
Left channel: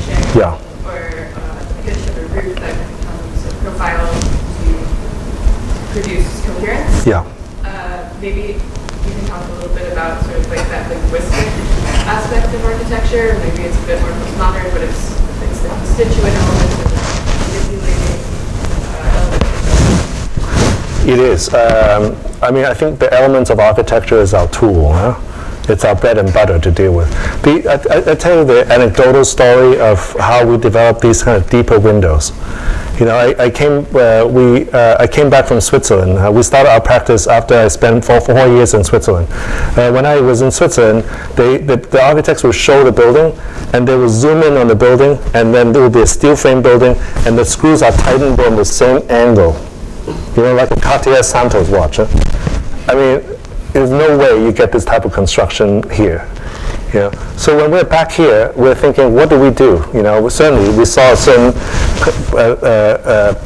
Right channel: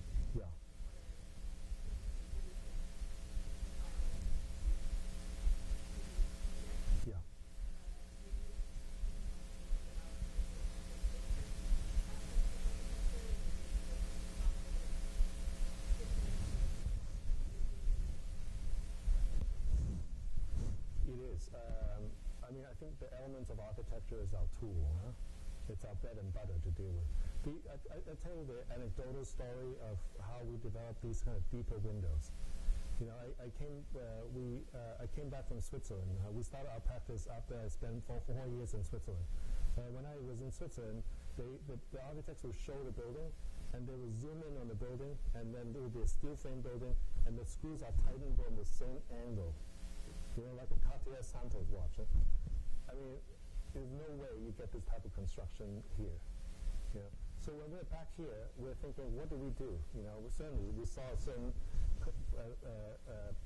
sharing, or a pitch of a roof that becomes a profile to produce coherence. Yeah. Maybe you can talk a little bit about sort of like that linguistic aspect of architecture. Maybe it's a bit more postmodern, but it's the constituent elements of the manipulating elements. It is. I think the elements of architecture is our tool. Huh? It's our bread and butter to deal with. I tell you the anecdotal story of how we developed these kind of deeper windows. I came back from Switzerland. We started our practice after I spent 4 years in Switzerland. When I was in Switzerland, the architects would show the building, and they would zoom in on the building, and then there would be a steel frame building, and the screws are tightened on the same angle. Like a Cartier Santos watch. There's no way you get this type of construction here. So when we're back here, we're thinking, what do we do? Certainly we saw a certain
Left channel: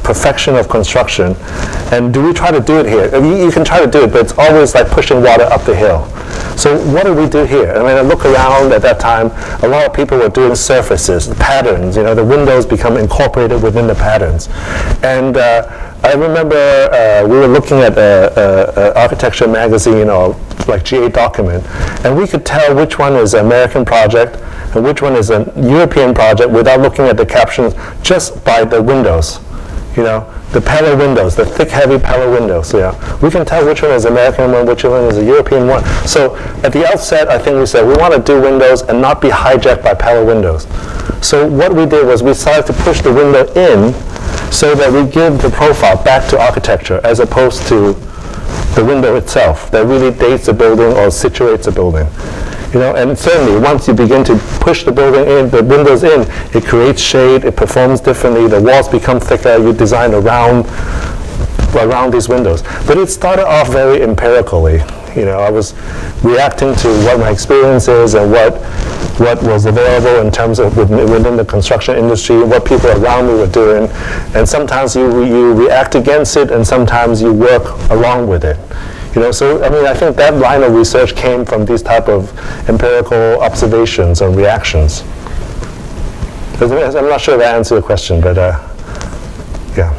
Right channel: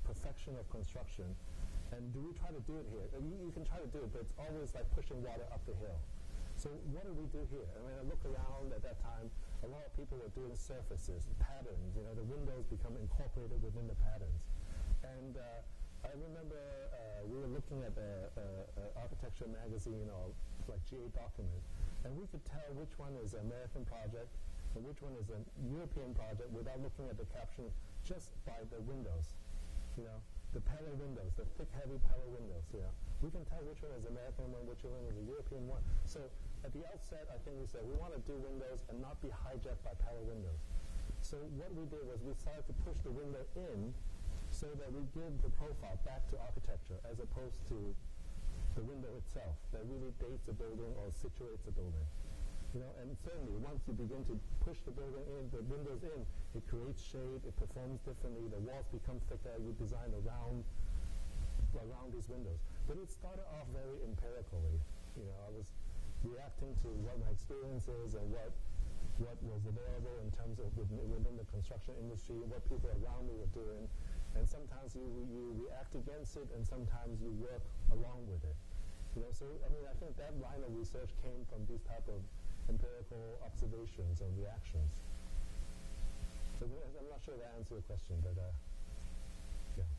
perfection of construction, and do we try to do it here? You can try to do it, but it's always like pushing water up the hill. So what do we do here? I look around at that time, a lot of people were doing surfaces, patterns, the windows become incorporated within the patterns. And I remember we were looking at an architecture magazine or like GA document, and we could tell which one is an American project and which one is a European project without looking at the captions, just by the windows. The panel windows, the thick, heavy panel windows. We can tell which one is American one, which one is a European one. So at the outset, I think we said we want to do windows and not be hijacked by panel windows. So what we did was we started to push the window in so that we give the profile back to architecture as opposed to the window itself that really dates a building or situates a building. And certainly once you begin to push the building in, the windows in, it creates shade, it performs differently, the walls become thicker, you design around these windows. But it started off very empirically. I was reacting to what my experience is and what was available in terms of within the construction industry, what people around me were doing. And sometimes you react against it, and sometimes you work along with it. So I think that line of research came from these type of empirical observations and reactions. I'm not sure if I answered your question, but yeah.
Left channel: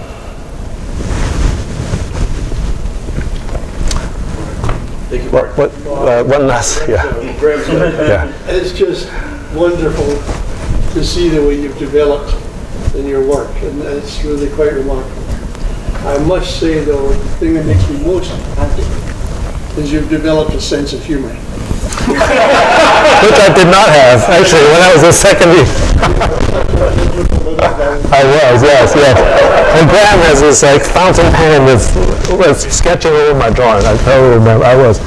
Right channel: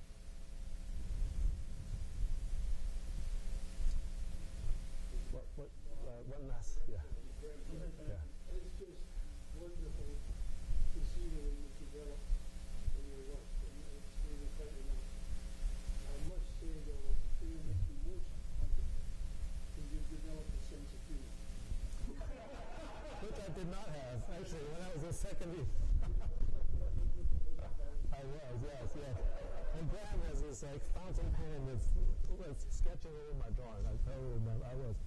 One last, yeah. Yeah. It's just wonderful to see the way you've developed in your work, and it's really quite remarkable. I must say, though, the thing that makes me most happy is you've developed a sense of humor. Which I did not have, actually, when I was a second year. I was, yes. And Graham has this like fountain pen with sketching over my drawing. I totally remember. I was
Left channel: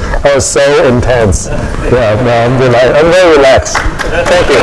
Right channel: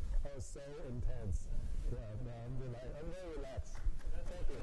so intense. Yeah, no, I'm very relaxed. Thank you.